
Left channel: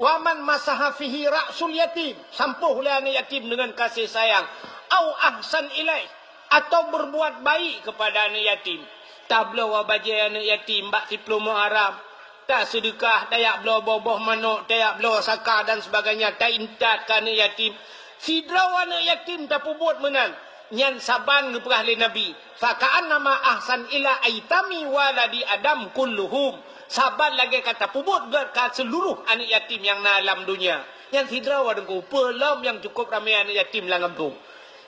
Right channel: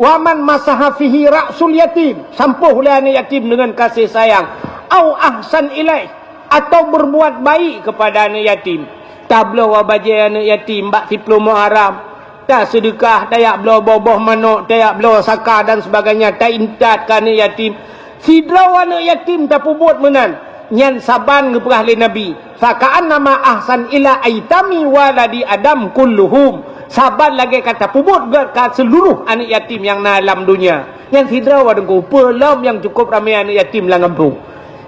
waman masaha fihi ra'sul yatim sampuh oleh anak yatim dengan kasih sayang au ahsan ilai atau berbuat baik kepada anak yatim tablo wa baje anak yatim bak 10 Muharram, tak sedekah, tak belo boboh manok, tak belo zakah dan sebagainya, tak intat ke anak yatim. Sidraw anak yatim tak buat menan. Nyan saban ngeperah le Nabi. Faka'an nama ahsan ila aitami waladi Adam kulluhum. Saban lagi kata pubut ke seluruh anak yatim yang na alam dunia. Yang sidraw adengku pelam yang cukup ramai anak yatim lang kampung.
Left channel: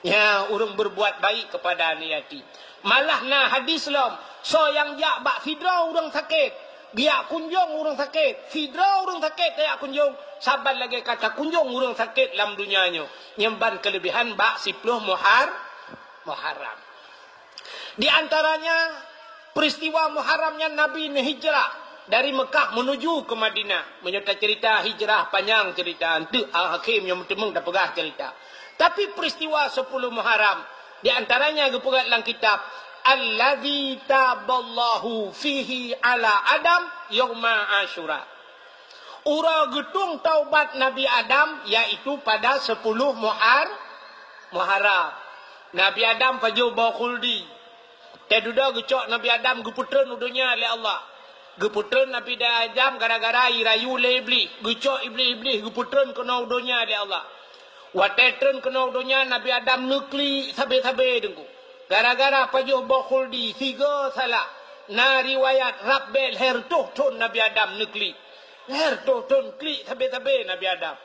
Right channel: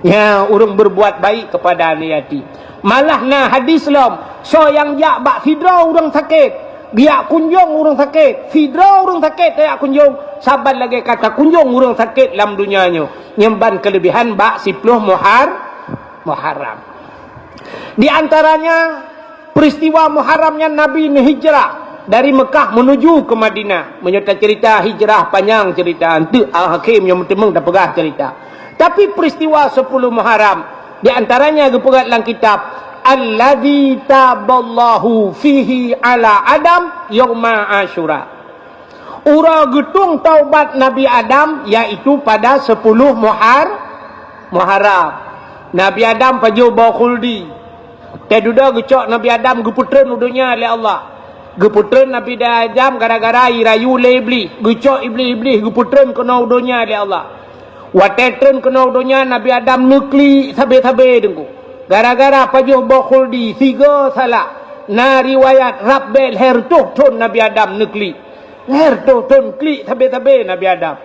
Ya, orang berbuat baik kepada anak yatim. Malah na hadis lam, so yang jak bak sidraw orang sakit. Biak kunjung orang sakit. Sidraw orang sakit tak kunjung. Saban lagi kata kunjung orang sakit dalam dunianya. Nyemban kelebihan bak 10 Muharram. Di antaranya peristiwa Muharramnya Nabi hijrah dari Mekah menuju ke Madinah. Menyertai cerita hijrah panjang cerita. Itu Al-Hakim yang memang tak pegah cerita. Tapi peristiwa 10 Muharram di antaranya dipegat dalam kitab Alladzi taballahu fihi ala Adam yauma Asyura. Ura getung taubat Nabi Adam iaitu pada 10 Muharram. Nabi Adam paju bawa khuldi. Teduda gecok Nabi Adam geputren udunya oleh Allah. Geputren Nabi Adam gara-gara irayu le iblis. Gecok iblis geputren kena udunya oleh Allah. Watetren kena udunya Nabi Adam nukli sabe-sabe dengku. Gara-gara paju bawa khuldi 3 salah. Na riwayat Rabbel hertuh tun Nabi Adam nukli. Hertuh tun klik sabe-sabe Nabi Adam.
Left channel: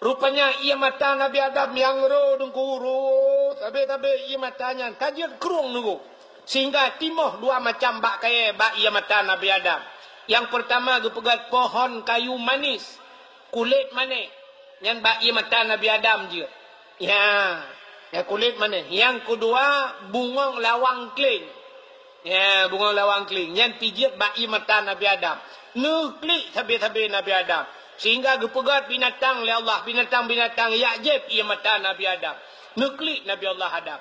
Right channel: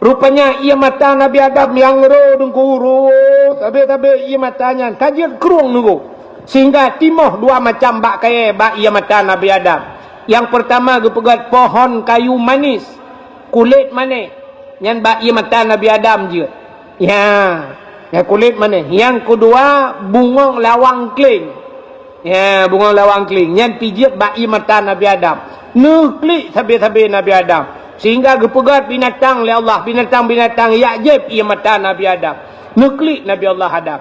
Rupanya ia mata Nabi Adam yang ro dengkuru. Sabe-sabe ia matanya kajian kerung nunggu. Sehingga timoh 2 macam bak kaya bak ia mata Nabi Adam. Yang pertama gepegat pohon kayu manis. Kulit manis. Yang bak ia mata Nabi Adam je. Ya. Yang kulit manis. Yang kedua bunga lawang keling. Ya, bunga lawang keling. Yang tiga bak ia mata Nabi Adam. Nuklik sabe-sabe Nabi Adam. Sehingga gepegat binatang oleh Allah. Binatang-binatang yakjib ia mata Nabi Adam. Nuklik Nabi Allah Adam.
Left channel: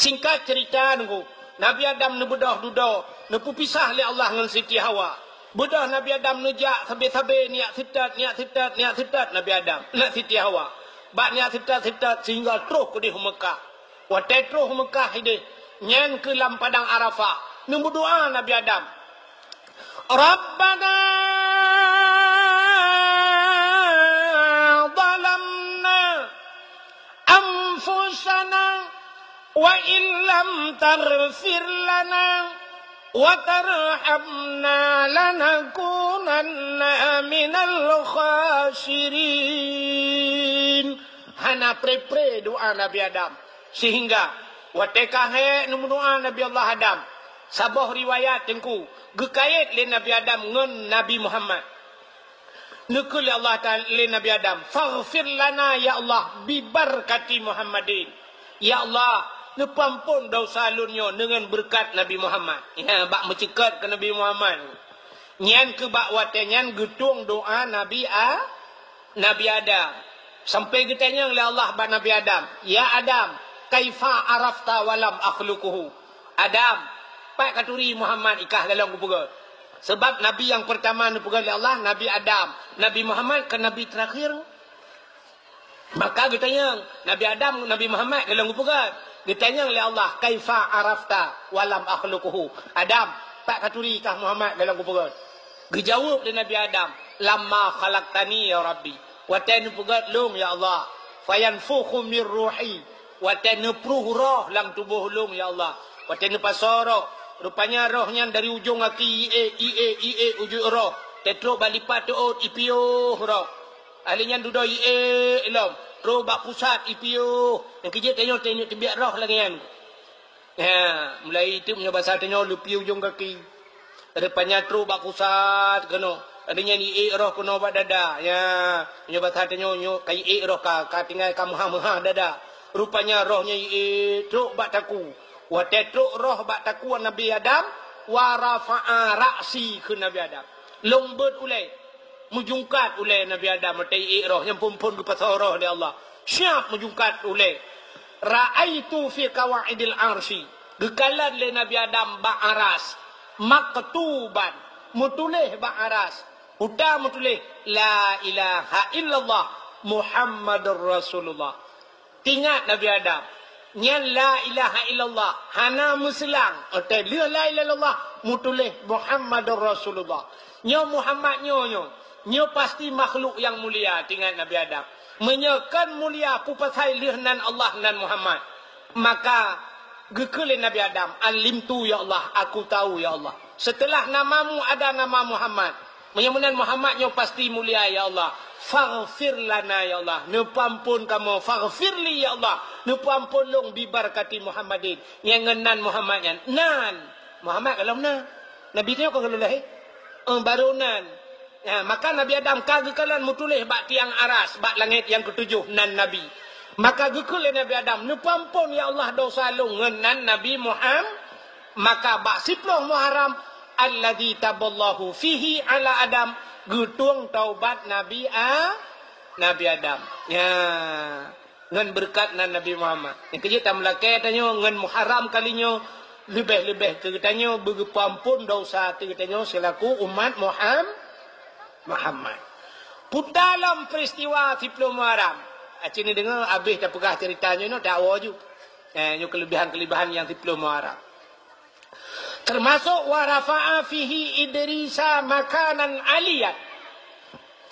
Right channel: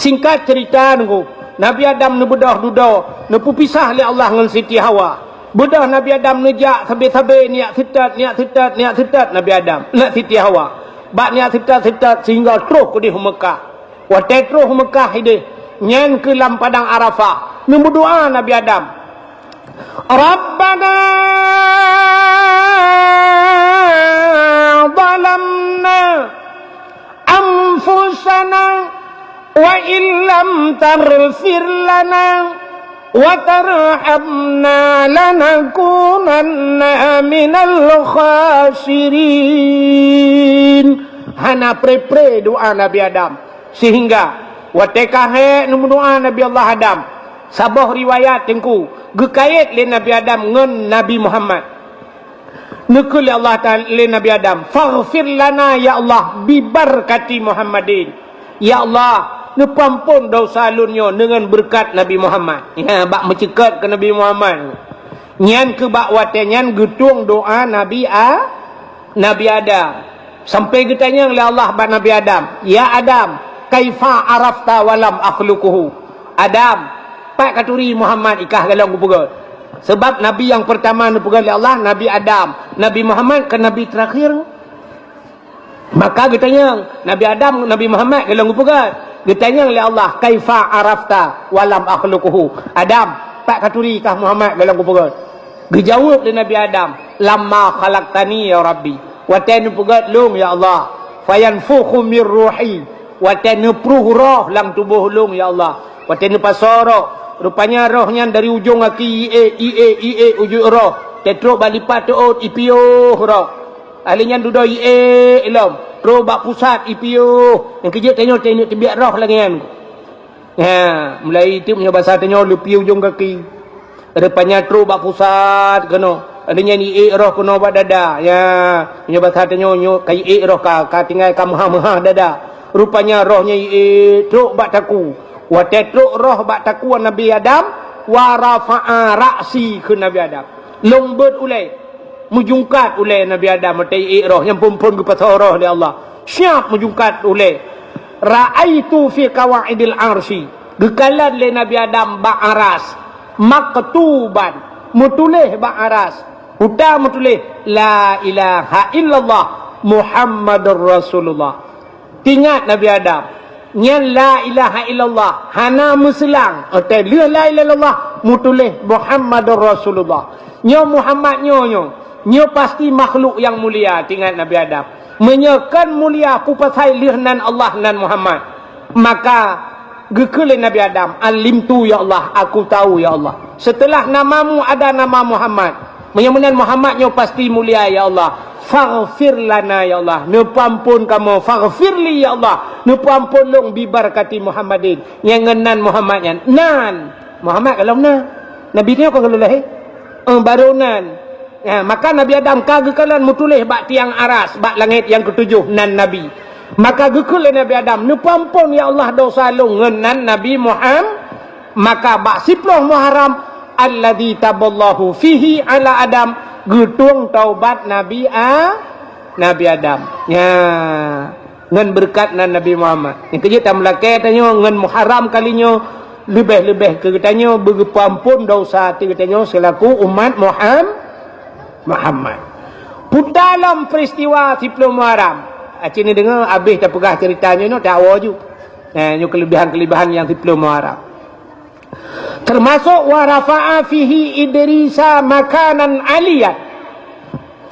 Singkat cerita nunggu. Nabi Adam ni bedah-dudah. Ni pisah oleh Allah dengan Siti Hawa. Bedah Nabi Adam nejak sabe-sabe niat setat Nabi Adam. Nak Siti Hawa. Bak niat setat sehingga terus ke di Mekah. Waktu terus Mekah ini. Nyan ke dalam padang Arafah. Ni berdoa Nabi Adam. Rabbana zalamna anfusana wa illam tarfir lana wa tarhamna lanakunanna minal khasirin. Hana pre doa Nabi Adam. Sehingga watekahe doa Nabi Allah Adam. Sabah riwayat tengku gekait le Nabi Adam ngan Nabi Muhammad. Nekul Allah Ta'ala le Nabi Adam. Faghfir lana ya Allah bibarkati Muhammadin. Ya Allah, nepampun dosa lunyo dengan berkat Nabi Muhammad. Ya, bak mencekat ke Nabi Muhammad. Nyan ke bak wate nyan getung doa Nabi Adam. Sampai getanya oleh Allah bak Nabi Adam. Ya Adam, kaifa arafta walam akhluquhu. Adam, pak katuri Muhammad ikah galang kupegat. Sebab Nabi yang pertama dipegat oleh Allah, Nabi Adam. Nabi Muhammad ke Nabi terakhir. Maka getanya Nabi Adam, Nabi Muhammad galang kupegat. Getanya oleh Allah, kaifa arafta walam akhluquhu. Adam, pak katuri ikah Muhammad galang kupegat. Dijawab oleh Nabi Adam, lamma khalaqtani ya Rabbi. Watan pegat long ya Allah. Fayanfukhu mir ruhi. Watan pruh roh lang tubuh long ya Allah. Watan pasoro. Rupanya rohnya dari ujung kaki ie ujung roh. Tetro balipat tuot ipio roh. Alinya dudo ie ilom. Tro bak pusat ipio. Yang kejut tengok tibiak roh lagi kan. Ya, mulai itu punya bahasa tengok lepi ujung kaki. Rupanya tro bak pusat kena. Alinya ie roh kena bak dada. Ya, punya bahasa tengok kai ie roh ka tinggal ka maha dada. Rupanya rohnya ie tro bak taku. Wa tetruk roh bak takuan Nabi Adam wa rafa'a ra'si ke Nabi Adam. Lombet ulai mujungkat ulai Nabi Adam matai roh yang pumpun ke pasal roh dia Allah. Siap mujungkat ulai. Ra'aitu fi qawaidil arsy. Gekalan le Nabi Adam bak aras. Maktuban mutulih bak aras. Udah mutulih la ilaha illallah Muhammadur Rasulullah. Ingat Nabi Adam. Nyan la ilaha illallah. Hana muselang. Ote leh la ilaha illallah. Mutulih Muhammadur Rasulullah. Nyo Muhammad nyo. Nyo pasti makhluk yang mulia. Tinggal Nabi Adam. Menyekan mulia pupasai leh nan Allah nan Muhammad. Maka gekelin Nabi Adam. Alimtu ya Allah. Aku tahu ya Allah. Setelah namamu ada nama Muhammad. Menyemunan Muhammad nyo pasti mulia ya Allah. Faghfir lana ya Allah. Nupampun kamu. Faghfirli ya Allah. Nupampun long bibarakati Muhammadin. Yang ngenan Muhammadnya. Nan. Muhammad kalau na. Nabi ni apa kalau lahir? Baru nan. Ya, maka Nabi Adam kagekalan mutulih bak tiang aras. Bak langit yang ketujuh. Nan Nabi. Maka gekulih Nabi Adam. Nupampun ya Allah dosa long. Ngenan Nabi Muhammad. Maka bak siploh Muharram. Alladhi taballahu fihi ala Adam. Gutung taubat Nabi Adam. Ya. Ngan berkat nan Nabi Muhammad. Yang kerja tak melakai tanya ngan Muharram kalinya lebih-lebih ke katanya berpampun dosa hati katanya selaku umat Muhammad. Dalam peristiwa 10 Muharram. Cini dengar habis tak pegah ceritanya no tak awal ju. Nyo kelebihan-kelebihan yang 10 Muharram. Termasuk warafa'a fihi Idrisa makanan aliyat.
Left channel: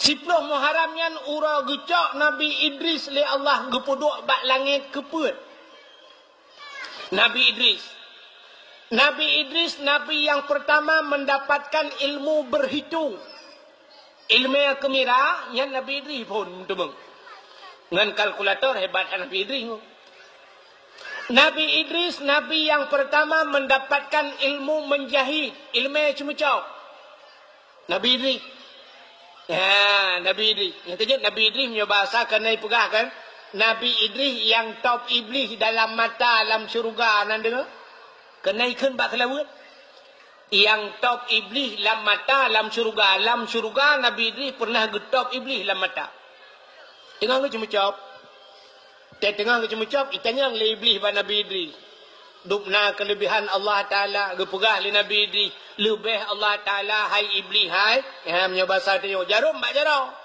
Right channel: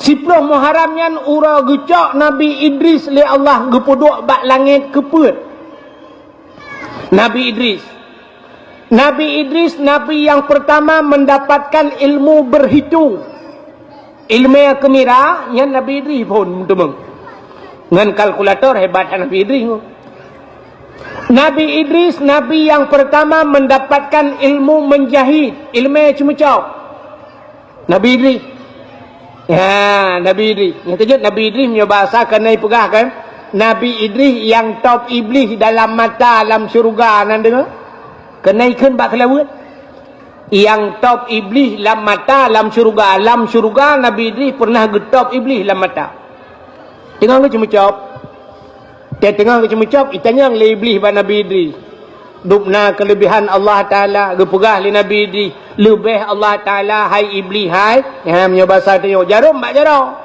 10 Muharram nyan ura gecok Nabi Idris li Allah gepuduk bak langit keput. Nabi Idris Nabi yang pertama mendapatkan ilmu berhitung. Ilmu yang kemira nyan Nabi Idris pun temeng. Ngan kalkulator hebat Nabi Idris. Nabi Idris, Nabi yang pertama mendapatkan ilmu menjahit. Ilmu cuma-cuma. Nabi Idris. Ya, Nabi Idris. Yang kejut Nabi Idris punya bahasa kena pegah kan. Nabi Idris yang top iblis dalam mata alam syurga. Anda dengar? Kena ikan bak kelawat. Yang top iblis dalam mata alam syurga. Alam syurga Nabi Idris pernah getop iblis dalam mata. Tengok cuma-cuma. Dia tengah kecem-kecem, itanya yang iblis pada Nabi Idris. Dupna kelebihan Allah Ta'ala, gepegah li Nabi Idris. Lebih Allah Ta'ala, hai iblis, hai. Yang punya bahasa tanya, jarum, bak jarum.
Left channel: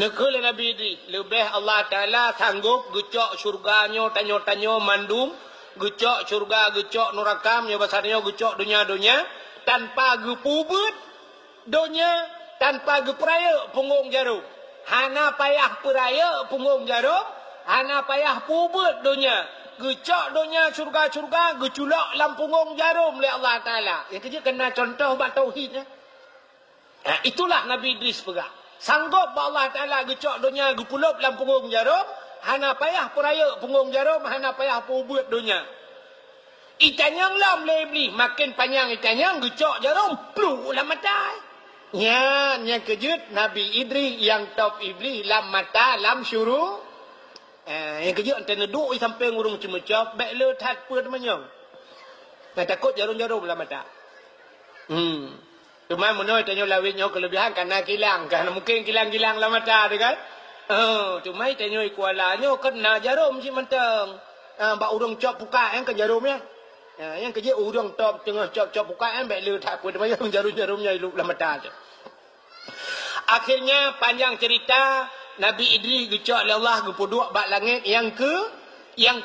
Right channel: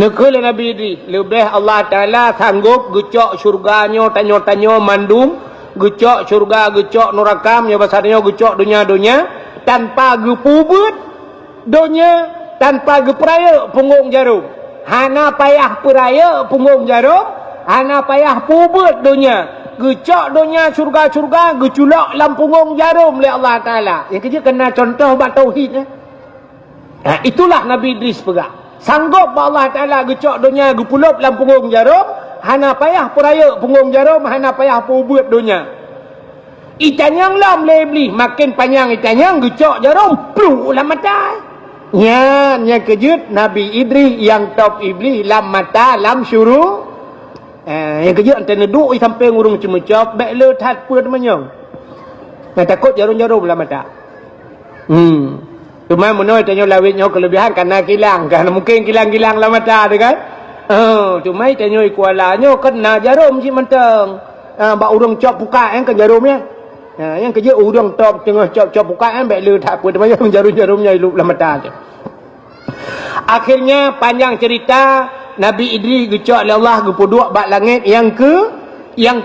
Nekul li Nabi Idris. Lebih Allah Ta'ala sanggup gecok syurganya, tanya-tanya mandum. Gecok syurga, gecok neraka, punya bahasa tanya, gecok dunia-dunia. Tanpa gepubut dunia, tanpa geperaya punggung jarum. Hana payah peraya punggung jarum. Hana payah pubut dunia. Gecok dunia syurga-syurga. Geculak lampungong jarum oleh Allah Ta'ala. Yang kerja kena contoh bak tauhid. Itulah Nabi Idris pegang. Sanggup Allah Ta'ala gecok dunia. Gepulup lampungong jarum. Hana payah peraya punggung jarum. Hana payah pubut dunia. Itanyang lam lebih. Makin panjang itanyang. Gecok jarum. Pluh lah mata. Yang kejut Nabi Idris yang top iblis. Lam mata lam syuruh. Yang kerja antara duduk sampai ngurung cuma-cuma baik le tat pun menyong. Takut jarum-jarum lah mata. Cuma menoi tanya lawitnya kelebihan karena kilang kan mungkin kilang-kilang lah mata tu kan. Cuma tanya kualanya kena jarum si mentang. Bak urang cop buka kan jarumnya. Yang kerja urang top tengah cop buka kan baik le tat pun menyong jarum-jarumnya hidup lah mata tu. Akhirnya panjang cerita Nabi Idris gecok oleh Allah gepuduk bak langit yang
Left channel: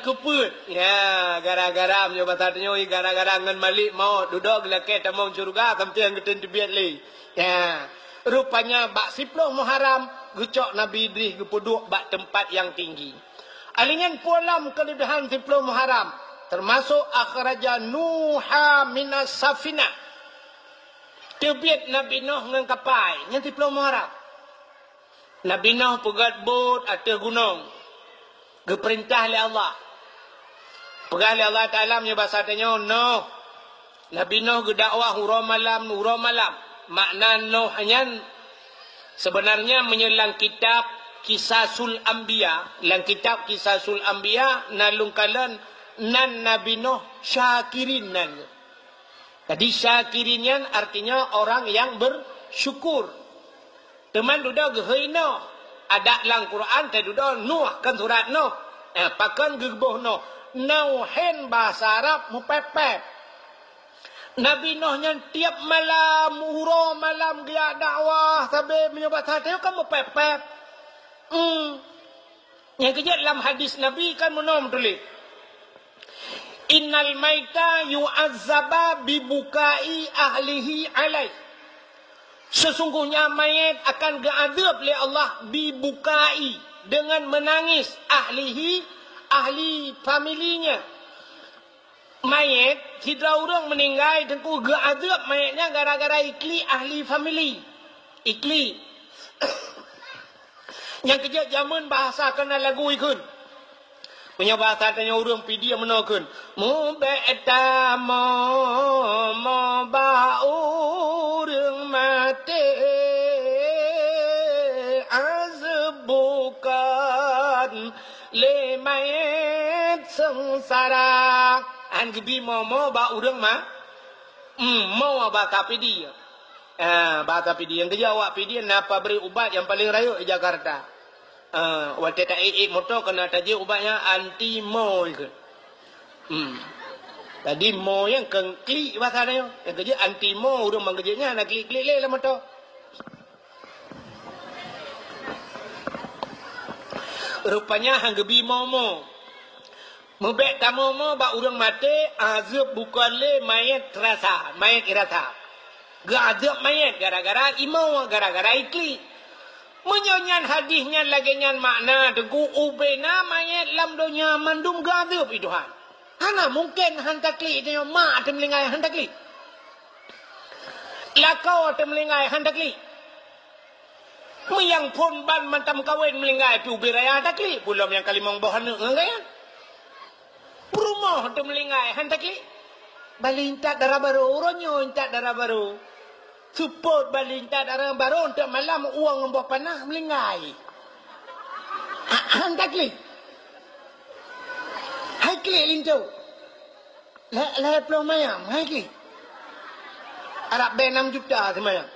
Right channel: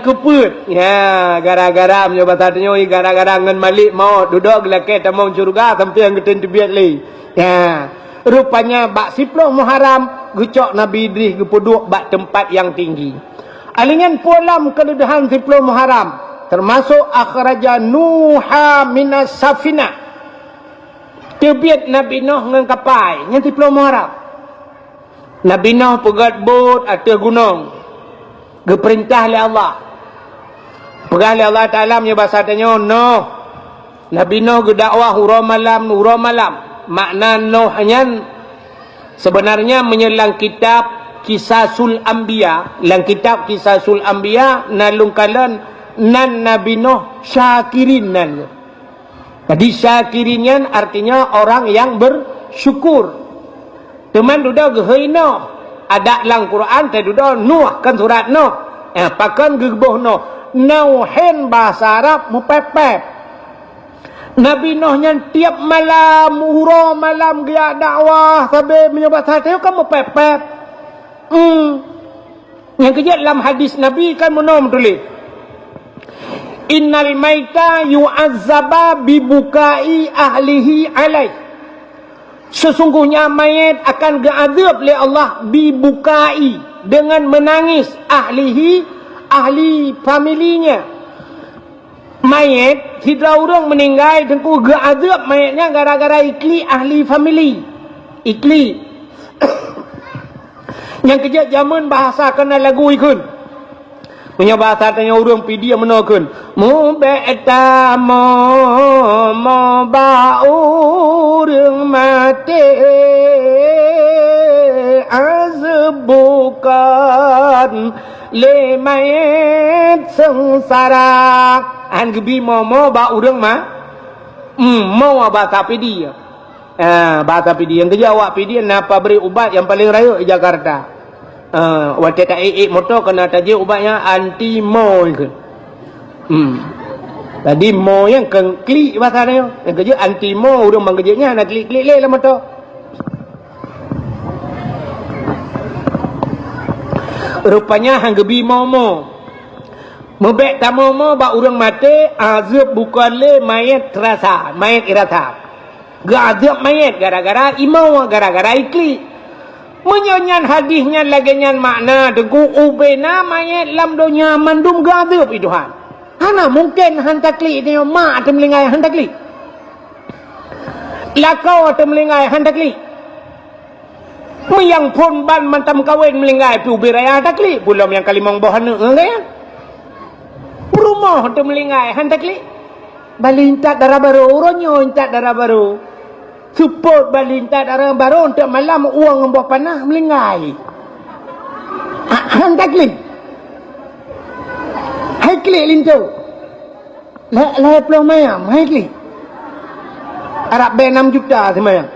keput. Ya, gara-gara punya bahasa tanya gara-gara ngan Malik mau duduk gelake tamang syurga sampai yang ketun tebiat li. Ya. Rupanya bak 10 Muharram gecok Nabi Idris gepuduk bak tempat yang tinggi. Alingan pulam kelebihan 10 Muharram termasuk akhraja Nuha minas safina. Tebiat Nabi Nuh ngan kapal yang 10 Muharram. Nabi Nuh pegat bot atas gunung. Geperintah oleh Allah. Pegang oleh Allah Ta'ala punya bahasa tanya Nuh. Nabi Nuh gedakwah hurau malam. Makna Nuh hanya sebenarnya menyelang kitab Kisasul Anbiya. Dalam kitab Kisasul Anbiya nalungkalan nan Nabi Nuh syakirin nan. Jadi syakirinnya artinya orang yang bersyukur. Teman duda gehoi Nuh. Ada dalam Quran tadi duda Nuh kan surat Nuh. Pakan gebuh Nuh. Nuhin bahasa Arab mupepep. Nabi Nuh yang tiap malam hurau malam dia dakwah sampai menyebut hati kan mupepep. Yang kerja dalam hadis Nabi kan menom tulis. Innal maita yu'azzaba bibukai ahlihi alaih. Sesungguhnya mayat akan diazab oleh Allah bibukai, dengan menangis ahlihi, ahli familinya. Mayat tidak orang meninggal tengku diazab mayatnya gara-gara ikli ahli famili. Ikli. Yang kejap zaman bahasa kena lagu ikun. Punya bahasa tanya orang pidi yang menakun. Mubeta mo baurung mati azbukan le mayat sengsara. Anggebi mo baurung ma. Mau bahasa pidi. Bahasa pidi yang kejawab pidi napa beri ubat yang paling raya di Jakarta. Waktu tak motor kena tajuk ubatnya anti mo ke. Tadi mo yang klik bahasa dia. Yang kerja anti mo urang bang kerjanya nak klik-klik lah motor. Rupanya hang gebi mo. Mebek tamu mo ba urang mati azab bukan le mayat terasa, mayat irasa. Gazab mayat gara-gara imau, gara-gara ikli. Menyonyan hadisnya lagi nyan makna degu ubena mayat lam dunia mandum gadab iduhan. Hana mungkin hantakli ini mak temlingai hantakli. Lakau temlingai hantakli. Yang pun ban mantam kawin melingai pi ubiraya hantakli. Belum yang kalimong bohan ya. Rumah temlingai hantakli. Balintat darah baru, uronyo intat darah baru. Support balintat darah baru untuk malam uang membuat panah melingai. Hantar klik. Hai klik lintu. Lah pelong mayam, hai klik. Arab bayar 6 juta semayang.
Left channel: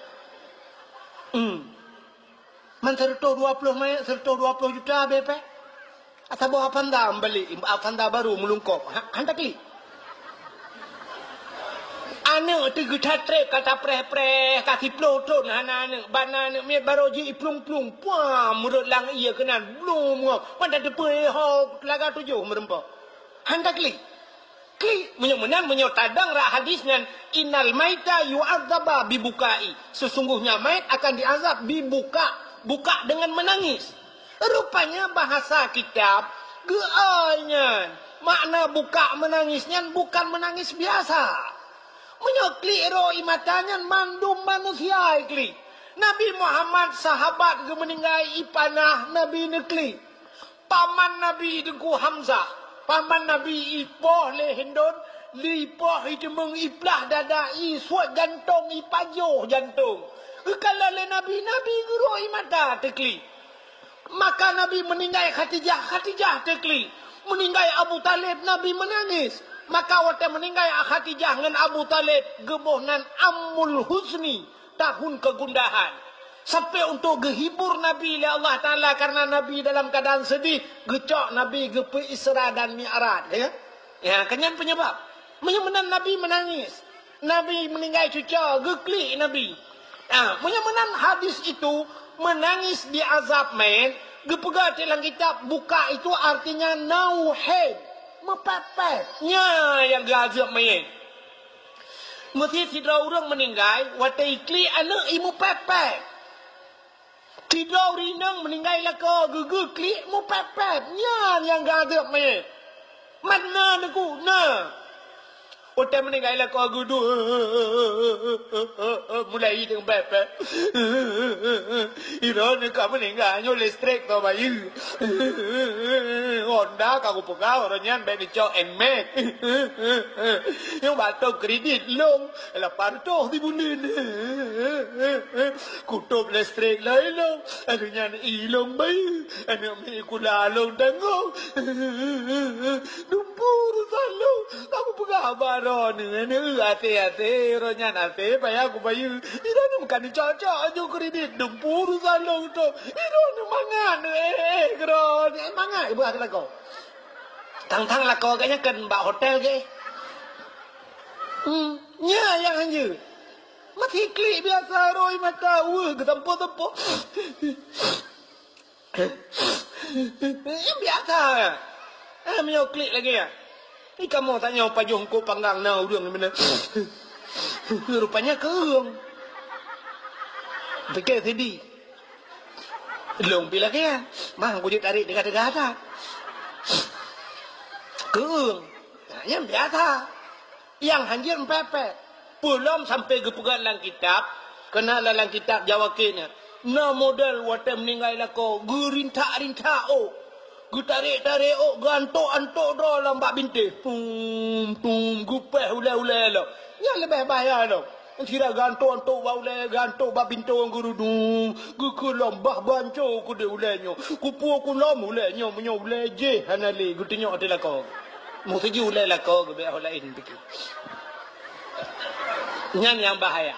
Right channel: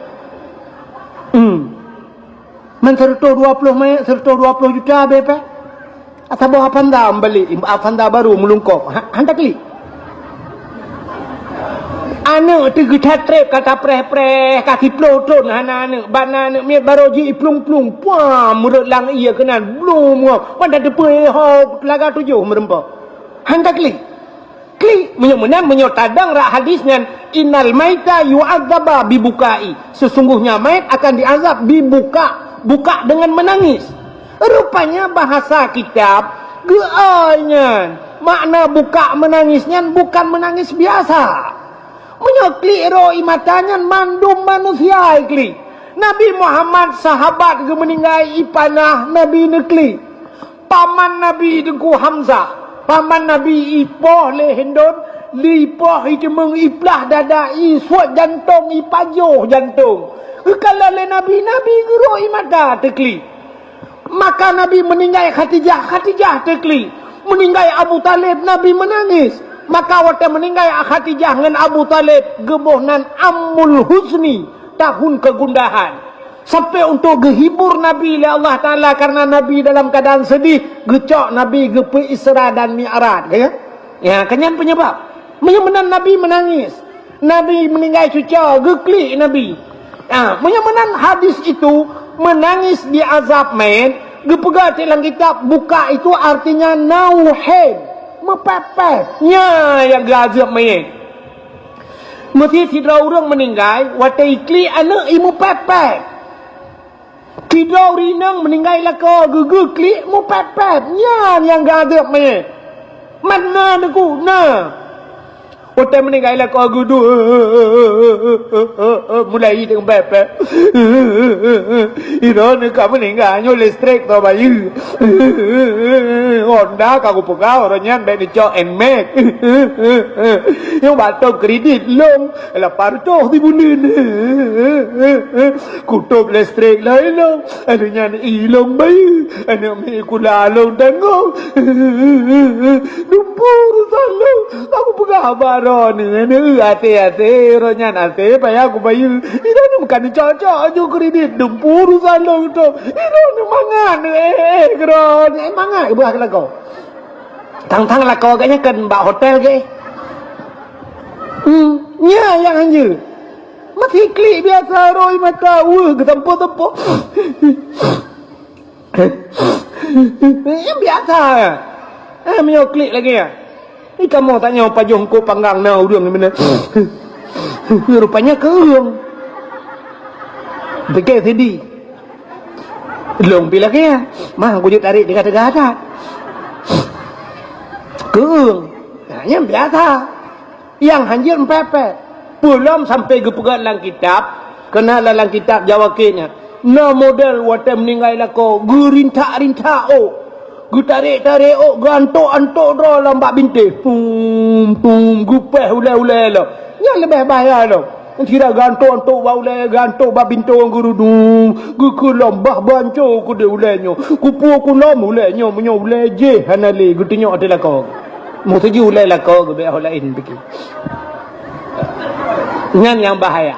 Man serta 20 mayam, serta 20 juta BP. Atau bawa panda balik, panda baru melungkop. Hantar klik. Anak tu kita trep kata preh-preh kaki peloton anak bana anak miat baroji plung-plung puam mulut lang ia kenan belum pada depe ho laga 7 merempa handak klik menyok tadang rak hadis dengan innal maita yu'adzaba bibukai, sesungguhnya mayat akan diazab buka dengan menangis. Rupanya bahasa kitab geanyan makna buka menangisnya bukan menangis biasa. Menyokli ro imatanya mandum manusia ikli. Nabi Muhammad sahabat ke meninggal ipanah Nabi nekli. Paman Nabi dengku Hamzah. Paman Nabi ipoh le hendon. Lipoh itu mengiplah dada suat jantung ipajoh jantung. Kalau le Nabi ro imata tekli. Maka Nabi meninggal Khadijah tekli. Meninggal Abu Talib Nabi menangis. Maka waktu meninggal Khadijah dengan Abu Talib gebohnan Ammul Huzni, tahun kegundahan. Sampai untuk gehibur Nabi oleh Allah Ta'ala karena Nabi dalam keadaan sedih, gecok Nabi gepe Isra dan Mi'raj. Ya, kenyan penyebab. Menyamanan Nabi menangis. Nabi meninggal cuca, geklik Nabi. Menyamanan hadis itu menangis di azab main, gepegah dalam kitab buka itu artinya nauhed. Mepepetnya yang gazab mayat. Mesti tidak orang meninggal, waktu ikli anak imu pepet. Tidak rinang meninggal laka gugu klik mu pepetnya yang gazab mayat. Mana aku nah. Waktu meninggal laka gudu mulai dengan pepet. Iron kamu meninggal nyo listrik to bayi. Honda kagu pegawai orangnya dari cok enmet. Yang batok kredit long, la parto dibunin. Kutup listrik lah long, adanya ilong bayi, anak mikula long tengok. Dumpur salong, kagu pegawai baron ini hati-hati orangnya nanti payah aku bayi. Ini bukan cocok aja kredit dumpur salong tu. Ini mangan kron, mangan ibu akak kau. Tang-tang lah kau agaknya kan mbak hotel ke? Ya yang anjir. Masih klik biasa roi mata. Ketempo-tempo. Yang biasa. Menyok klik lagi ya. Ni kamu tanya apa jongko panggang na urang ni mana. Rupanya keung. Fikir tadi. Long bila kaya. Mah aku je tarik dekat tegak. Keung. Hanya biasa. Yang hanjir empepet. Belum sampai ke pegat dalam kitab. Kena dalam kitab jawabnya. Na model wata meninggal lako. Gerintak-rintak gu tarik-tarik gantuk-antuk draw lambak bintik. Pum gupeh ulai-ulai lah. Yang lebih bahaya lah. Tidak gantuk-antuk ulai gantuk bab bintuk gurudung. Gu kulambah bancu ku de ulainya. Kupu kulam ulainya punya ulai je hanali gu tengok ada lako. Mu segi ulai lako gu be lain fikir. Yang bahaya.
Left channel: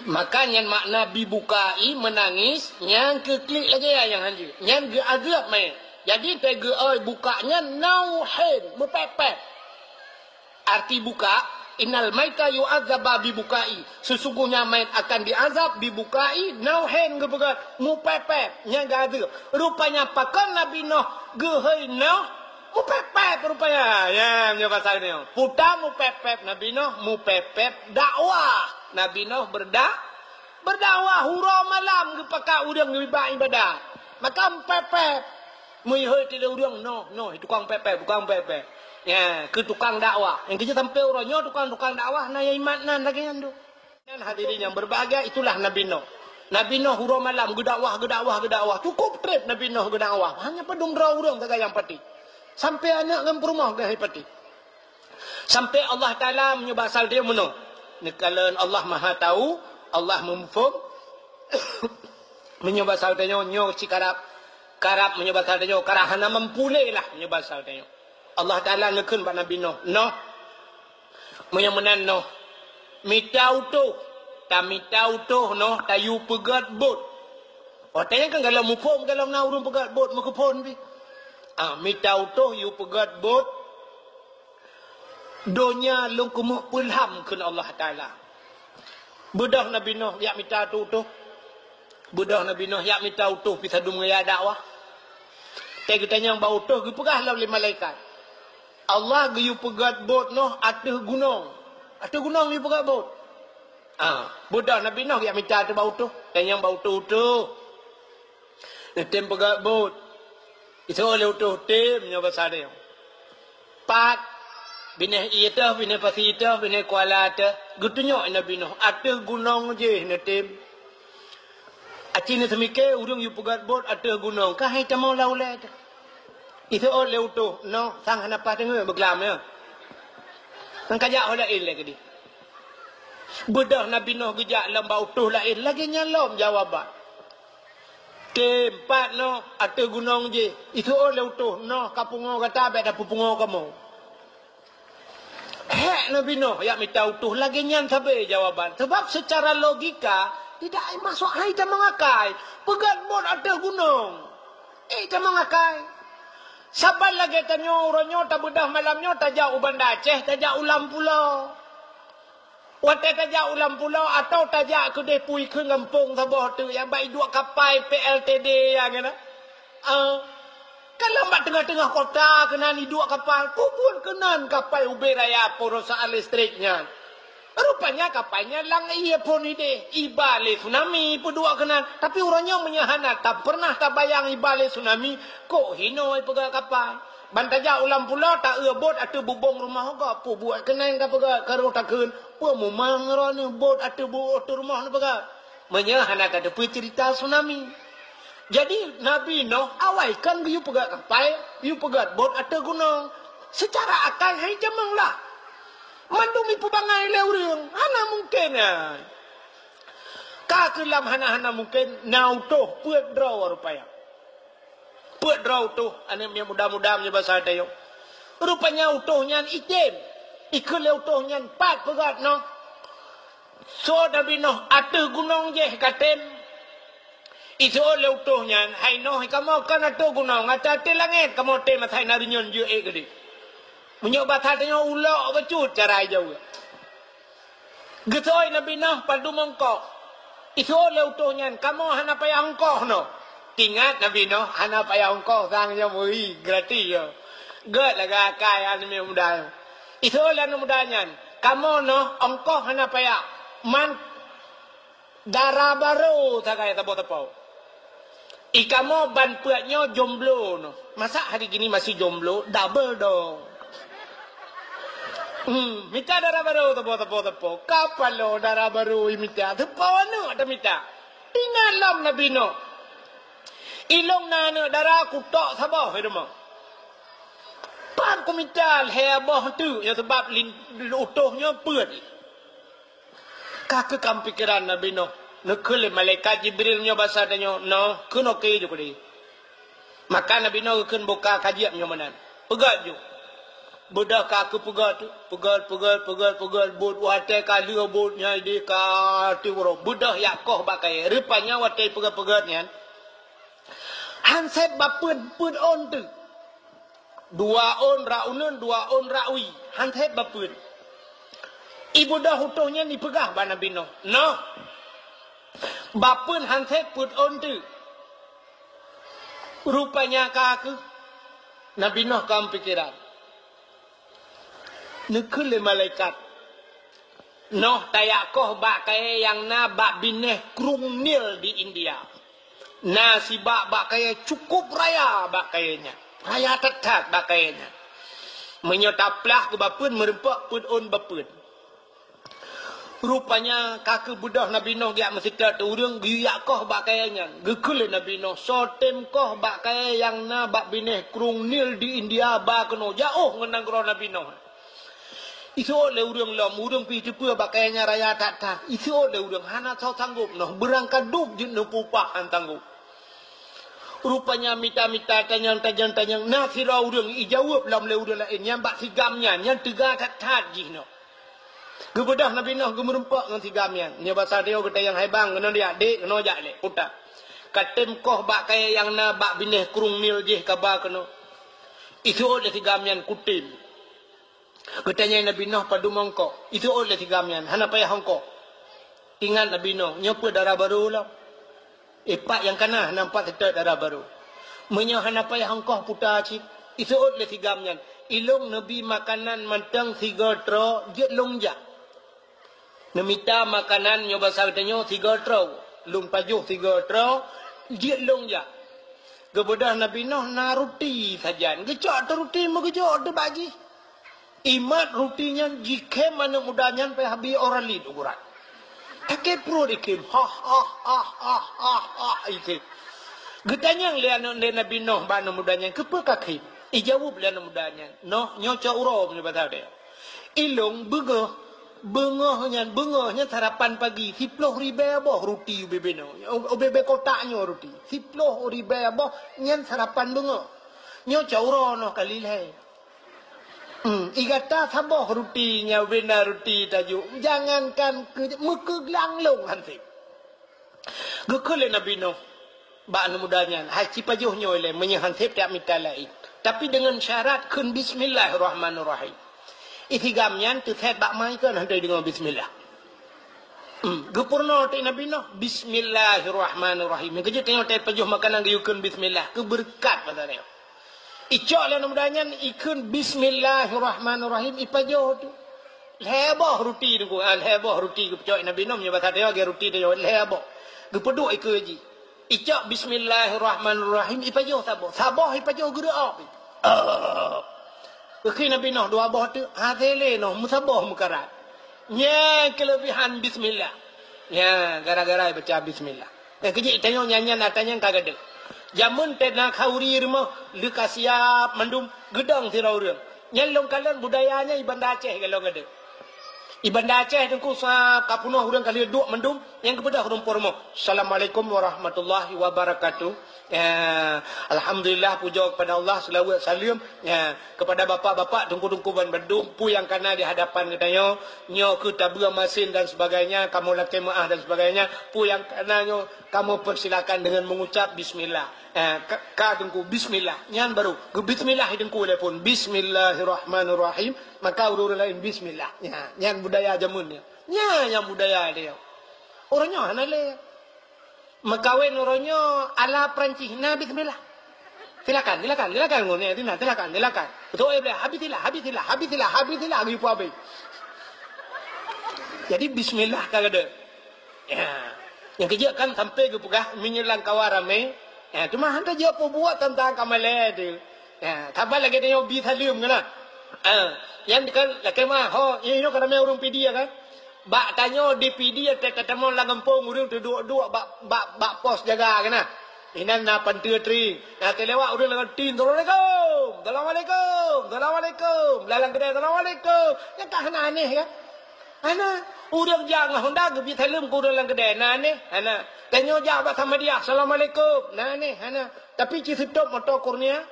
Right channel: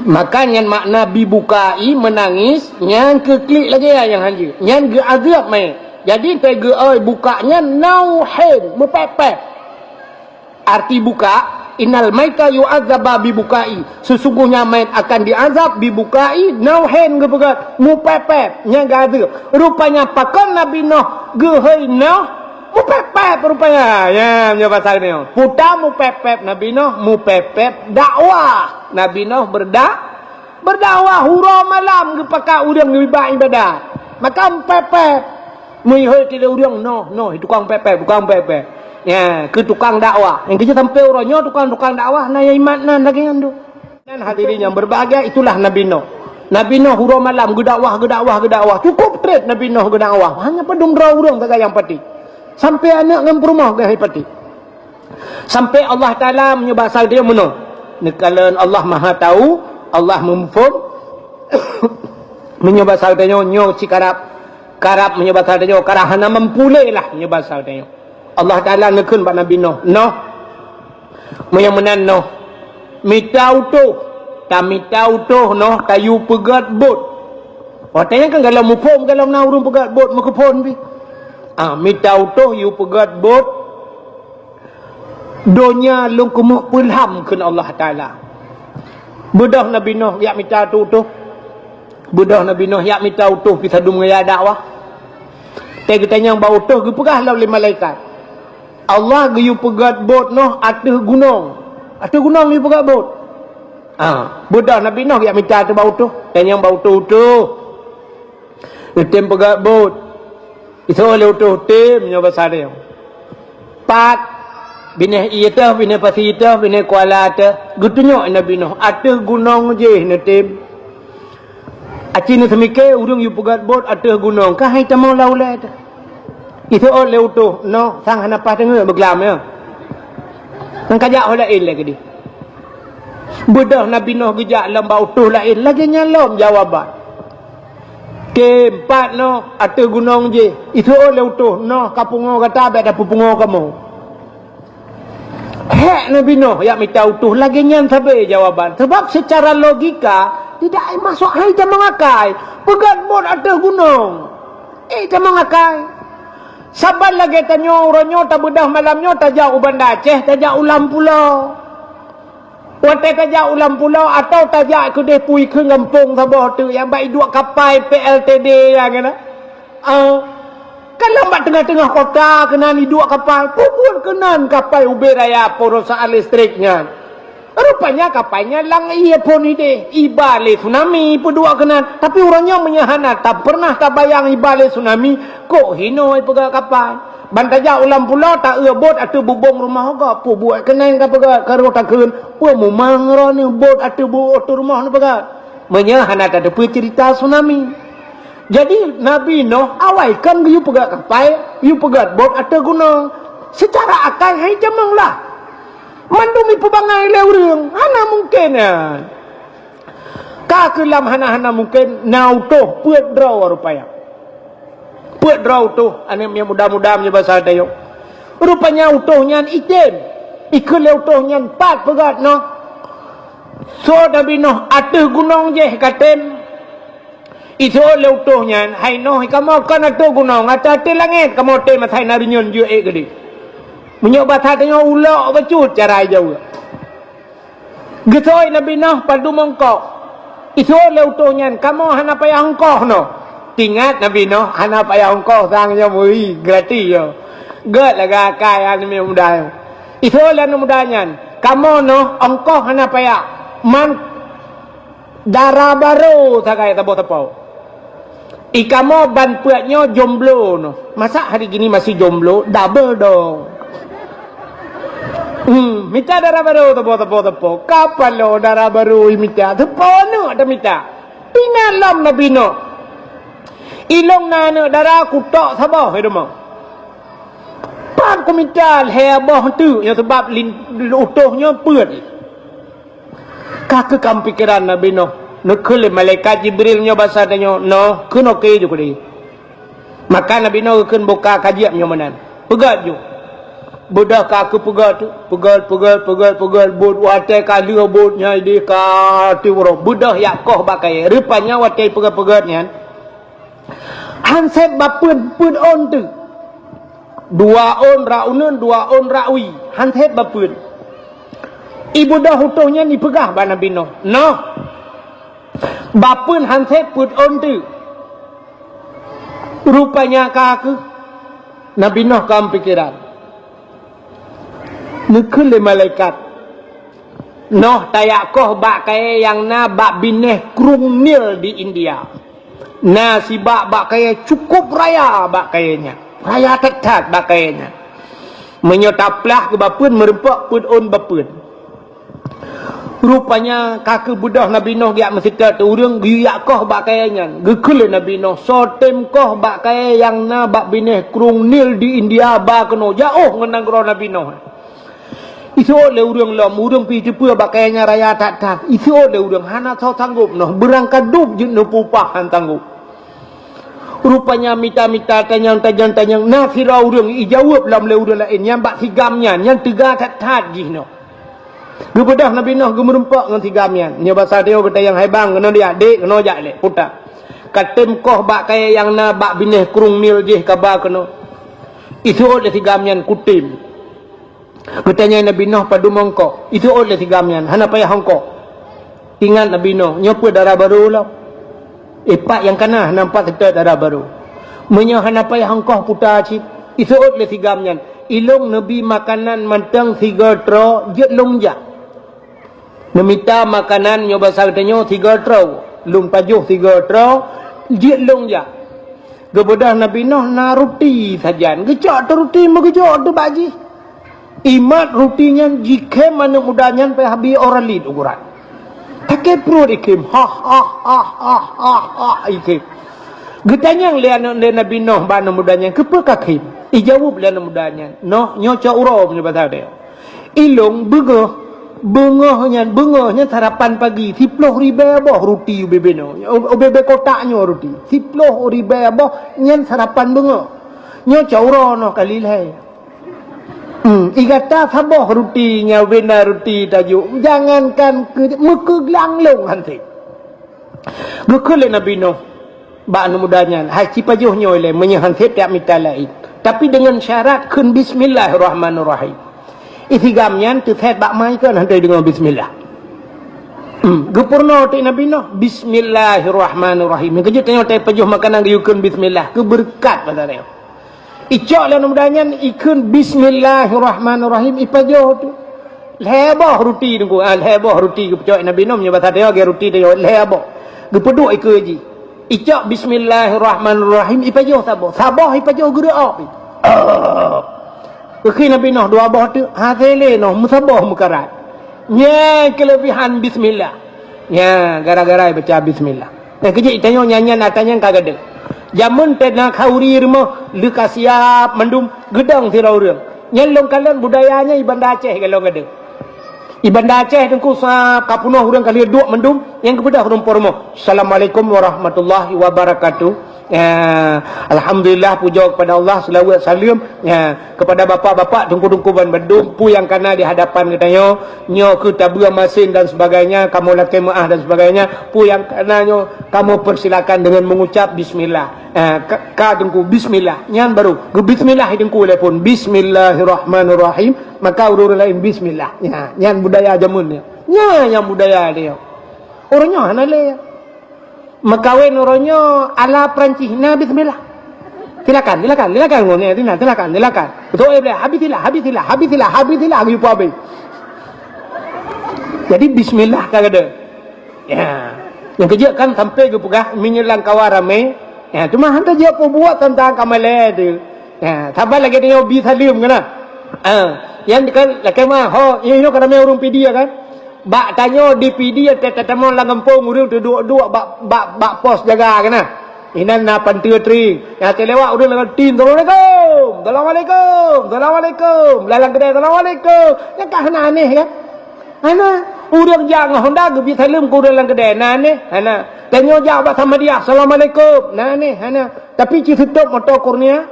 Makanya makna bibukai menangis yang keklik lagi ya yang hanji yang ge azab mai jadi tege oi bukanya nauhin mepepet arti buka innal maita yu'adzaba bibukai sesungguhnya main akan diazab bibukai nauhin ge pegat mepepet yang ge azab rupanya pakon Nabi Nuh ge hei Nuh mepepet rupanya ya bahasa ni puta mepepet Nabi Nuh mepepet dakwah Nabi Nuh berdakwah hura malam ke pakak udang lebih ibadat. Maka pepet. Mui tidak udang no tukang pepet. Ya, ke tukang dakwah. Yang kita sampai orangnya tukang dakwah na ya iman nan lagi ngandu. Dan hadirin yang berbahagia itulah Nabi Nuh. Nabi Nuh hura malam ke dakwah. Cukup trip Nabi Nuh ke dakwah. Hanya pedung urang tak yang pati. Sampai anak ngam rumah ke pati. Sampai Allah Taala menyebasal dia menuh. Nekalan Allah Maha tahu, Allah memfum menyebasal dia nyo cikarap menyebasal dia karahana mempulai lah menyebasal dia. Allah Taala ngekun pada Nabi Nuh. Nuh menyamanan Nuh mitau tu Nuh tayu pegat bot. Watanya kan kalau mufum kalau na urung pegat bot mekepon bi. Mitau tu you pegat bot. Donya long kumuk pulham kun Allah Taala. Budah Nabi Nuh yak minta tu. Budah Nabi Nuh yak minta utuh pi sadum ngaya dakwah. Tege tanya bau utuh ge pegah law le malaikat. Allah ge yu pegat bot Nuh ateh gunung. Ateh gunung yu pegat bot. Budah Nabi Nuh yak minta tu bau utuh. Tanya bau utuh. Tem pegat bot. Iso le utuh tem nya bahasa dia. Pat bini ita bini pasi ita bini kuala ata gutunyo Nabi Nuh ateh gunung je netim acina semike urung yu pegat bot ateh gunung ka hai tamau laula ta itu ole utuh no sang hanapa tengah beglam ya nang kajak lain lagi di budah Nabi Nuh gejak lamba utuh lain lagi nyalom jawaban keempat no ateh gunung je itu ole utuh no kapungo kata ada pupungo kamu. Hek Nabi Nuh yang minta utuh lagi nyan sabai jawaban. Sebab secara logika tidak masuk hai ta mengakai. Pegat bot atas gunung. Ta mengakai. Sabar lagi tanya orangnya tak bedah malamnya tajak uban Aceh, tajak ulam pulau. Wate tajak ulam pulau atau tajak ke depui ke kampung sabah tu yang baik dua kapal PLTD yang kena. Kan lambat tengah-tengah kota kena ni dua kapal. Pukul kenan kapal Uber Raya perusahaan listriknya. Rupanya kapalnya lang iya pun ide. Ibale tsunami pedua kenan. Tapi orangnya menyahana tak pernah tak bayang ibale tsunami. Kok hinoi pegak kapal. Bantaja ulam pulau tak bot atau bubong rumah kau. Pu buat kenan ka pegak karo takun. Pu memang ni bot atau rumah ni pegak. Menyahana tak ada cerita tsunami. Jadi Nabi Nuh awaikan you pegat kapal, you pegat bot atau gunung. Secara akal hai jamang lah. Mandumi pebangai leurung. Hana mungkin ya. Kakelam hana mungkin nautoh puat draw rupanya. Puat draw tu anem yang muda-muda punya bahasa tayo. Rupanya utuhnya item. Ikut utuhnya 4 pegat no. So Nabi Nuh atau gunung je katen. Itu leutuhnya hai noh kamu kan atu gunung ati langit kamu te matai narinyon je gede menyoba tanya ulak bacut cara jauh getoi Nabi Nuh padu mongkok itu leutuhnya kamu hana payah hongkoh no tingat Nabi Nuh hana payah hongkoh sangnya mui gratis yo Gak lah kaya ni muda. Itu lah mudanya. Kamu no ongkoh hana paya. Man darah baru tak kaya tabo-tabo. Ikamo ban puatnya jomblo no. Masa hari gini masih jomblo? Double dong. Minta darah baru tabo. Kapan lo darah baru minta? Tepo no ada minta. Pinalam na bino. Ilong na no darah kutok sabah hidup mo. Pan ko minta heboh tu yang sebab utuhnya puat. Kaka kam pikiran na bino. Nukul malaikat Jibril nyo bahasa tanya no kuno ke ju kudi. Maka Nabi no kun buka kajian nyo manan. Pegat ju. Budak kaku pegat tu, pegal bud watai kali bud nya di ka tiwro. Budak Yakoh bakai. Rupanya watai pegat nya. Hansep bapun pun on tu. 2 on raunun 2 on rawi. Hansep bapun. Ibu dah hutuhnya ni pegah ba Nabi no. No. Bapun hansep pun on tu. Rupanya kaku Nabi Nuh kam pikiran. Nukul malaikat. Noh tayakoh bak kaya yang na bak bineh krung nil di India. Na si bak kaya cukup raya bak kayanya. Raya tetap bak kayanya. Menyotaplah ke bapun merempak pun on bapun. Rupanya kakak budak Nabi Nuh giak mesita tu urang giak koh bak kayanya. Gekul Nabi Nuh sotem koh bak kaya yang na bak bineh krung nil di India bak keno jauh ngenang gro Nabi Nuh. Isu oleh urang pi cepua bakainya raya tak. Isu oleh urang hana tau tanggup noh berangkat dub je noh pupahan tanggup. Rupanya mita tanyang nasira urang ijawab lam le urang lain yang bak tigamnya yang tiga tak ji noh. Gebedah Nabi Nuh gemerempak ngan tigamnya. Nya bahasa dia kata yang haibang kena dia adik kena jak le puta. Katem koh bak kaya yang na bak bineh krung nil je kabar kena. Isu oleh tigamnya kutim. Katanya Nabi Nuh pada mongkok. Itu oleh tigamnya. Hana payah hongkok. Ingat Nabi Nuh. Nyopa darah baru lah. Pak yang kena nampak kita darah baru. Menya hana payah hongkok putar cip. Itu oleh tigamnya. Ilong Nabi makanan mantang 3 tro. Jet longjak. Namita makanan nyoba sartanya 3 tro. Lung pajuh 3 tro. Jet longjak. Gebedah Nabi Nuh na roti sajan. Gejak tu roti megejak tu baji. Imat rutinya jika mana mudahnya sampai habis orang lid ukuran. Tak perlu ikim. Ikim. Getanya lian Nabi Nuh bana mudahnya kepa kakim. Ijawab lian mudahnya. Noh nyoca urau punya bahasa dia. Ilong bengahnya sarapan pagi 10 ribu abah roti ubebeno. Ubebe kotaknya roti. 10 ribu abah nyan sarapan bengah. Nyoca urau noh kali lah. Igata sabah rutinya benar roti tajuk. Jangankan muka gelanglong hansi. Gekul Nabi Nuh. Ba'an mudahnya. Hai si pajuhnya oleh menyehansip tiap mita lain. Tapi dengan syarat kun bismillahirrahmanirrahim. Isigamnya tu set bak mai kan hantai dengan bismillah. Gepurno ti Nabi Nuh. Bismillahirrahmanirrahim. Kejut tanya tai pajuh makanan yukun bismillah. Keberkat pada dia. Icak lah mudahnya ikun bismillahirrahmanirrahim ipajoh tu. Lehbah roti tu. Lehbah roti kepecok Nabi Nuh punya bahasa dia roti dia lehbah. Gepeduk ikut je. Icak bismillahirrahmanirrahim ipajoh sabah ipajoh gerak. Kekini Nabi Nuh 2 bah tu hakele noh musabah mukarat. Nya kelebihan bismillah. Ya gara-gara baca bismillah. Dan kejik tanya nyanyian atanya kagak Jamun pena kauri rumah leka siap mendum gedang tirau rem. Nyelong kalian budayanya Ibanda Aceh kalau ada. Ibanda Aceh tengku sa kapunah urang kali dua mendum yang kepada hurung pormo. Assalamualaikum warahmatullahi wabarakatuh. Alhamdulillah puja kepada Allah selawat salam kepada bapa-bapa tungku-tungku ban bedum pu yang kana di hadapan katanya nyo ke tabua masin dan sebagainya kamu laki maah dan sebagainya pu yang kana nyo kamu persilakan dengan mengucap bismillah ka tungku bismillah nyan baru bismillah tungku telepon bismillahirrahmanirrahim maka urut lain bismillah nyan budaya jamunnya yang budaya dia orangnya hanale Makawin orangnya ala Perancis. Nah, bismillah. Silakan ngomongnya Tina, silakan. Betul boleh habisilah gitu habis. Jadi bismillah kagak. Ya. Yang kerja kan sampai ke pegah menyelang kawan ramai. Ya, cuma hantar dia buat tentang kamale tu. Ya, sabar lagi dia bisa lium kan. Yang kan laki mah ini kan ramai orang PD kan. Bak tanya di PD tetemo lang kampung urang tu dua bak pos jaga kan. Inan na pantiatri. Ya telewak urang lang tin Assalamualaikum. Lalang kedai Assalamualaikum. Yang kan aneh kan. Urang jangan honda ge bisa lium ku urang lang kedai aneh. Tanya jawab sama dia Assalamualaikum. Tapi ci tutup motor kurnia.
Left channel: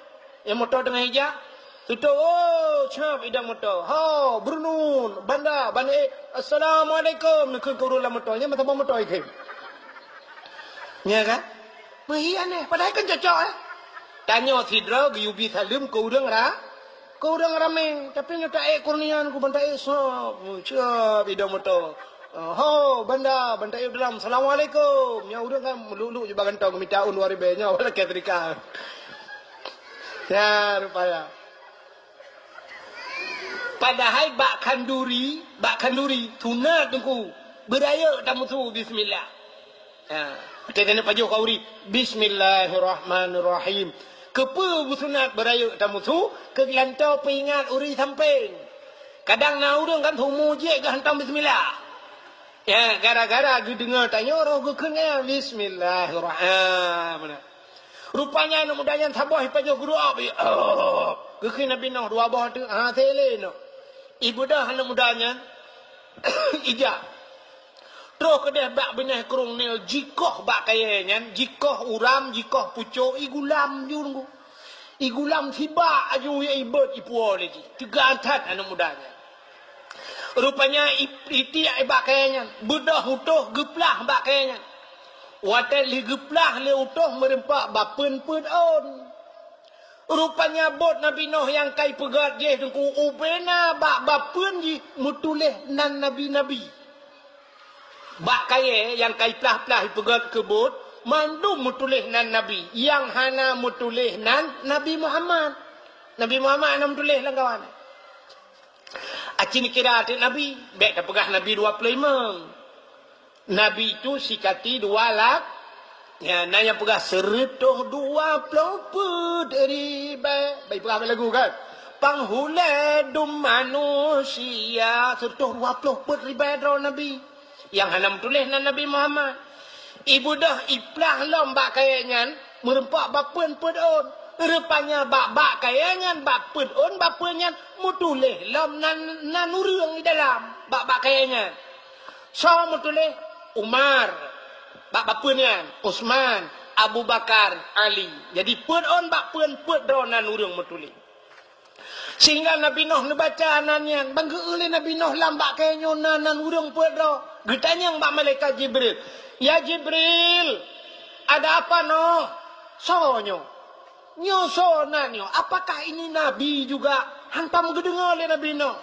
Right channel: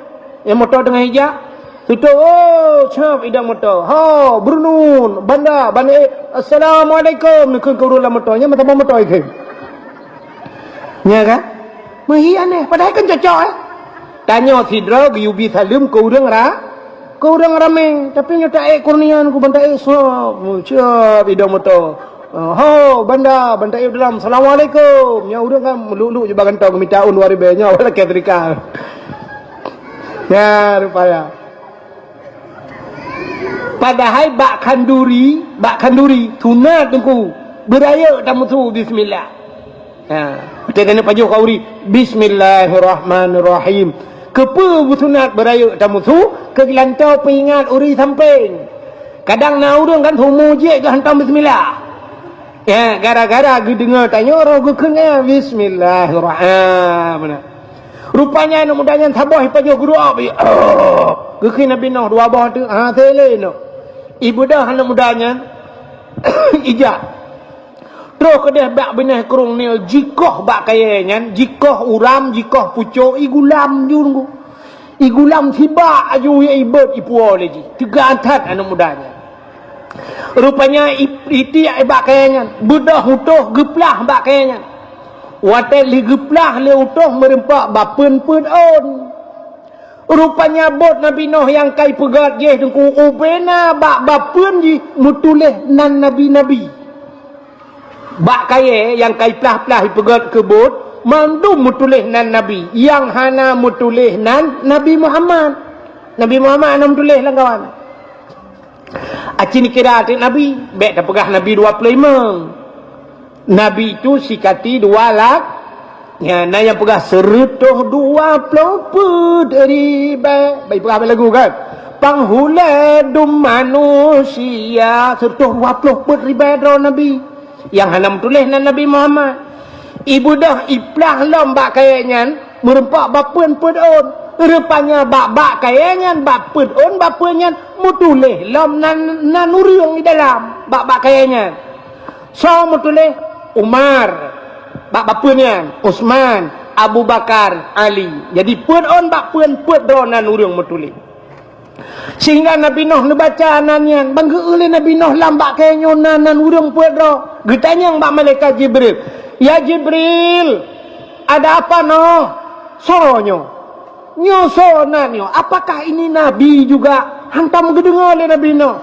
Yang motor tengah hijab. Tutup, cap idang motor. Brunun, banda, Assalamualaikum. Nikun kurulah motornya, mata motor itu. Ya kan? Mahi aneh, padahal kan cocok Tanya sidra, yubi salim, kurang ramai. Tapi nyata kurnian, ku banda cap idang motor. Banda dalam. Assalamualaikum. Ya udah kan, melulu je bagan tau, minta luar ibanya, wala ketrika. Ya, rupanya. Padahal bak kanduri sunat tungku beraya tamu tu bismillah. Kita nak paju kauri bismillahirrahmanirrahim. Kepa sunat beraya tamu tu ke lantau peringat uri samping. Kadang na urang kan homo je ke hantam bismillah. Ya, gara-gara ge dengar tanya orang ge kena bismillahirrahmanirrahim. Rupanya anak mudanya sabah paju guru apa ya. Ge Nabi Nuh dua bah tu tele no. Ibu dah anak mudanya ijak. Terus ke dia bak benih kerung ni jikoh bak kayanya, jikoh uram, jikoh pucuk, igulam jurung. Igulam sibak aju ya ibad ipuo lagi. Tiga antat anak mudanya. Rupanya iti bak kayanya, budah utuh geplah bak kayanya. Watel li geplah le utuh merempak bapen on. Rupanya bot Nabi Nuh yang kai pegat je tengku ubena bak bapun ji mutuleh nan nabi-nabi. Bak kaya yang kai plah-plah pegat ke bot mandum mutuleh nan nabi. Yang hana mutuleh nan Nabi Muhammad. Nabi Muhammad ana mutuleh lah kawan. Acini kira Nabi, bek dah pegah Nabi 25. Nabi itu sikati 2 lakh. Ya, na yang pegah 120 dari baik pegah lagu kan. Panghuledum manusia 120 ribu Nabi. Yang hanam tulis nan Nabi Muhammad. Ibu dah iplah lombak kayaknya merempak bapun on. Rupanya bak kayaknya bapun on bapunnya mutuleh lom nan urang di dalam bak kayaknya. So mutuleh Umar. Bapaknya Utsman, Abu Bakar, Ali. Jadi pun on bak pun dronan urang mutuli. Sehingga Nabi Nuh baca anannya, bangga oleh Nabi Nuh lambak kayaknya nan urang pun dro. Getanya bak malaikat Jibril. Ya Jibril, ada apa Nuh? Sonyo. Nyosonanyo. Apakah ini Nabi juga? Hantam gedengar oleh Nabi Nuh.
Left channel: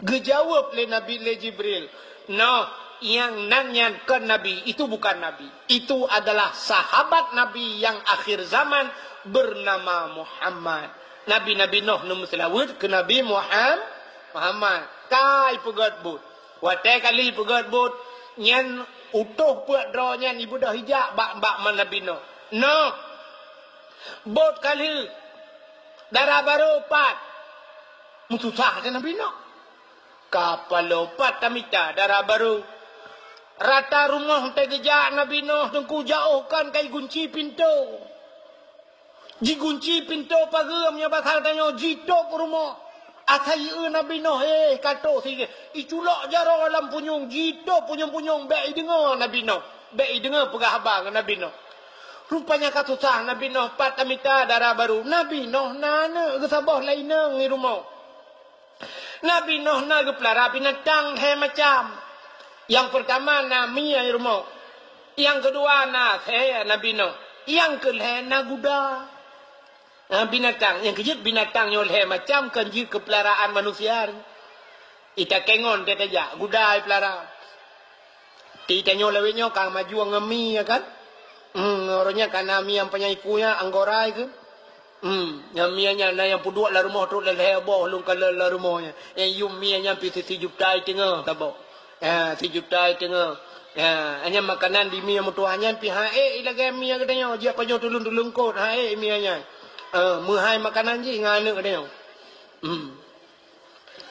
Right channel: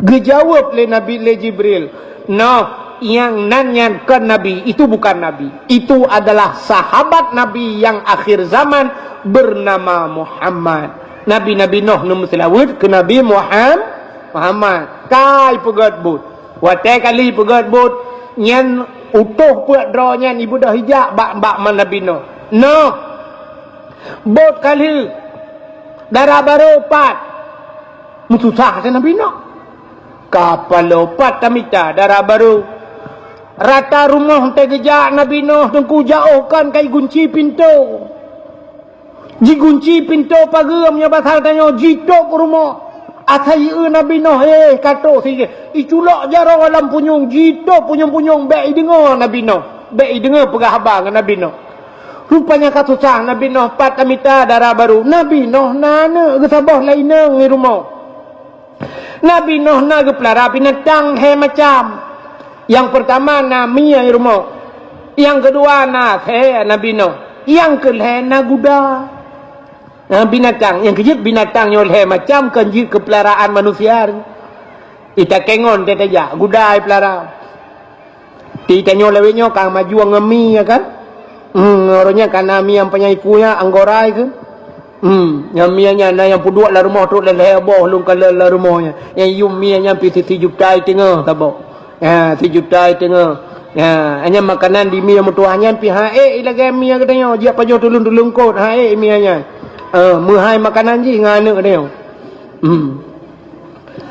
Gejawab oleh Nabi Jibril. Nuh, yang nanyan ke Nabi itu bukan Nabi, itu adalah sahabat Nabi yang akhir zaman bernama Muhammad. Nabi Nuh nombor selawat ke Nabi Muhammad. Kai pegat but, watai kali pegat but, nyan utuh puat draw nyan ibu dah hijak bak man Nabi Nuh. Nuh, but kali darah baru 4 mutusah ke Nabi Nuh. Kapal lopat tamita darah baru. Rata rumah sampai gejak Nabi Nuh tengku jauhkan kai gunci pintu. Ji gunci pintu pagam nya basal tanya jitop rumah. Atai Nabi Nuh kato sige. Iculok jaro alam punyung jitop punyung-punyung baik dengar Nabi Nuh. Baik dengar pegah abang Nabi Nuh. Rupanya kata cah Nabi Nuh pat amita darah baru. Nabi Nuh nana gesabah lainnya ngi rumah. Nabi Nuh na geplara binatang macam. Yang pertama na mia rumah. Yang kedua na Nabi Nuh. Yang kelih na kuda. Binatang. Yang kejip binatang nyoleh macam kenjit kepelaraan manusia. Ita kengon kata ja. Kuda pelara. Ita nyolewenya kang maju ngemi ya kan. Orangnya kan nami yang penyaikunya anggorai kan. Yang mianya yang puduk lah rumah tu lah heboh lung kalau lah rumahnya. Yang yum mianya pi 3 juta tengah tabok. 3 juta tengah. Hanya makanan di mia mutuahnya pi lagi mia katanya dia pajo tulung-tulung kot mianya. Muhai makanan ji ngana katanya.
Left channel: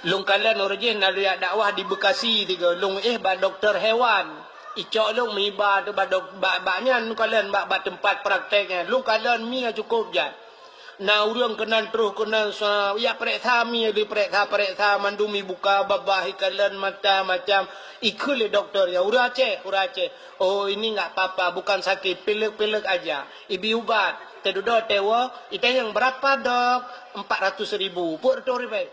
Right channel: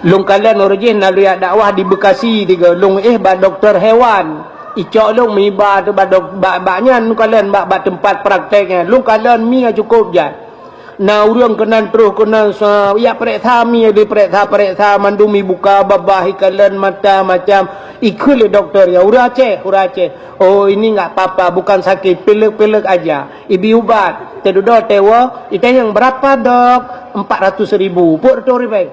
Lung kalian original dia dakwah di Bekasi tiga lung ba doktor hewan. Icok lung mi ba tu baknya lung kalian ba tempat prakteknya. Lung kalian mia cukup je. Na urang kenan terus kenan ya periksa mi di periksa mandumi buka babah ikalan mata macam ikut doktor ya urace. Oh ini enggak apa-apa bukan sakit pilek aja. Ibi ubat tedudo tewa itu yang berapa dok 400.000 per ribu.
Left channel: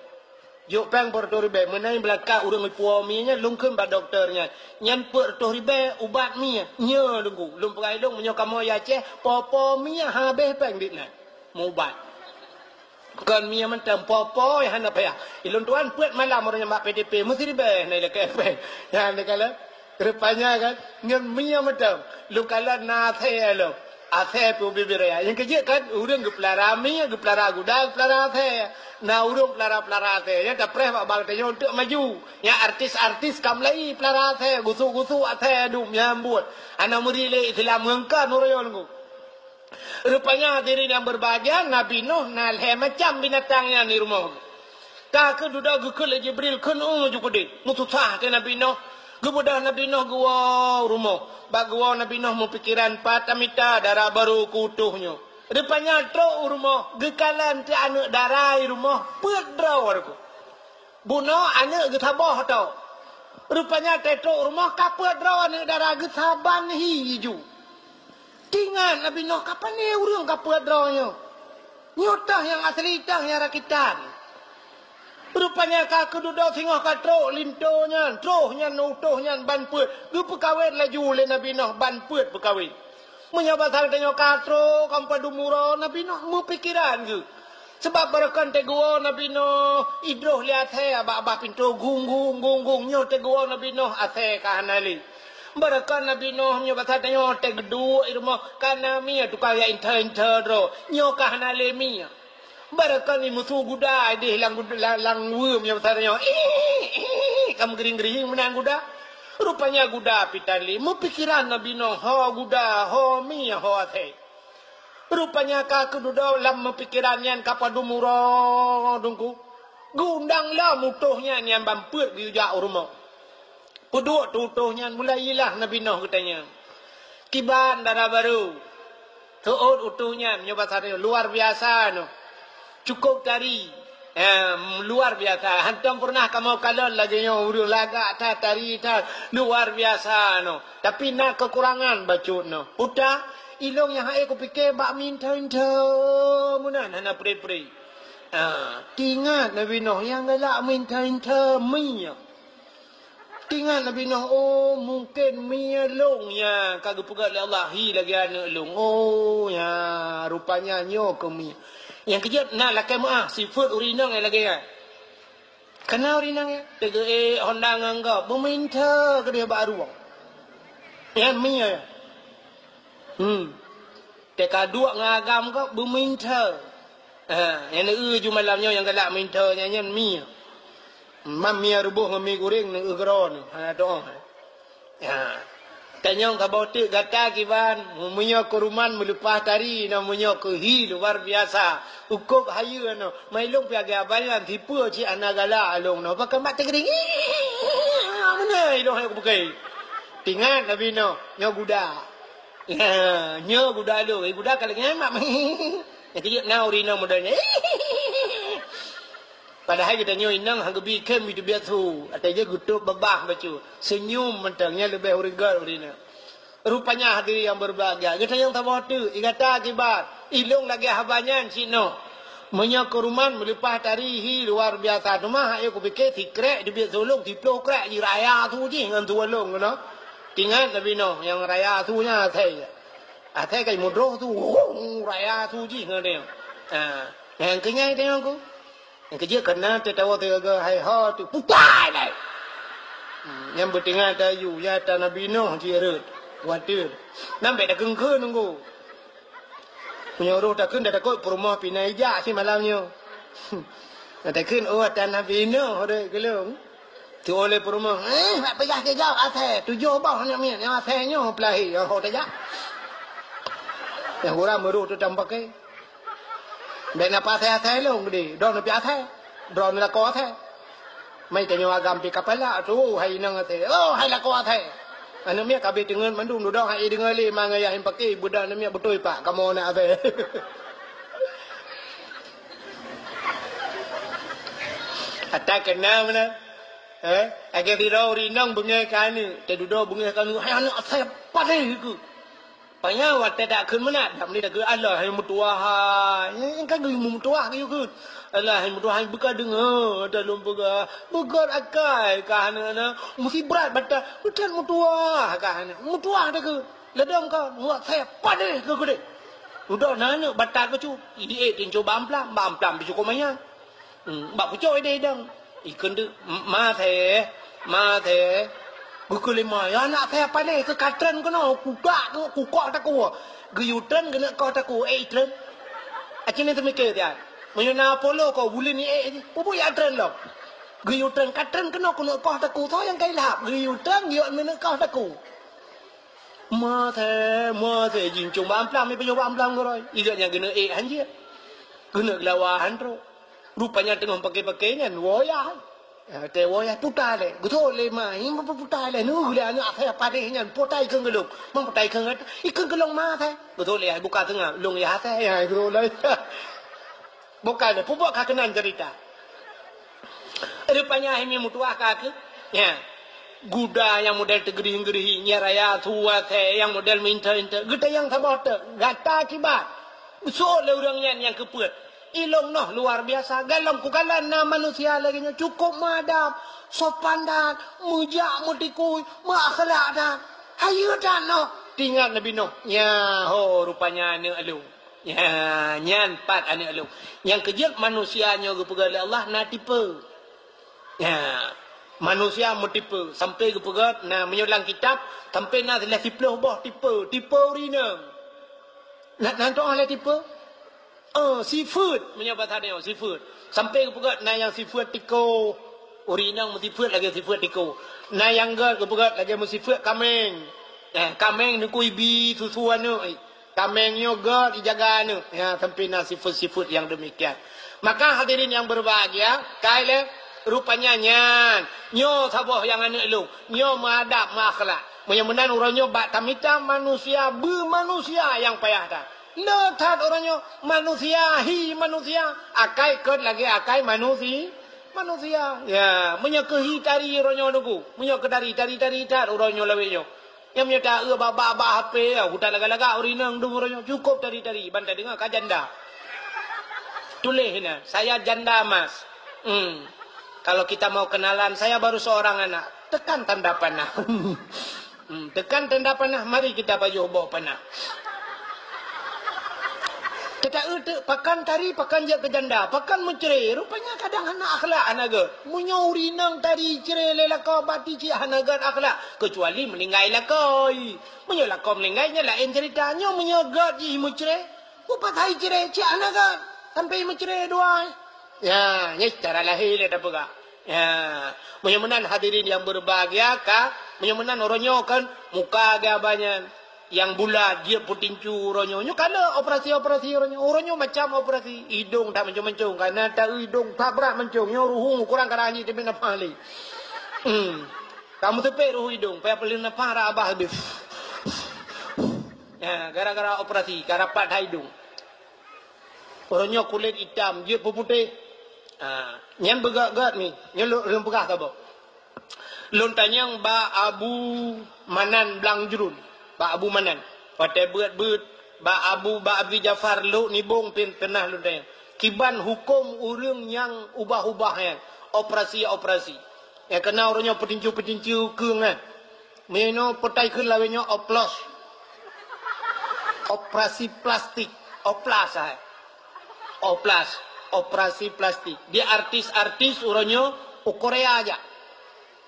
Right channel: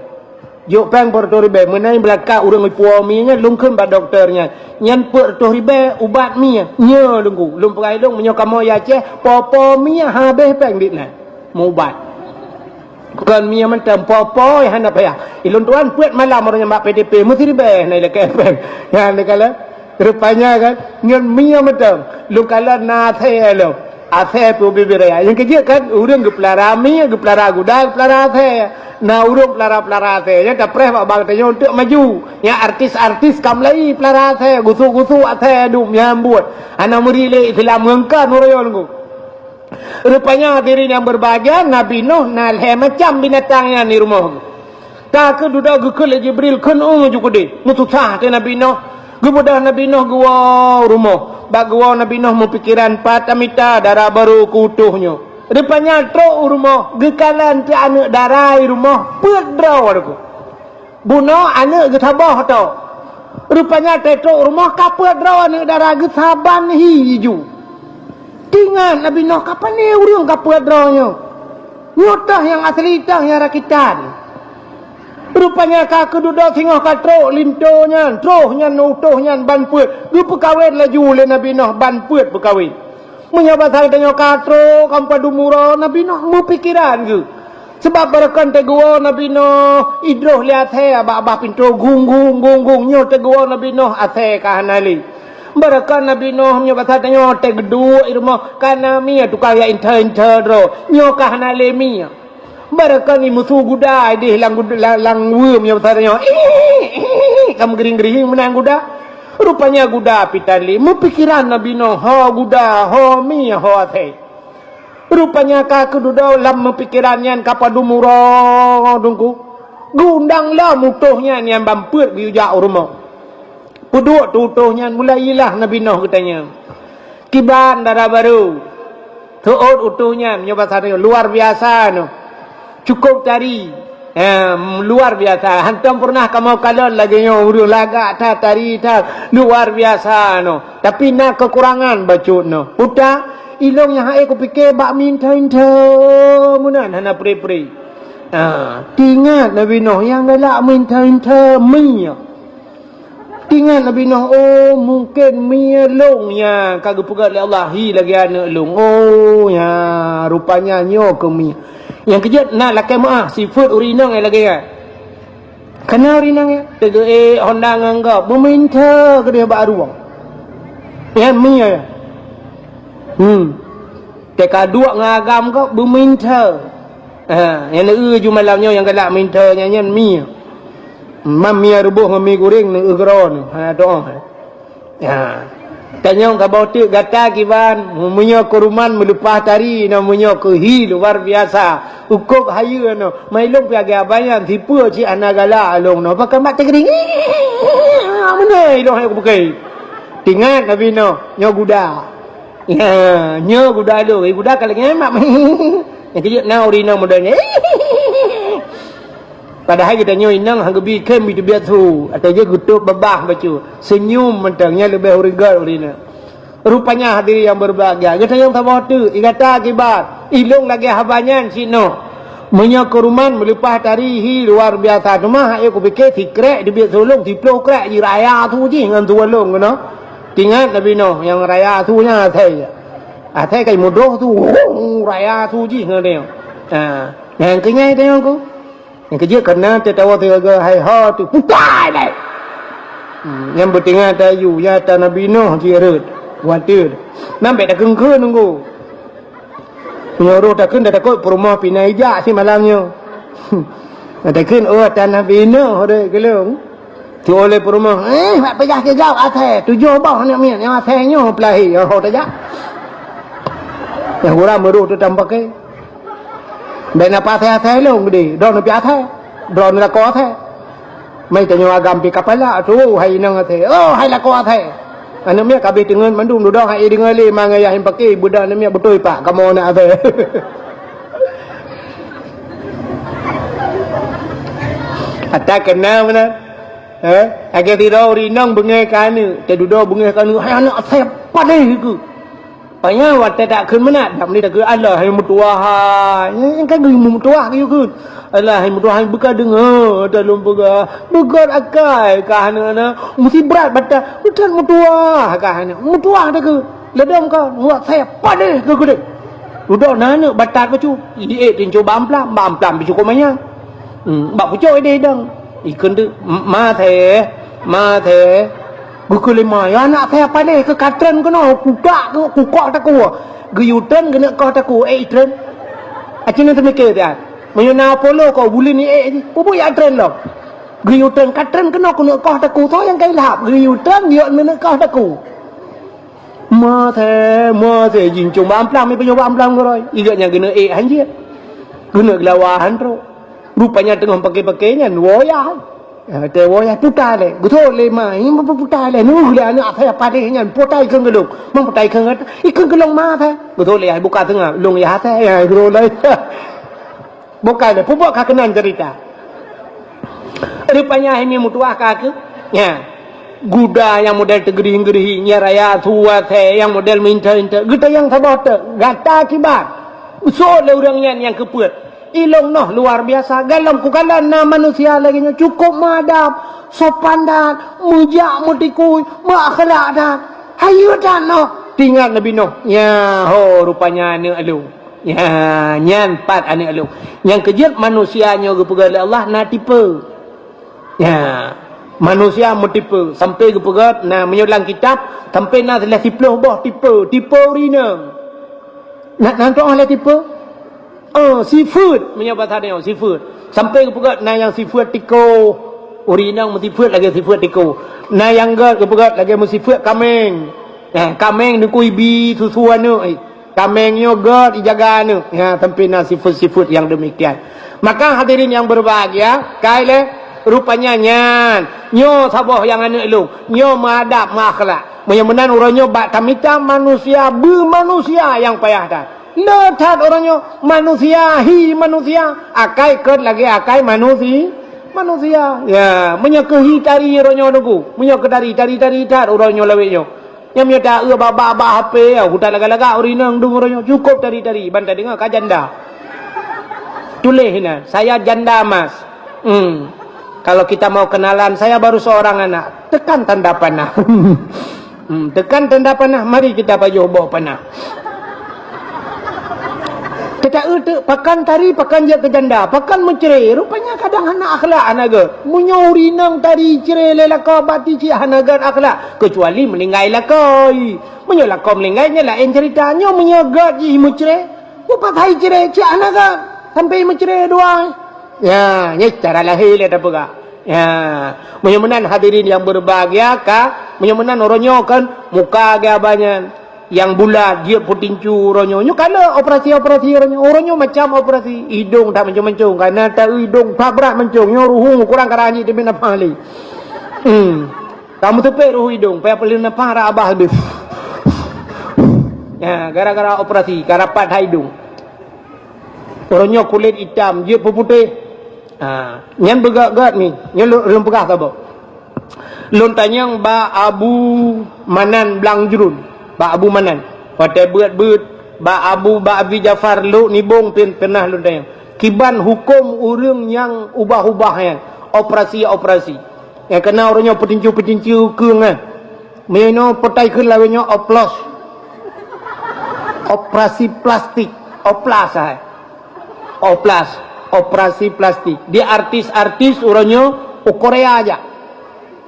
Yo pang per ribu menai belaka urang ipuo mi nya lung keun ba doktornya nyan per ribu ubat mi nya lunggu lung pegai lung menyo kamo ya ce popo mi habis pang ditna mubat bukan mia macam popo yang hendak payah ilun tuan puet malam orangnya mak PDP mesti dibeh naik lekai pen yang lekala rupanya kan ngan mia macam lu kala na the lo athe tu bibiraya yang kerja kan urang gepelara mia gepelara gudang gepelara athe na urang pelara athe ya dah preh bang tanya untuk maju ya artis kamlai pelara athe gusu athe dum nyambut ana murile filam ngkan oroyon rupanya hadirin yang berbahagia Nabi Nuh nalhe macam binatangnya di rumah. Tak ke duda gukul Jibril kun jukudi. Mutusah te Nabi Nuh. Gubudah Nabi Nuh gua rumah. Bag gua Nabi Nuh mempikiran patamita darah baru kutuhnya. Rupanya tro rumah gekalan ti anak darah rumah pet draw aku. Buno anak getabah to. Rupanya te tro rumah kapet draw anak darah gesaban hiju. Ingat Nabi Nuh kapan ni urang kapal drawnya. Nyotah yang asli tah yang rakitan. Rupanya ka keduduk singoh katro lintonya, trohnya nutohnya ban puet. Gu perkawin laju le Nabi Nuh ban puet perkawin. Menyapa sal tanya katro kampadu murah Nabi Nuh mu pikiran ke. Sebab barakan te gua Nabi Nuh idroh lihat he abah pintu gung nyot te gua Nabi Nuh ase ka hanali. Barakan Nabi Nuh nyo kata tanya te gedua irmo kana mia tu kaya inter ro nyo ka hanale mia. Barakan ni musuh guda di lang wum nyo kata tanya kamu gering menang guda. Rupanya guda pitali mu pikiran Nabi Nuh ho guda ho mia ho ate. Rupanya ka keduda lam pikirannya kapadu murah dungku. Gundang lah mutuhnya yang bamput biujak rumah. Puduk tutuhnya mulailah Nabi Nuh katanya. Kiban darah baru. Tuut utuhnya nyoba tadi luar biasa no. Cukup tari. Luar biasa. Hantam pernah kamu kalon lagi nyo urus lagak ta tari ta luar biasa no. Tapi nak kekurangan bacut no. Uta ilong yang aku fikir bak minta munan hana pri. Ingat Nabi Nuh yang galak minta minyak. Ingat Nabi Nuh, oh mungkin mia longnya kagak pegat oleh Allah hi lagi anak long. Oh ya rupanya nyo ke mia. Yang kejut nak lakai maaf sifat urinang lagi kan. Kena urinang ya. Tega Honda nganggap meminta ke dia bak ruang. Ya mia ya. Teka dua ngagam kau meminta. Yang ju malamnya yang galak minta nyanyian mia. Mamia rubuh mami goreng ni ugron doa ya tanya ka bautik gata kiban munyo kuruman melupas tari namanya ke hi luar biasa ukuk hayu no mailong piaga banyak tipu ci anagala along no pakai mat tegering mana ilong aku pakai tingat Nabi no nyo guda ya nyo guda do guda kalau ngemak yang kejut na urina modalnya padahal kita nyo inang hanggabi kem itu biatu atau je gutup babah bacu senyum mentangnya lebih urigal urina rupanya hadir yang berbahagia kita yang tabah tu igata akibat ilung lagi habanyan sino menyo kuruman melepas tarihi luar biasa tu mah aku fikir tikrek di biat tolong diplo krek di raya tu je ngan tualong no ingat Nabi Nuh yang raya tu nya athai kai mudoh tu raya tu je ngan dia yang kenyai tengok aku yang kerja kena tertawa terjaga hai ha tu putai dah. Yang bertinggal tayu ya ta Nabi Nuh kira khawatir. Nampak dah kengke nunggu. Menyuruh takkan dah takut perumah pinai ijak si malamnya. Takkan tan Nabi Nuh dek kelung. Tu oleh perumah. Nak pejah ke gau atai. 7 bah nak mian yang atainya pelahi. Oh tak. Yang orang meruh tu tambah ke. Dan apa atai long gede. Don pi atai. Don la ko atai. Mai tanya agam pi kapala tu hai nang atai. Oh hai la ko atai. Anak mia kabeh dengan mandung duduk hai dengan le mangaya yang pakai budak anak mia betul pak kamu nak atai. Ata kenal mana? Agar tidak rinang bengai kanu, terduda bengai kanu. Hai anak saya padai ke? Payah wat tak kun mana? Dak ni dak ke Allah hai mutuah. Yang kan gui mutuah ni ke? Allah hai mutuah buka dengar dalam buka akai kahana mesti berat batal. Bukan mutuah kahana. Mutuah tak ke? Ledam ka buat saya padai ke gede. Duduk nana batal ke cu? Di tincu bamplam bicu ko manya. Bak pucuk ide dang. Ikun tu ma the buku lima ya anak saya apa deh ke katren ke no kukak tak ku guyutan kena kau tak ku tren acina tu mikir dia menyana polo kau buli ni pupu ya tren lo guyutan katren kena kau tak ku tu yang kai lap guyutan dia mana kau tak ku ma the jing chung bam plam ni penyo bam plam ko roi idatnya kena hanjir kena gelawahan tu rupanya tengah pakai-pakai kan woyah. Te woyah putar le. Gutho le mai ma putar le nu le anak saya padai kan putai keung gelung. Mang putai keung ikun gelung ma the. Gutho le ai buka tengah lung ya the ya gro le. Buka le pupuk ka kenan cerita. Rupanya ini mutuah ka ke? Ya. Guda yang model tegering-gering nya raya tua the yang model minta-minta. Guda yang sabot gata kibat. So le orang yang kepuat. Ilong noh luar biasa galam ku galan na manusia lagi cukup madap sopan dan mujak mutikui makhlak dan hayu dan noh tinggal Nabi Nuh ya ho rupanya anak elu ya nyan pat anak elu yang kejut manusianya kepegat Allah na tipe ya manusia mutipe sampai kepegat na menyulang kitab sampai na telah tiploh boh tipe rina nak oleh tipe seafood punya bahasa dia seafood sampai ke pegat na yang seafood tiko urinang mesti food lagi seafood tiko na yang gat ke pegat lagi mesti food kameng kameng ni ku ibi susuan nu kameng yo gat dijaga nu ya sampai na seafood yang demikian maka hadirin yang berbahagia kaile rupanya nyan nyo saboh yang anu lu nyo madap makhlak menyamanan uranyo bak tamita manusia manusia yang payah dah letat orangnya manusia akai ket lagi akai manusia ya menyekehi tari orangnya nunggu menyeketari tari tar orangnya laweknya yang menyata baba HP ya hutan laga-laga urinang dung orangnya cukup tari bantai dengar ka janda tulis hina saya janda mas kalau kita mau kenalan saya baru seorang anak tekan tanda panah tekan tanda panah mari kita pajuh bawa panah. Kita pakan tari, pakan dia ke janda, pakan mencerai. Rupanya kadang anak akhlak anaga. Menyuri nang tari cerai lelaka bati cik anaga akhlak. Kecuali melinggai lakai. Menyolakau melingainya lain ceritanya. Menyegat je mencerai. Bupat hai cerai cik anaga. Sampai mencerai dua. Ya, ini secara lahir lihat apa kak? Ya, menyamanan hadirin yang berbahagia kak. Menyamanan orangnya kan muka agak banyak. Yang bulat dia putincu orangnya kalau operasi orangnya macam operasi hidung tak mencung karena tak hidung tak berat mencung ruhu kurang karani dia nak pali kamu tepek ruhu hidung payah pelin nak para abah habis ya gara-gara operasi karapat hidung orangnya kulit hitam dia putih nyan begak-gak ni nyan belum pegah ke apa lontanyang ba Abu Manan Blang Jurun Ba Abu Manan, pada buat ba Abi Jafar lu nibung pernah lu tayang. Kiban hukum orang yang ubah-ubah yang operasi. Yang kena orangnya petinju keung kan. Meno petai keun lawenya oplos. Operasi plastik, operasi plastik. Dia artis orangnya Korea aja.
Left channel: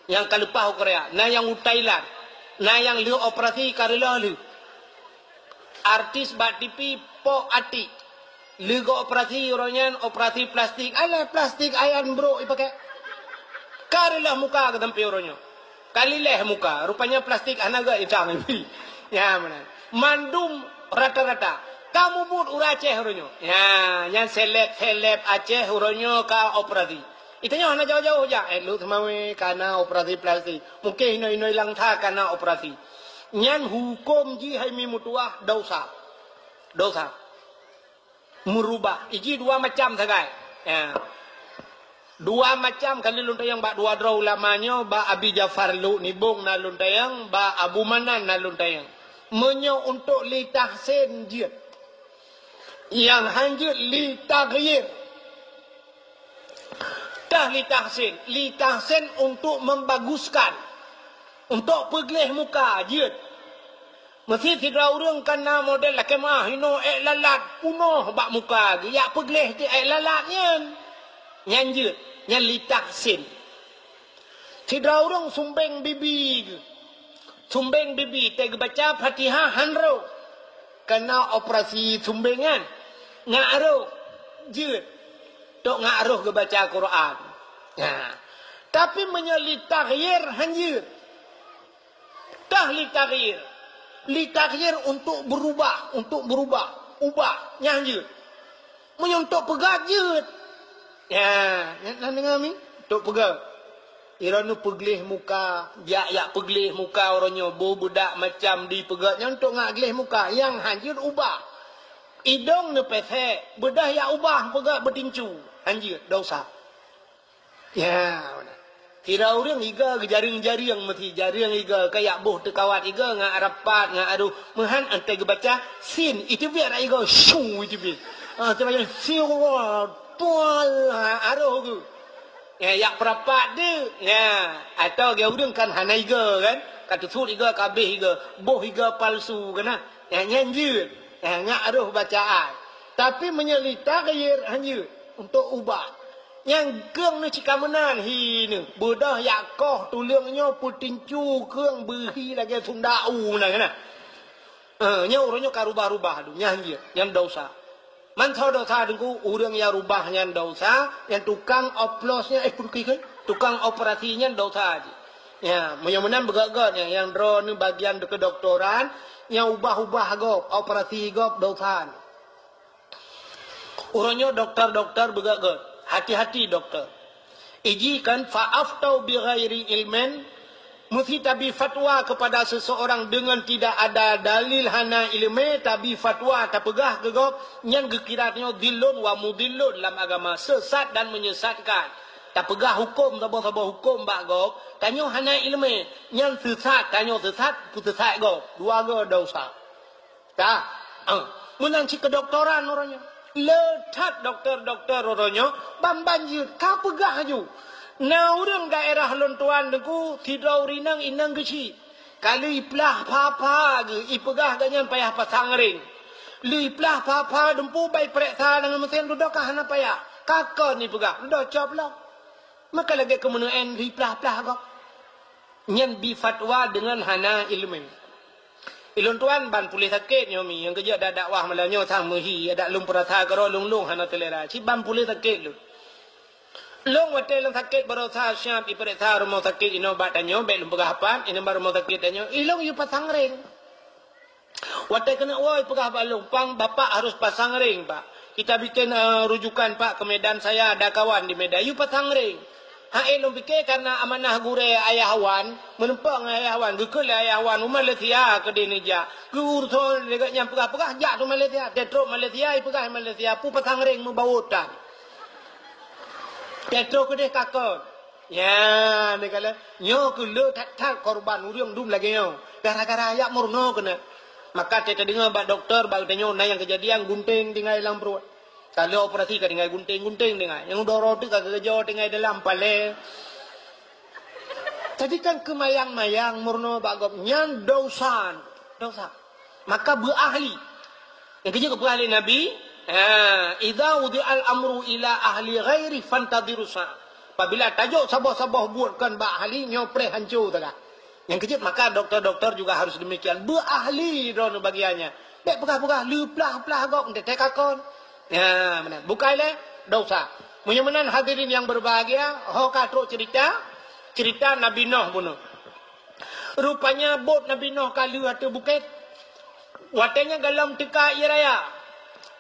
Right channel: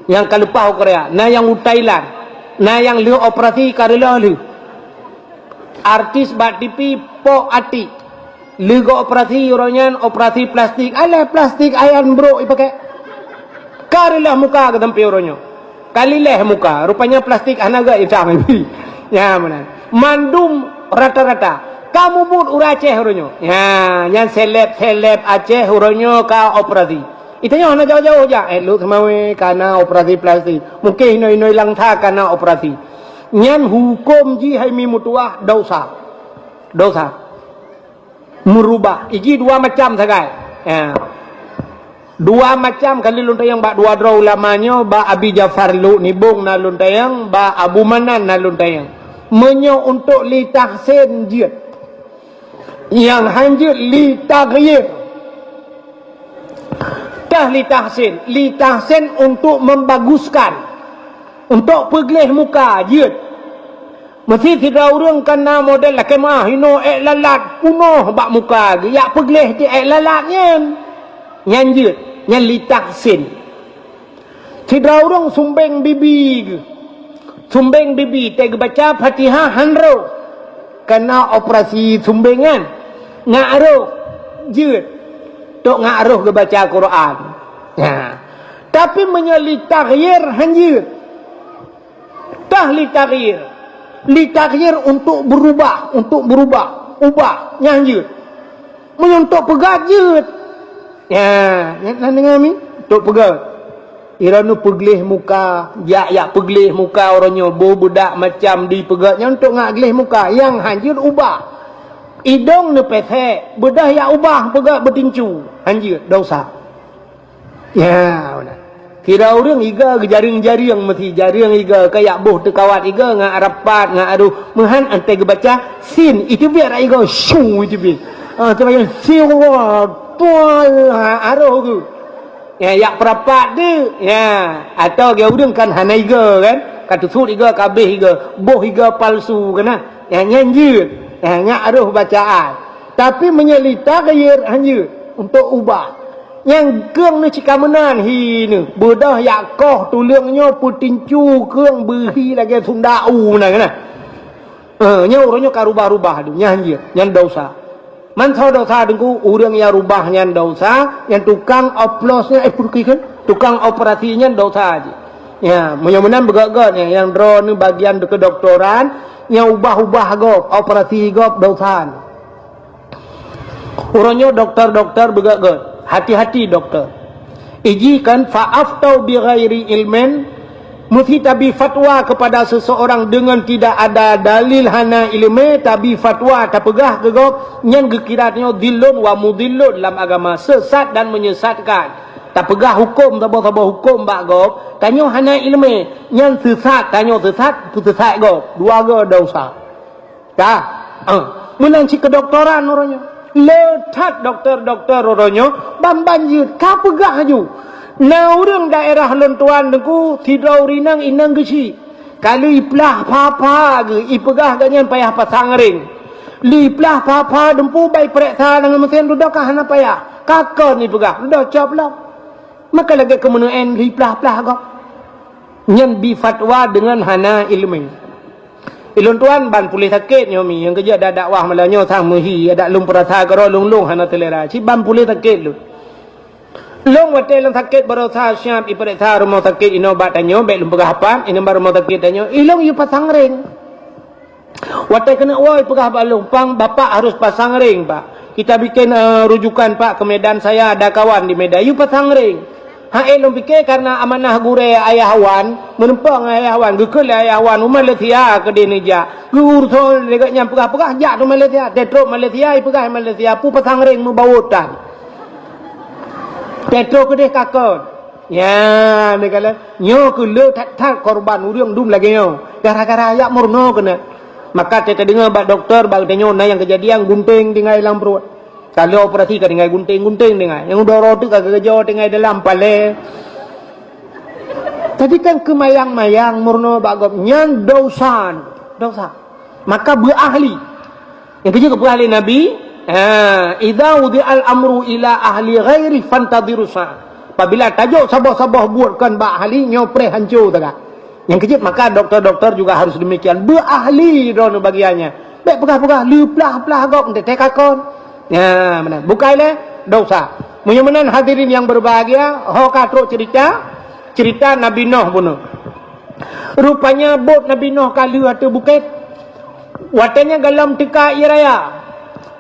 Yang kalupah Korea, nah yang Thailand. Nah yang liu operasi karela liu. Artis bak TV po ati. Lega operasi uronyan operasi plastik. Alah plastik ayan bro ipakai. Karilah muka ke tempat uronyo. Kalilah muka. Rupanya plastik anaga itang ini. Ya mana. Mandum rata-rata. Kamu pun ura Aceh uronyo. Ya, yang seleb Aceh uronyo ka operasi. Itanya hana jauh-jauh aja. Lu kemawe karena operasi plastik. Mungkin ino lang tha karena operasi. Nyan hukum ji hai mi mutuah dosa. Dosa. Merubah. Iji dua macam sagai. Ya. Dua macam kali luntayang ba dua draw lamanya ba Abi Jafar lu nibung na luntayang ba Abu Manan na luntayang. Menyo untuk li tahsin jid. Yang hanjir li taghyir. Dah li tahsin untuk membaguskan, untuk peglih muka jid. Mesti tidak orang kena model lah kemah hino lalat punoh bak muka ge ya peglih ke lalatnya nyanjir yang li tahsin. Tidak orang sumbeng bibi tega baca Fatihah hanro kena operasi sumbengan ngaruh jid tok ngaruh ke baca Quran. Ya. Tapi menyali taghyir hanjir. Tah li taghyir untuk berubah, ubah nyanjir. Menyontok pegat jid. Ya, nak dengar mi? Tok pegat. Iranu peglih muka, ya peglih muka orangnya budak macam di pegatnya untuk ngak glih muka yang hanjir ubah. Idong ne pesek, bedah ya ubah pegat bertincu. Hanjir dosa. Ya, benar. Kira orang iga ke jaring-jaring mesti jaring iga kayak boh tekawat iga ngak rapat ngak aduh mehan antai ke baca sin itu biar iga syu itu biar. Macam syu tual aroh tu. Ya perapat dia. Ya, atau dia orang kan hana iga kan. Kata sud iga kabeh iga, boh iga palsu kan. Ya nyanjir. Ya ngak aroh bacaan. Tapi menyelita gayir hanjir untuk ubah. Yang keung ni cikamenan hi ni. Bedah yak koh tulungnya putincu keung berhi lagi sundau na kan. Nya orangnya karubah-rubah tu nyanjir, yang dosa. Man tho dosa dengku urang yang rubah yang dosa, yang tukang oplosnya tukang operasinya dosa aja. Ya, mudah-mudahan begak-gak yang draw ni bagian kedoktoran, yang ubah-ubah gop, operasi gop dosa. Orangnya dokter-dokter begak-gak. Hati-hati dokter. Iji kan fa'aftau bi ghairi ilmin, mesti tabi fatwa kepada seseorang dengan tidak ada dalil hana ilmu, tabi fatwa tak pegah gegop yang gekiratnya dilun wa mudillun dalam agama, sesat dan menyesatkan. Tak pegah hukum sabah-sabah hukum bak gop, tanyo hana ilmu, yang sesat tanyo sesat gop, dua go dosa. Dah. Menanci kedoktoran orangnya. Letat dokter-dokter orangnya bambanjir kapegah aju. Na orang daerah lontuan dengku tidak urinang inang gesi. Kalau iplah papa ge ipegah ganyan payah pasang ring. Liplah papa dempu bai periksa dengan mesin duduk kah hana payah. Kakak ni pegah dah caplah. Maka lagi kemenuen liplah-plah kau. Nyen bi fatwa dengan hana ilmu. Ilun tuan ban pulih sakit nyomi yang kerja ada dakwah malanyo sang mehi ada lum perasa karo lung hana telera si ban pulih sakit lu long wate lang sakit baru sa syam iperiksa rumah sakit inobat tanyo be lum pegahapan ino baru rumah sakit tanyo ilong yu pasang ring wate kena woi pegah balung pang bapak harus pasang ring pak kita bikin rujukan pak ke Medan saya ada kawan di Medan yu pasang ring. Long fikir karena amanah gure ayah wan menempang ayah wan gekul ayah wan Malaysia ke Indonesia gur thol dekatnya pegah-pegah jak tu Malaysia tetro Malaysia pegah Malaysia pu pasang ring membawutan tetro ke deh kakon ya mereka nyo ke le tak korban urang dum lagi nyo gara-gara ayak murno kena maka kita dengar bak doktor bak tanyo na yang kejadian gunting tinggal dalam perut. Kalau operasi kan tinggal gunting-gunting dengan yang udah roti kagak kerja tinggal dalam pale. Tadi kan kemayang-mayang murno bagop nyan dosa. Maka berahli. Yang kerja berahli Nabi, idza wudi'al amru ila ahli ghairi fantadiru sa. Apabila tajuk sabah-sabah buatkan bak ahli nyopre hancur tak. Yang kerja maka doktor-doktor juga harus demikian berahli dono bagiannya. Baik pegah-pegah, leplah-plah gok untuk tekakon. Ya, benar. Bukanlah dosa. Menyamanan hadirin yang berbahagia, hokatruk cerita Nabi Nuh pun. Rupanya bot Nabi Nuh kala atau bukit. Watanya galam tika iraya.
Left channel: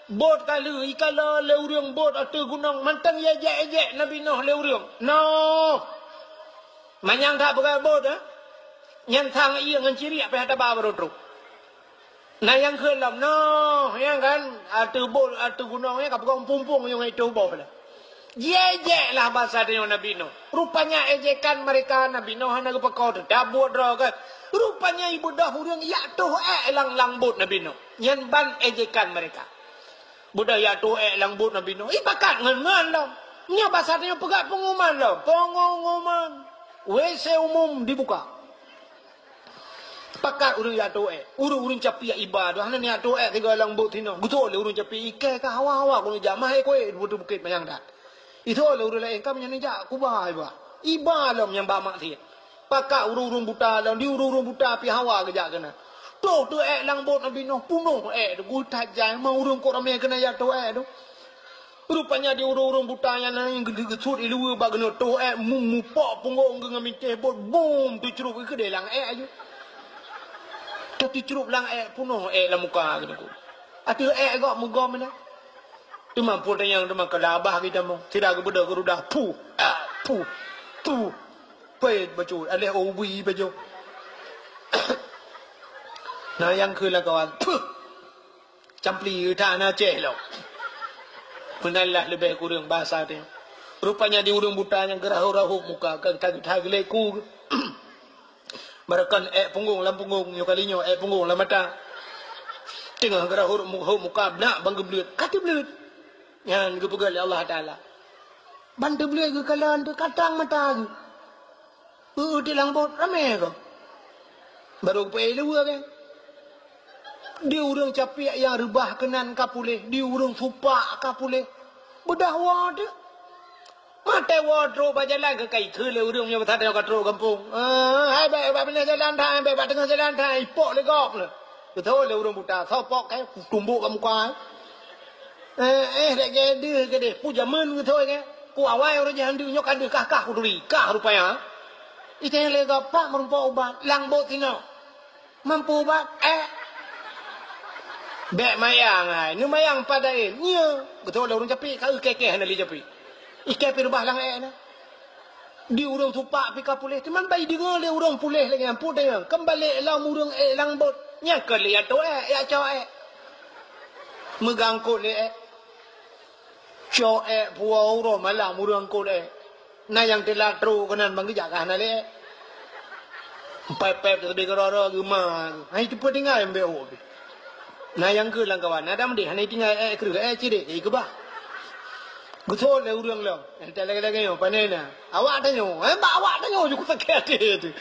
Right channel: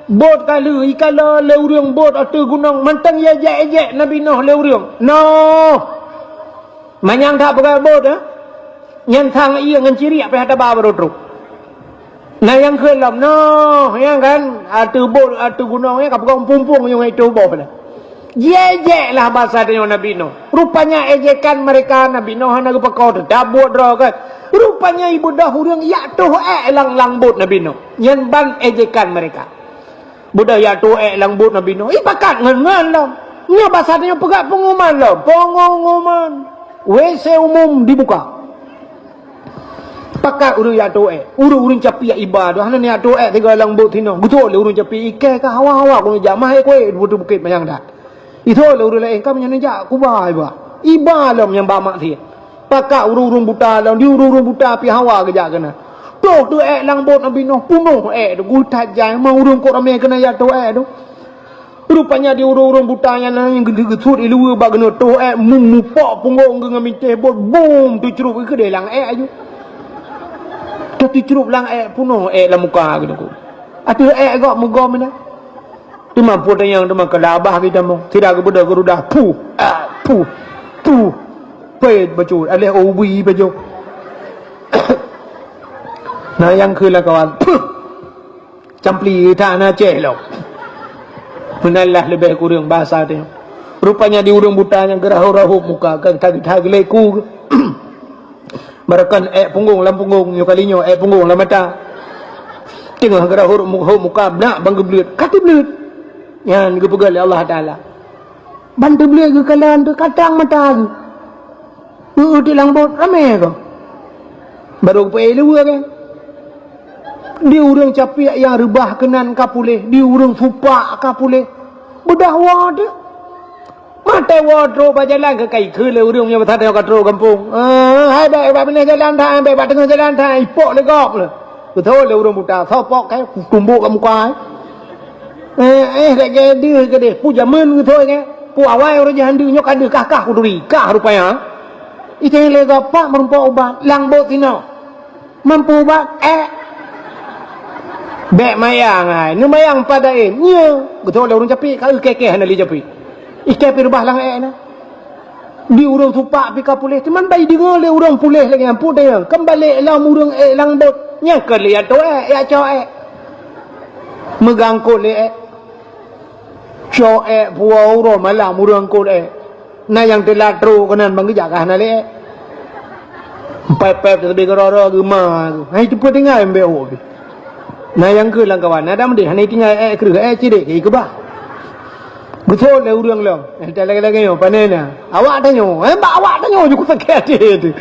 Bot kala ikala leurung bot atau gunung. Mantang ya ejek Nabi Nuh leurung. No. Manyang tak pakai bot Yang thang iya ngan ciri apa hata bawa truk. Nah yang kelam no, yang kan atu bot atu gunungnya kapag pumpung yung itu bot lah. Ejek lah bahasa dengan Nabi Nuh. Rupanya ejekan mereka Nabi Nuh nak pakau dabut kan. Rupanya ibu dahurang ya tuh lang bot Nabi Nuh. Yang ban ejekan mereka. Budak ya tuh lang bot Nabi Nuh. Pakat ngan lah. Nya bahasa dengan pegat pengumuman lah. Pengumuman. WC umum dibuka. Pakat urung ya tuh urung capi ya ibadah. Hana ni ya tuh tiga lang bot tino. Betul urung capi ikai ka hawa-hawa ko jamah kue butuh bukit mayang dah. Itu lah urung lain kami yang nejak kubah iba lam yang bamak dia. Pakak urung buta lam di urung buta pi hawa kejak kena. Tu lang bot Nabi Nuh punuh tu gutat jai mau urung kok ramai kena ya tu tu. Rupanya di urung butanya yang gede-gede ilu ba kena tu mupok punggung dengan minta bot boom tu cerup ke dia lang ju. Tapi cerup lang punuh la muka gitu. Atu gok muka mana? Tu mampu tanya tu mak kelabah kita mau. Tidak ke budak gerudah pu. Pet baju ale obi baju. Nah yangคือละkawan. Campli tak na celok. Menallah lebih kurang bahasa dia. Rupanya di urung butanya gerah-rahup muka kan tag leku. Barakan punggung lam punggung yo kalinyo punggung lam mata. Tengah gerah-rahup muka nak bang geblut. Kati blut. Yang dipegal oleh Allah Ta'ala. Bantu beliau ke kalan tu katang mata tu. Di lang bot ramai ke. Baru pergi dua kan. Di urang capi yang rebah kenan kapuleh. Di urang fupak kapuleh. Budah wad. Mata wardrobe jalan ke kai ke le urang yang bertada kat ro kampung. Hai baik benar jalan thang, baik tengah jalan thang ipok le gok le. Betul le urang buta sopok kai tumbuk kat muka. Kayak dia ke dia puja men ke thôi ke pu awai orang jahan dia nyok ada kakak kuduri kah rupanya itu yang lega pak mampu ubat lang bot tino mampu ubat bek mayang ai nu mayang pada nya betul orang capi kalau keke hana li capi ike pirbah lang na di urang tupak pi kapuleh teman bai dengar le urang puleh lagi ampu dia kembali lang urang lang bot nya ke liat to ya cho megang ko le cho puau ro malam urang ko na yang telah tro kanan bang gejak kana le pep tapi ro gema hai tu petingai mbeo na yang ke lang kawan ada mesti hani tinggal ke cide ke ba betul le urang long lagi yo panena awak tanyo awak tanyo ju ku tak tu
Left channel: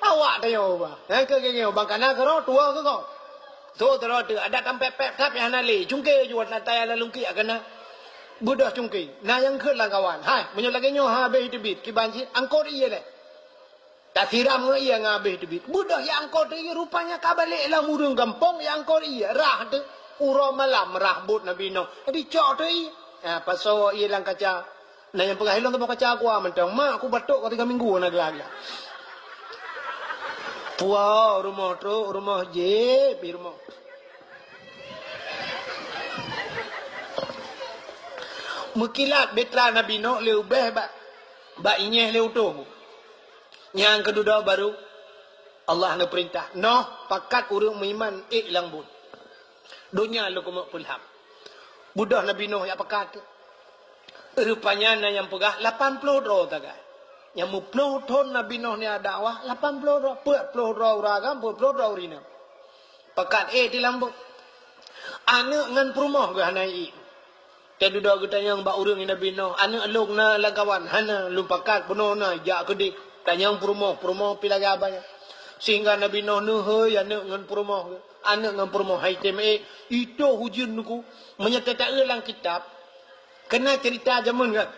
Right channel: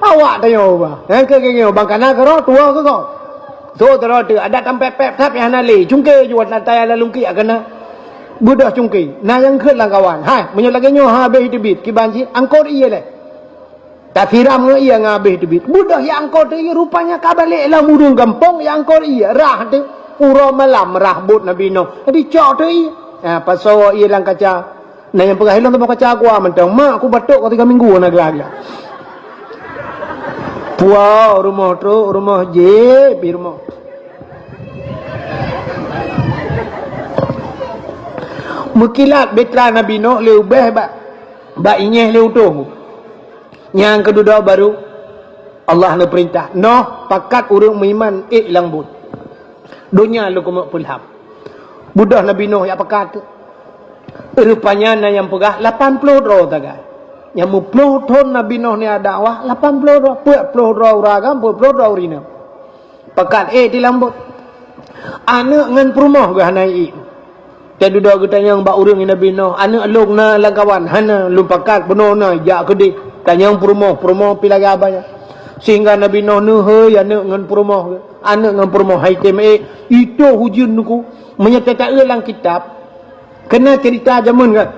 awak tanyo ba ke yo bang kana ke ro tua ke ko tu ada tampai pep tap yang nali jungke juat natai la lungki akana budak cungki na yang ke lang kawan hai menyolagnya habis debit kibanci angkot iya le tak tiram iya ngabih debit budak yang angkot iya rupanya kabalik lah murung gampong yang angkot iya rah tu uro malam rah bot Nabi Nuh jadi cok tu iya pasal iya lang kaca na yang pegah hilang tu kaca gua mentang mak aku batuk kau 3 minggu nak gelagak puau rumah tu rumah je pi rumah Mukilat betra Nabi Nuh leubah ba inyeh leutung. Yang kedua baru Allah nak perintah Nuh pakat urang meiman lang bud. Dunia lu kumak pulham. Budak Nabi Nuh yang pakat. Rupanya na yang pegah 80 ro taga. Yang mu 10 tahun Nabi Nuh ni ada dakwah 80 ro 40 ro ragam 40 ro rina. Pakat di lambut. Anak ngan perumah gah nai. Jadi dah kita yang bak urang Nabi Nuh anak long na langkawan hana lumpakat benar na jak kedi tanyang perumah pi lagi abaya sehingga Nabi Nuh he anak ngan perumah haikem itu hujun ku menyatakan dalam kitab kena cerita zaman kan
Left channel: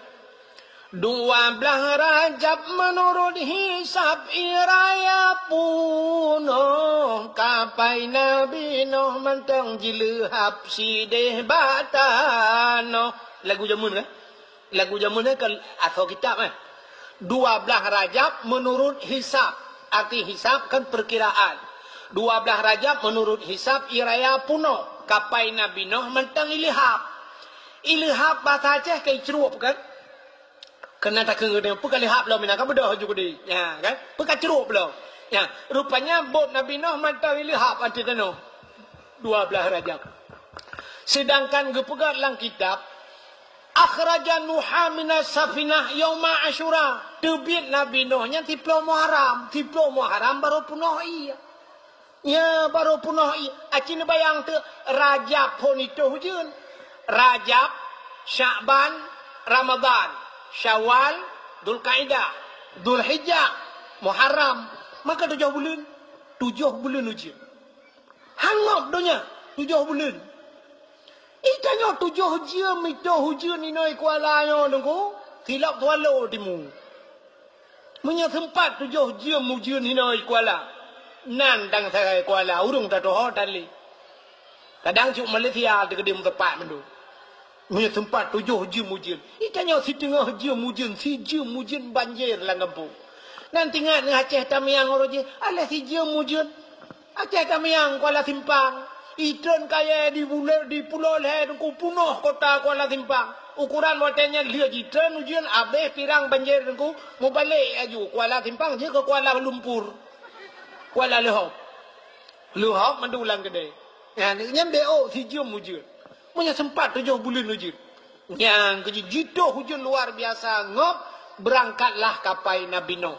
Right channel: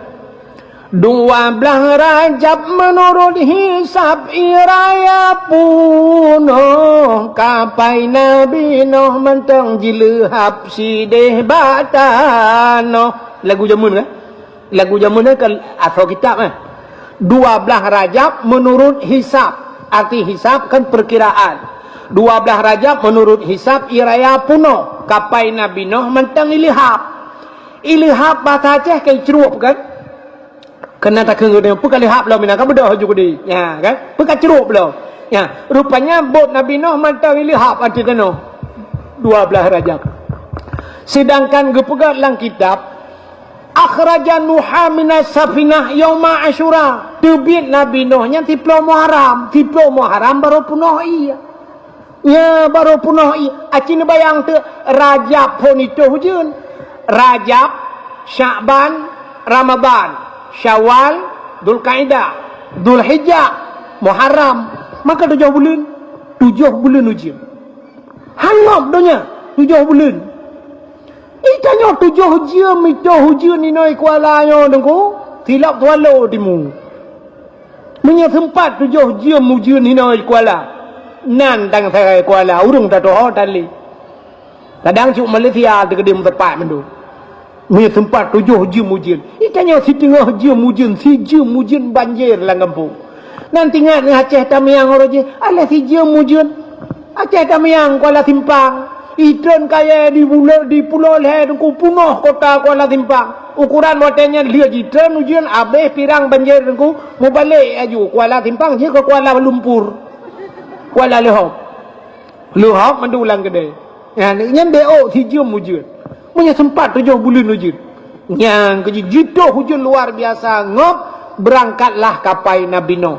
12 Rajab menurut hisab iraya punoh kapai Nabi Nuh mentang jilehap sideh batano. Lagu jamun kan? Lagu jamun kan atau kitab kan? 12 Rajab menurut hisab. Arti hisab kan perkiraan. 12 Rajab menurut hisab iraya punoh kapai Nabi Nuh mentang ilihap. Ilihap bahasa Aceh kayak cerup kan? Kena tak kena dia pekali hap lah minang bedah juga dia. Ya kan? Pekat cerup lah. Ya, rupanya bot Nabi Nuh mantau ili hap ada kena 12 Rajab. Sedangkan gepegat lang kitab akhraja Nuha minas safinah yauma Asyura. Terbit Nabi Nuh nya 10 Muharram. 10 Muharram baru punah iya. Ya baru punah iya. Acin bayang tu Rajab pun itu hujun. Rajab, Sya'ban, Ramadan, Syawal, Dzulqa'dah, Dzulhijjah, Muharram. Maka 7 bulan. 7 bulan ujian. Hanap donya 7 bulan. Itanya 7 jam itu hujan ni noi kuala yo dengku. Silap tualo dimu. Punya tempat 7 jam hujan ni noi kuala. Nan tang saya kuala urung tak tahu tali. Kadang cuma Malaysia dekat tempat mendu. Punya tempat 7 jam hujan. Itanya setengah jam hujan, 1 jam hujan banjir lang kampung. Nanti ingat ni Aceh Tamiang orang ala 1 jam hujan. Aceh Tamiang Kuala Timpang. Ikan kaya di pulau leher ku punah kota Kuala Timpang. Ukuran watenya lihat ikan hujan habis pirang banjir ku mau balik aju Kuala Timpang je ke Kuala Lumpur. Kuala Luhok. Luhok mendulang gede. Ya ni DO 1 jam hujan. Punya sempat 7 bulan hujan. Yang gitu hujan luar biasa ngop berangkatlah kapai Nabi Nuh.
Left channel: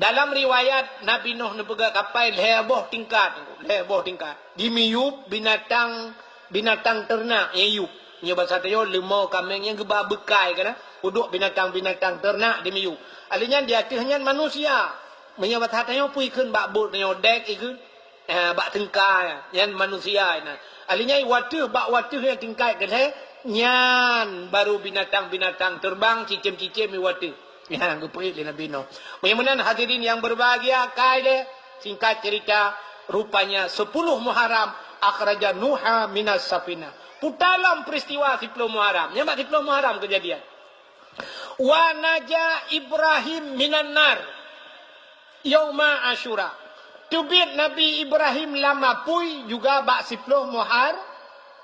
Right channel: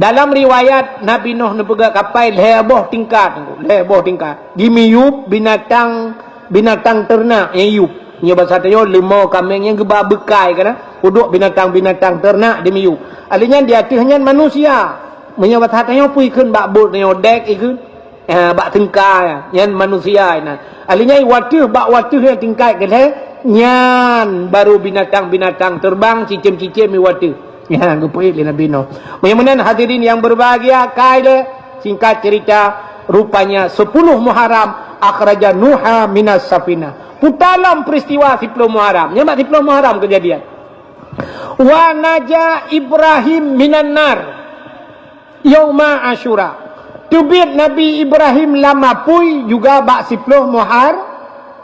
Dalam riwayat Nabi Nuh nepegak kapai leboh tingkat. Leboh tingkat. Dimiyup binatang ternak yuyup. Nya bahasa tayo lemau kambing yang geba bekai kana. Uduk binatang ternak dimiyup. Alinya di atasnya manusia. Nya bahasa tayo puikeun bak bot nyo dek ikeun. Bak tengkai yan manusia ina. Alinya watuh bak watuh yang tingkai ke nyan baru binatang-binatang terbang cicim-cicim watuh. Ya gepuit le Nabi Nuh. Mudah-mudahan hadirin yang berbahagia kaile singkat cerita rupanya 10 Muharram akhraja Nuha minas safinah. Dalam peristiwa 10 Muharram. Nyambak 10 Muharram kejadian. Wa naja Ibrahim minan nar yauma Asyura. Tubit Nabi Ibrahim lama pui juga bak 10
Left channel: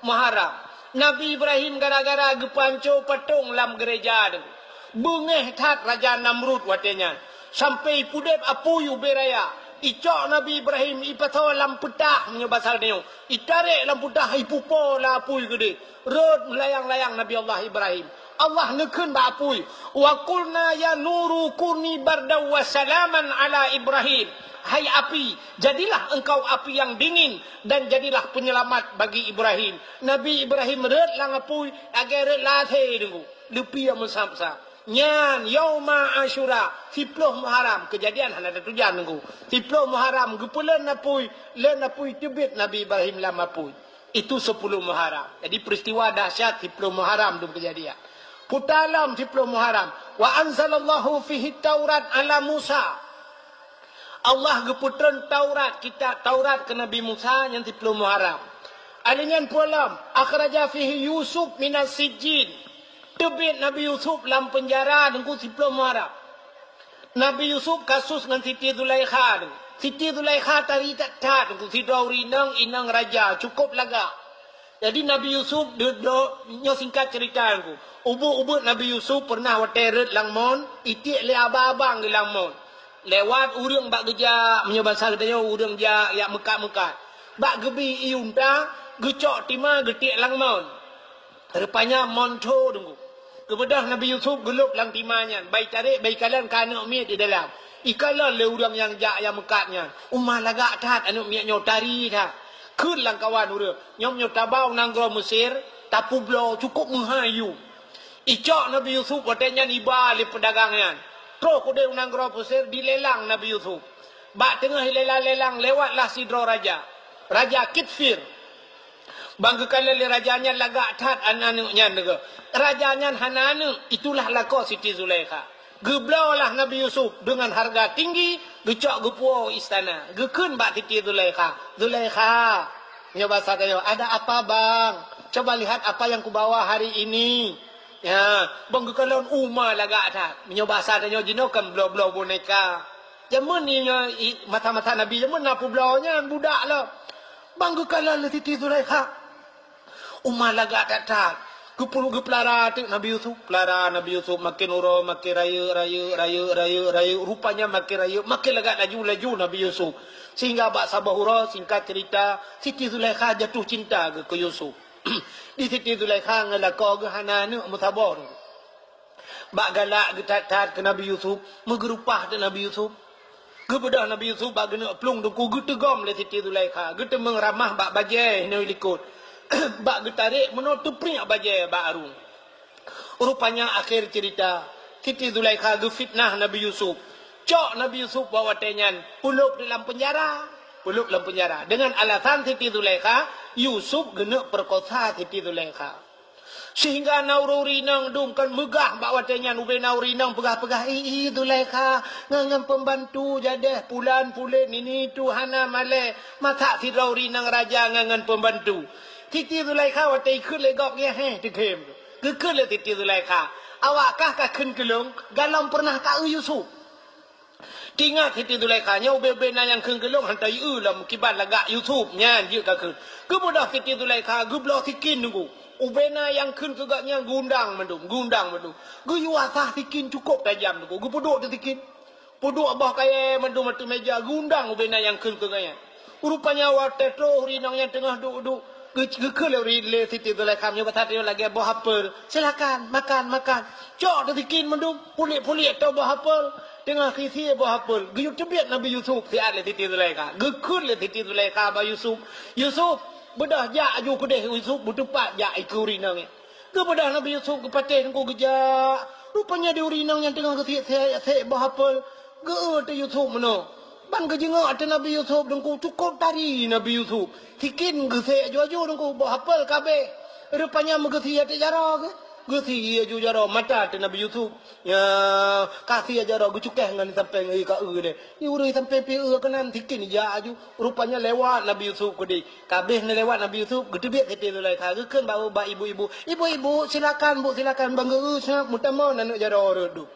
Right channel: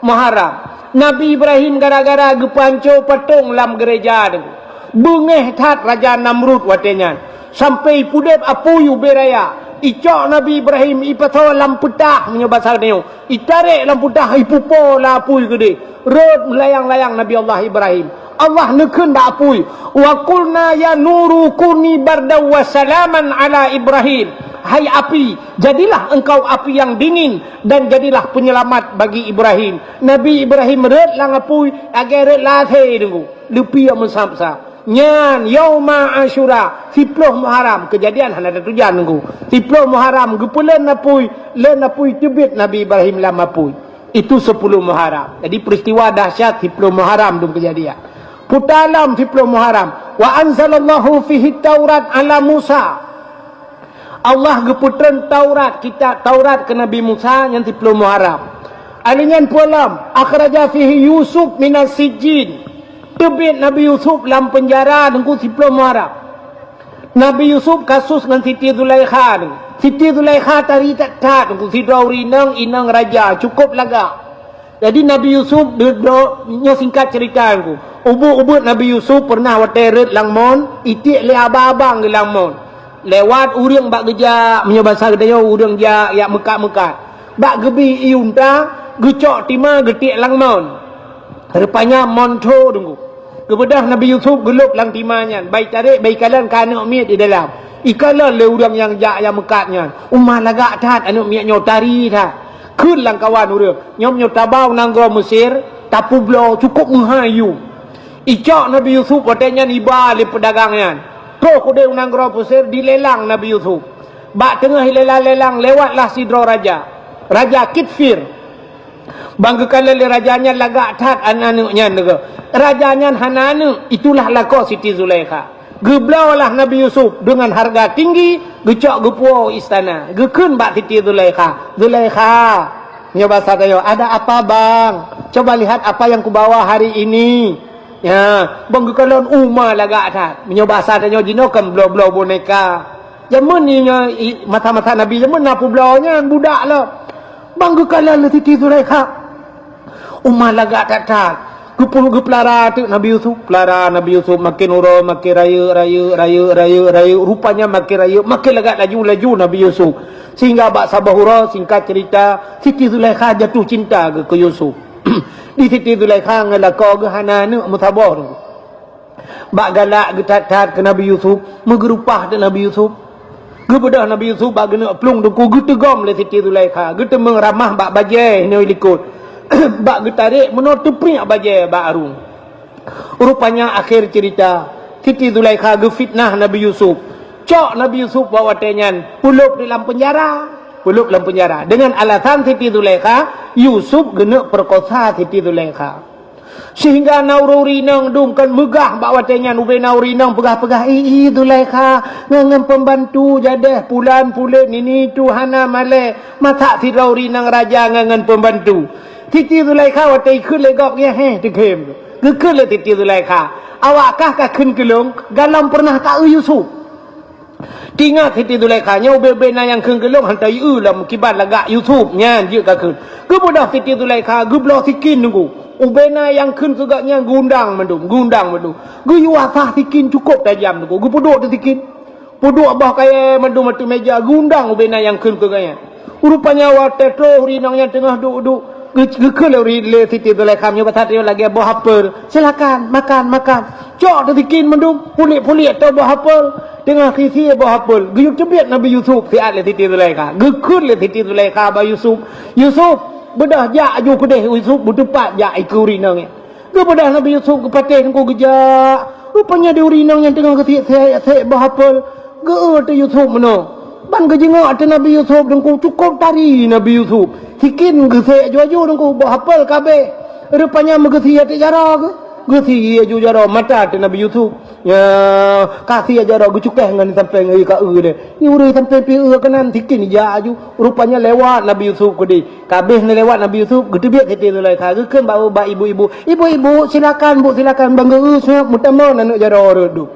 Muharram. Nabi Ibrahim gara-gara gepanco patung lam gereja tu. Bengeh tat Raja Namrud watenya. Sampai pudep apuyu beraya. Icok Nabi Ibrahim ipato lam petah punya bahasa dia. Itarik lam petah ipupo la apuy gede. Rod melayang-layang Nabi Allah Ibrahim. Allah nekun dak apuy. Wa qulna ya nuru kuni bardaw wa salaman ala Ibrahim. Hai api, jadilah engkau api yang dingin dan jadilah penyelamat bagi Ibrahim. Nabi Ibrahim red lang apui agar red lathe dulu. Lupi yang mensapsa. Nyan yauma Asyura 10 Muharram kejadian hana ada tujuan nunggu. 10 Muharram gepulen napui tebit Nabi Ibrahim lama apui. Itu 10 Muharram. Jadi peristiwa dahsyat 10 Muharram dum kejadian. Putalam 10 Muharram. Wa anzalallahu fihi Taurat ala Musa. Allah geputran Taurat kita Taurat ke Nabi Musa yang 10 Muharram. Alingan pulam akhraja fihi Yusuf minas sijin. Tebit Nabi Yusuf dalam penjara nunggu 10 Muharram. Nabi Yusuf kasus dengan Siti Zulaikha. Siti Zulaikha tari tak nunggu si Dauri inang raja cukup laga. Jadi Nabi Yusuf nyo singkat cerita nunggu. Ubuk Nabi Yusuf pernah wateret langmon itik le abang-abang ke langmon. Lewat urang bak geja punya bahasa gedanya urang ja ya mekat-mekat. Bak gebi iunta gecok tima getik langmon. Rupanya monto tunggu. Kebedah Nabi Yusuf gelup lang timanya. Baik tarik baik kalan kana miat di dalam. Ikalah le urang yang ja yang mekatnya. Umah lagak tat anu miat nyotari tat. Keun lang kawan urang. Nyom nyotabau nanggro Mesir tapu blo cukup menghayu. Icok Nabi Yusuf katanya iba le pedagangnya. Pro kuda unang gro pusir dilelang Nabi Yusuf. Bak tengah lelang-lelang lewatlah sidro raja. Raja Kitfir. Bangga kala le rajanya lagak tat anaknya nega. Rajanya hanana itulah lako Siti Zulaikha. Geblaulah Nabi Yusuf dengan harga tinggi, gecok gepuau istana. Gekun bak Siti Zulaikha. Zulaikha, nyoba saya, ada apa bang? Coba lihat apa yang kubawa hari ini. Ya, bangga kala umma lagak tat. Nyoba saya jinokan blau-blau boneka. Jaman ni mata-mata Nabi jaman napu blaunya budak lah. Bangga kala le Siti Zulaikha. Umar lagak tak. Gepuluh gepelara tu Nabi Yusuf. Pelara Nabi Yusuf makin urut, makin raya. Rupanya makin raya. Makin lagak laju Nabi Yusuf. Sehingga bak sabahura singkat cerita. Siti Zulaikha jatuh cinta ke Yusuf. Di Siti Zulaikha ngelakau ke hana ni musabah tu. Bak galak getat ke Nabi Yusuf. Megerupah ke Nabi Yusuf. Gebedah Nabi Yusuf bak gena pelung tu. Getegom le Siti Zulaikha. Getemeng ramah bak bajai ni likut. Bak getarik menutup pria bagi bak arung. Rupanya akhir cerita Siti Zulaikha gefitnah Nabi Yusuf. Cok Nabi Yusuf bawa tenyan pulup dalam penjara. Pulup dalam penjara. Dengan alasan Siti Zulaikha Yusuf kena perkosa Siti Zulaikha. Sehingga naururi nang dumkan megah bawa tenyan ube nauri nang pegah-pegah Zulaikha ngangan pembantu jadah pulan-pulan ini tuhana male masak si nauri nang raja ngangan pembantu. Siti Zulaikha watai khun le gok ya te kem. Gekun le Siti Zulaikha. Awakkah ka khun kelung galam pernah tak Yusuf. Tinggal Siti Zulaikha nya ube na yang khun kelung hantai lam kibat lagak Yusuf nyan je ka khun. Gebudah Siti Zulaikha geblo sikin nunggu. Ube na yang khun segaknya gundang mendung. Gu yuasah sikin cukup tajam nunggu. Gu puduk tu sikin. Puduk bah kaya mendung matu meja gundang ube na yang khun segaknya. Rupanya wa tetro rinangnya tengah duduk. Kalau le Siti Zulaikha nyoba tadi lagi buah apel. Silakan makan. Cok tu bikin mendung pulik atau buah apel. Tengah sisi buah apel. Guyuk cebiat Nabi Yusuf siat le Siti Zulaikha. Gekun le Siti Zulaikha ba Yusuf. Yusuf bedah jak ju kedeh Yusuf bertempat jak iku rinang. Ge bedah Nabi Yusuf ke patih ku gejak. Rupanya dia rinang yang tengah kesiak buah apel. Ge tu Yusuf meno. Ban ke jengok tu Nabi Yusuf dengku cukup tari Nabi Yusuf. Hikin gesek jaju dengku buat hafal kabeh. Rupanya megesi ati jara ke. Gesi ju jara mata tu Nabi Yusuf. Ya kasih jara gucukeh ngan sampai ngai ka de. Ni urang sampai pi kanan hikin jaju. Rupanya lewat Nabi Yusuf ke di. Kabeh ni lewat Nabi Yusuf gedebiak Siti Zulaikha. Gekeun ba ibu-ibu. Ibu-ibu silakan Bu silakan bangga usnya mutamon anak jara redu.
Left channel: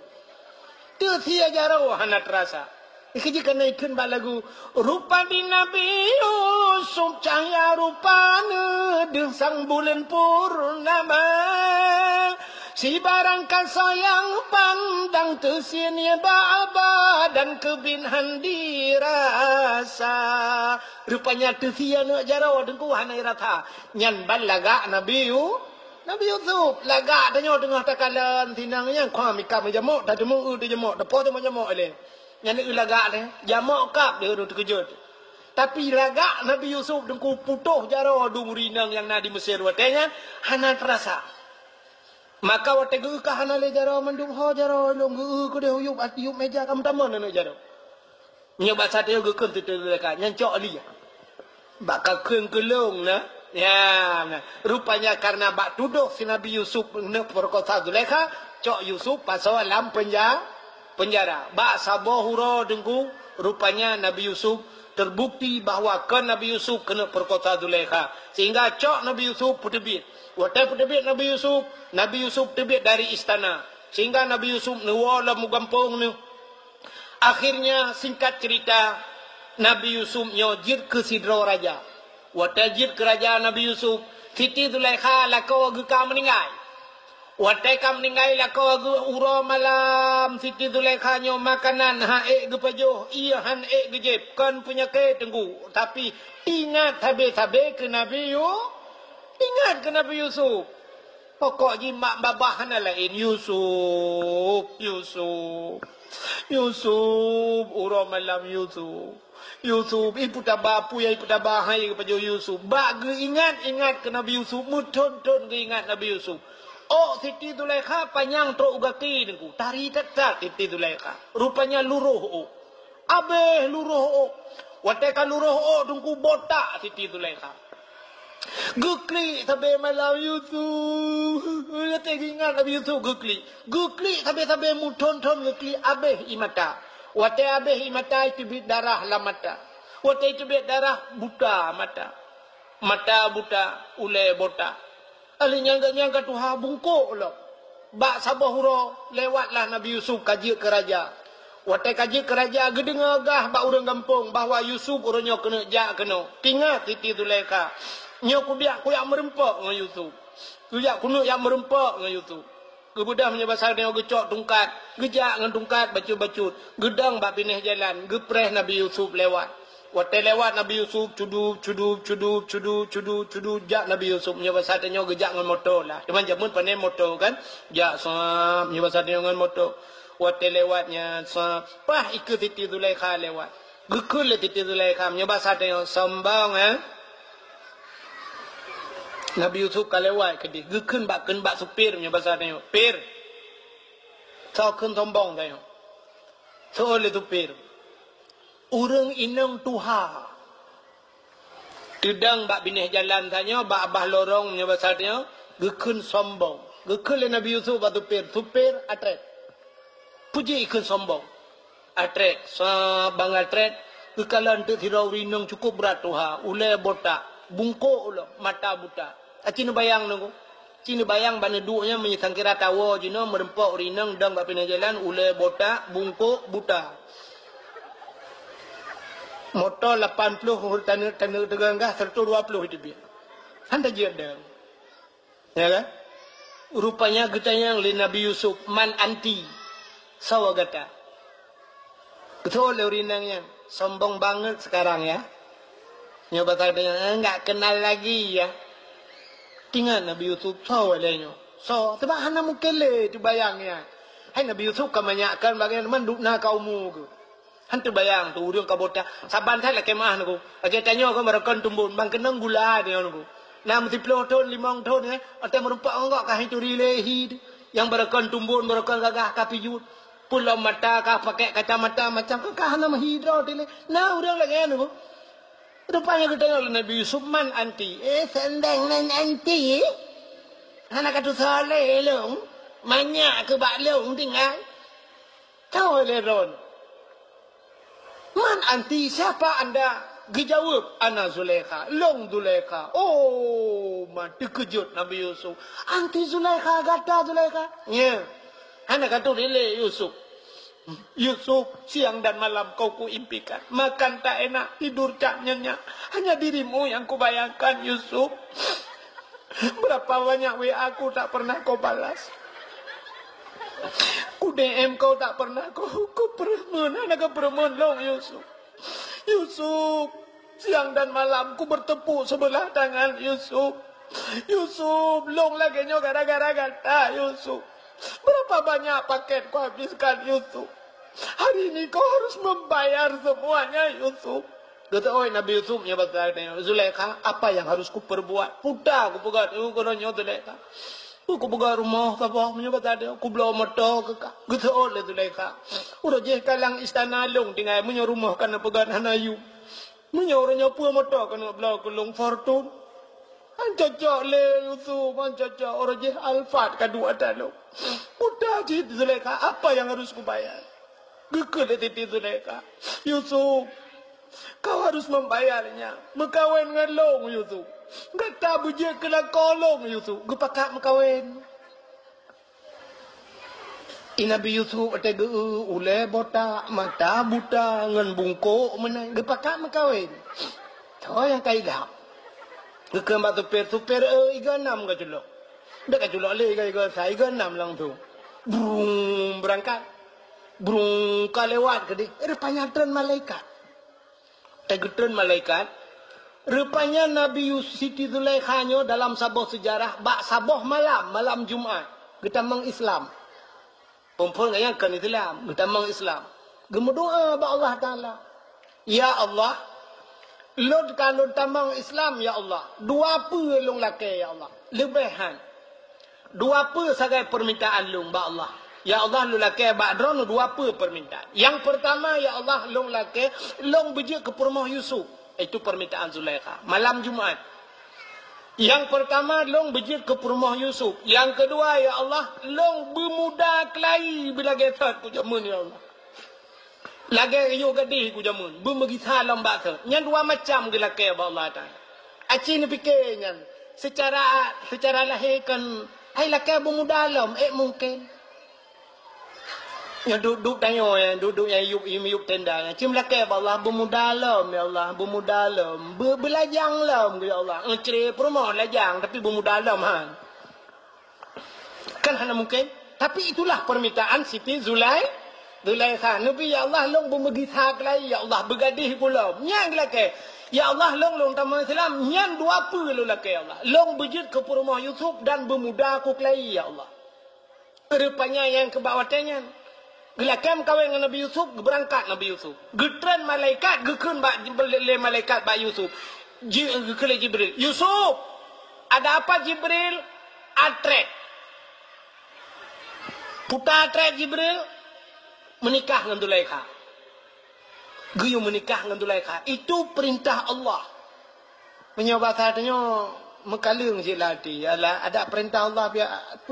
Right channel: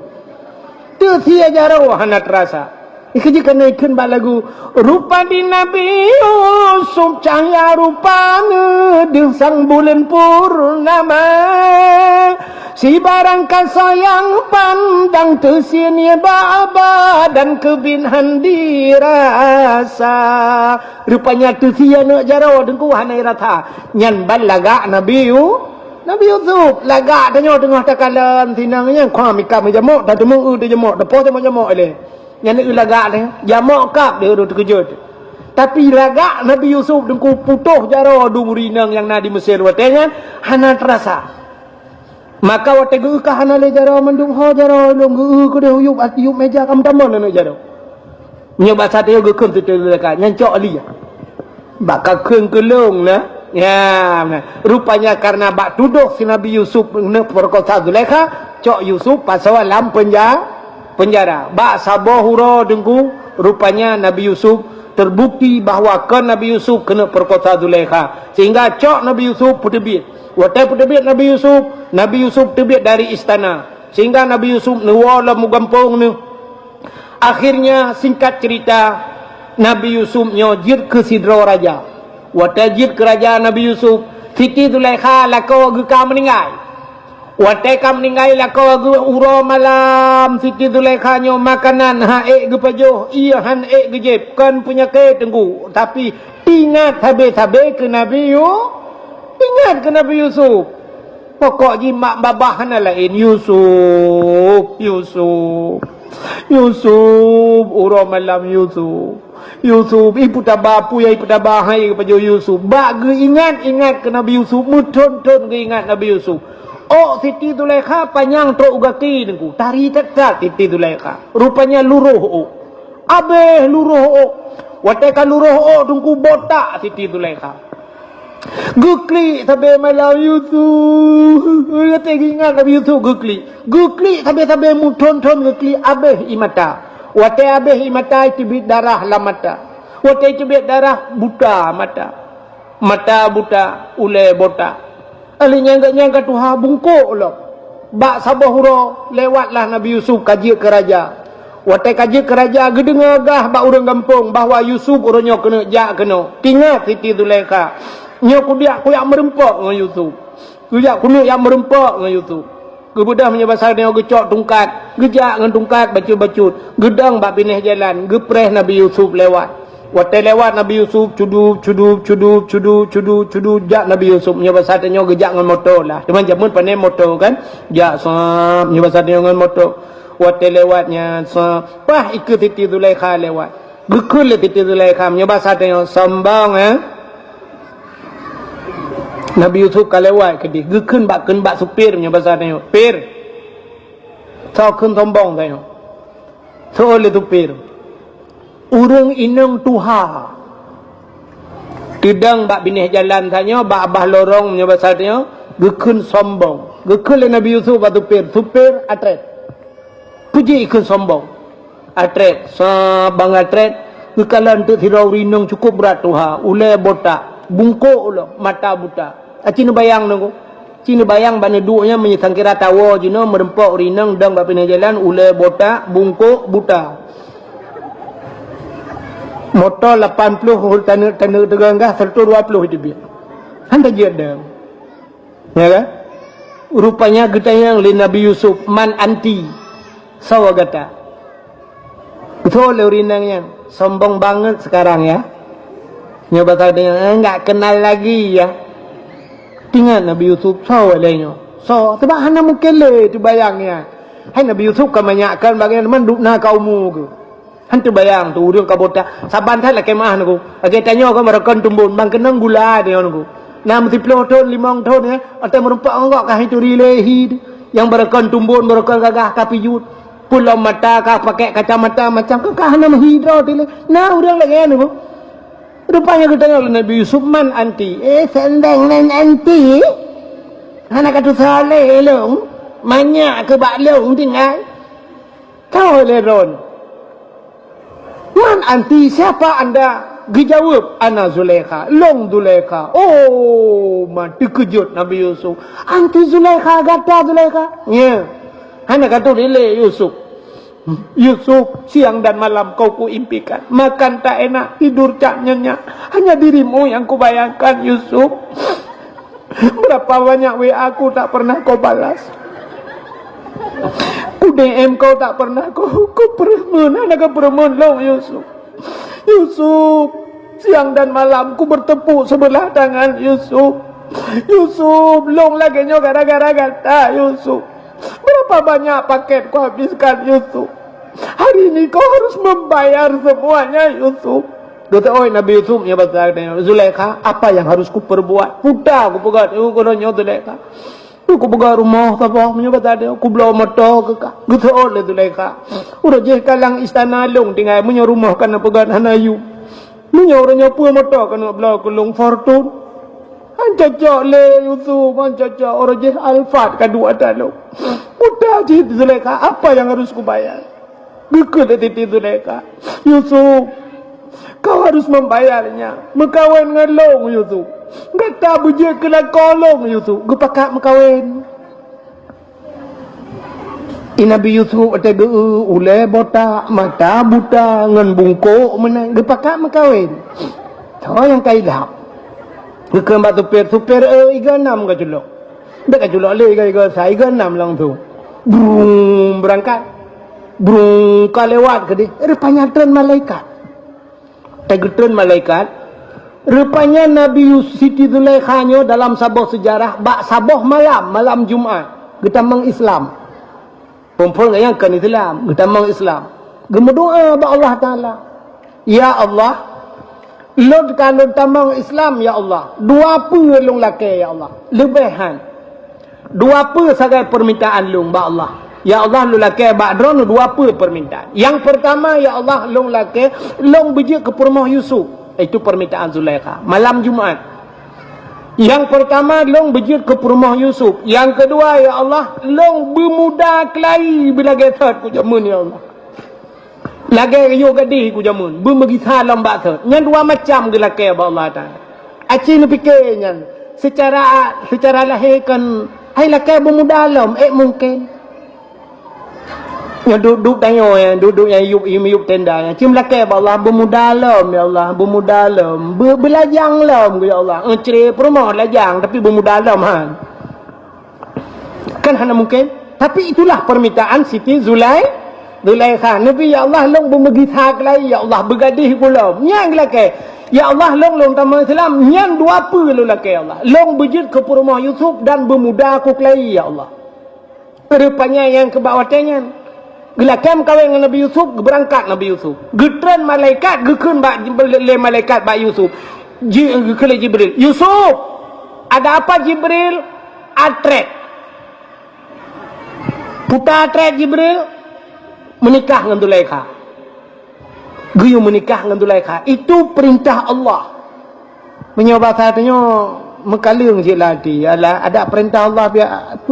Tu sia jara hana terasa. Ikajikan ikan bak lagu rupa di Nabi Yusuf cahaya rupanya di sang bulan purnama si barang kasayang pandang tersinya baba dan kebinhan dirasa rupanya tersia nak jaro dengku hanai rata nyan ban lagak Nabi Yusuf lagak tanya tengah takalan sinangnya kau mikam jamok tak temu jamok depo temu jamok ele yang ni lagak ni jamak kap dia duduk terkejut. Tapi lagak Nabi Yusuf dengku putuh jaro du rinang yang na di Mesir watenya hana terasa. Maka wate gu ka hana le jaro mendung ho jaro long gu ku de huyup ati yup meja kam tamon na jaro. Nyoba sate gu kun tu lagak nyancok ali. Bakal keung kelung na. Ya, rupanya karena bak tuduh si Nabi Yusuf nak perkosa Zulaikha, cok Yusuf pasal dalam penjara. Bak sabahura dengku rupanya Nabi Yusuf terbukti bahawa kan Nabi Yusuf kena perkosa Zulaikha. Sehingga cok Nabi Yusuf putebit. Watai putebit Nabi Yusuf tebit dari istana. Sehingga Nabi Yusuf nuwala mugampung ni. Akhirnya singkat cerita Nabi Yusuf nyojir ke sidra raja. Watai jir kerajaan Nabi Yusuf Siti Zulaikha lakau geka meninggal. Watai kam meninggal lakau gu uro malam Siti Zulaikha nyo makanan haek gu pajoh iya han ek gu jeb kan punya ke tenggu tapi ingat tabe-tabe ke Nabi Yusuf pokok jimak babah na lain Yusuf uro malam Yusuf ibu tabapu ya ibu tabahai pajoh Yusuf bak gu ingat ke Nabi Yusuf mutun-tun gu ingat Nabi Yusuf. Oh Siti Zulaikha panjang truk ugati nengku. Tari tetap Siti Zulaikha. Rupanya luruh. Abeh luruh. Wateka luruh nengku botak Siti Zulaikha. Gukli sampai malam Yusuf. Ya ingat Nabi Yusuf gukli. Gukli sampai muton-ton gukli abeh imata. Wate abeh imata itu bit darah la mata. Wate itu bit darah buta mata. Mata buta ule bota. Ali nyangka Tuhan bungkuk lo. Bak sabahuro lewatlah Nabi Yusuf kaji ke raja. Wate kaji ke raja gedengar gah bak urang kampung bahawa Yusuf orangnya kena jak kena. Tinggal Siti Zulaikha. Nya kudiak ku yang merempak dengan Yusuf. Kudiak kuno yang merempak dengan Yusuf. Kemudian punya bahasa dia gecok tungkat, gejak dengan tungkat bacut-bacut. Gedang bak pineh jalan, gepreh Nabi Yusuf lewat. Waktu lewat Nabi Yusuf cudup jak Nabi Yusuf punya bahasa dia gejak dengan motor lah. Cuman jamun pandai motor kan. Jak sap punya bahasa dia dengan motor. Waktu lewatnya sap, wah ikut Siti Zulaikha lewat. Gekul Siti Zulaikha punya bahasa dia sambang Nabi Yusuf kalewat ke dia. Gekun bak supir punya bahasa dia. Pir. Kau kun sombong kaya. So oleh tu pir. Urang inang tuha. Tidang bak binih jalan tanya. Bak abah lorong punya bahasa dia. Gekun sombong. Gekun le Nabi Yusuf bak tu pir. Supir atret. Puji ikun sombong. Atret. Sabang atret. Kekalan tu tirau rinang cukup berat tuha. Ulai botak. Bungkuk lo. Mata buta. Cina bayang nunggu. Cina bayang bana duanya menyesangkira tawa jina merempak rinang dang bak pindah jalan ulai botak bungkuk buta. Motor 80 hul tanah teganggah 120 itu dia. Handa je ada. Ya kan? Rupanya getayang li Nabi Yusuf man anti sawa gata. Betul le rinangnya sombong banget sekarang ya. Nyoba tahu dengan enggak kenal lagi ya. Tinggal Nabi Yusuf saw lainnya. So, sebab hana mukele tu bayangnya. Hai Nabi Yusuf kebanyakan bagian manduk na kaumu ke. Hantu bayang tu urang kabota. Saban thai la kemah naku. Age tanya ko marakan tumbun bang kenang gula dia naku. Na mesti 10 tahun 5 tahun ya. Atau merempak engkau kah itu rilehi yang barakan tumbun barakan gagah kapijut. Pulau mata kah pakai kacamata macam kah hana menghidra tile. Nah urang lagi naku. Rupanya kita tanya Nabi Yusuf man anti. Sendang nan anti. Anak kata saleh long. Banyak ke bak long tinggal. Tahu leron. Man anti siapa anda? Dijawab ana Zulaikha. Long Zulaikha. Oh mati kejut Nabi Yusuf. Anti Zulaikha kata Zulaikha. Ya. Anak kata dile Yusuf. Yusuf, siang dan malam kau kuimpikan. Makan tak enak, tidur tak nyenyak. Hanya dirimu yang kubayangkan Yusuf. Berapa banyak WA aku tak pernah kau balas. DM kau tak pernah kau permen. Anak permen long Yusuf. Yusuf, siang dan malam ku bertepuk sebelah tangan Yusuf. Yusuf, long lagi nyo gara-gara kata Yusuf. Berapa banyak paket kau habiskan Yusuf? Hari ini kau harus membayar semuanya Yusuf. Kata oi Nabi Yusuf ya bahasa Zulaikha, apa yang harus ku perbuat? Putar ku pegat aku kononyo Zulaikha. Ku pegat rumah apa menyebut ada ku bela motor ke ka. Kata oi Zulaikha. Udah je kalang istana long tinggal punya rumah kana pegat hanayu. Punya orangnya punya motor kana bela kulung fortune. Ancacak le Yusuf, ancacak orang je Alfat kedua talo. Udah je Zulaikha, apa yang harus ku bayar? Gekul Siti Zulaikha. Yusuf, kau harus membayarnya. Mekawin dengan long Yusuf. Enggak tahu je kena kolong Yusuf. Gepakat mekawin. Nabi Yusuf ada ulai botak, mata buta, ngan bungkuk menang. Gepakat mekawin. Tahu yang kaidah. Gekam batu supir iga 6 ke julok. Dak julok le iga saya iga 6 lang tu. Brum berangkat. Brum kalewat ke dia. Rupanya tren malaikat. Tren malaikat. Rupanya Nabi Yusuf Siti Zulaikha dalam sabah sejarah bak sabah malam Jumaat. Getamang Islam. Perempuan yang kan Islam, getamang Islam. Gemedoa ba Allah Taala. Ya Allah, Lord kalau tamang Islam ya Allah. Dua apa long laki ya Allah. Lebihan. Dua apa sagai permintaan long ba Allah. Ya Allah lu laki ba drone dua apa permintaan. Yang pertama ya Allah long laki long biji ke rumah Yusuf. Itu permintaan Zulaikha. Malam Jumaat. Yang pertama, long berjit ke rumah Yusuf. Yang kedua, ya Allah, long bermuda kelahi bila getat ku jamun, ya Allah. Lagi yo gadih ku jamun. Bermegi salam baksa. Yang dua macam gila ke Allah Ta'ala. Aci ni fikirnya. Secara lahir kan, hai laki bermuda alam, mungkin. Yang duduk tanya duduk yang yub tenda yang cim laki Allah bermuda alam ya Allah bermuda alam belajang alam ya Allah cerai perumah lajang tapi bermuda alam kan hanya mungkin tapi itulah permintaan Siti Zulaikha Nabi ya Allah long bermegithak lagi ya Allah bergadih pula yang laki ya Allah long tamu Islam yang dua puluh laki Allah long berjid ke rumah Yusuf dan bermuda aku lagi ya Allah rupanya yang kebawatannya Gelakam kawin dengan Nabi Yusuf, berangkat Nabi Yusuf. Getran malaikat, gekun le malaikat Pak Yusuf. Kele Jibril. Yusuf, ada apa Jibril? Atrek. Putar atrek Jibril, menikah dengan Zulaikha. Geyu menikah dengan Zulaikha. Itu perintah Allah. Menyoba katanya, mekalung je lagi. Ada perintah Allah, biar apa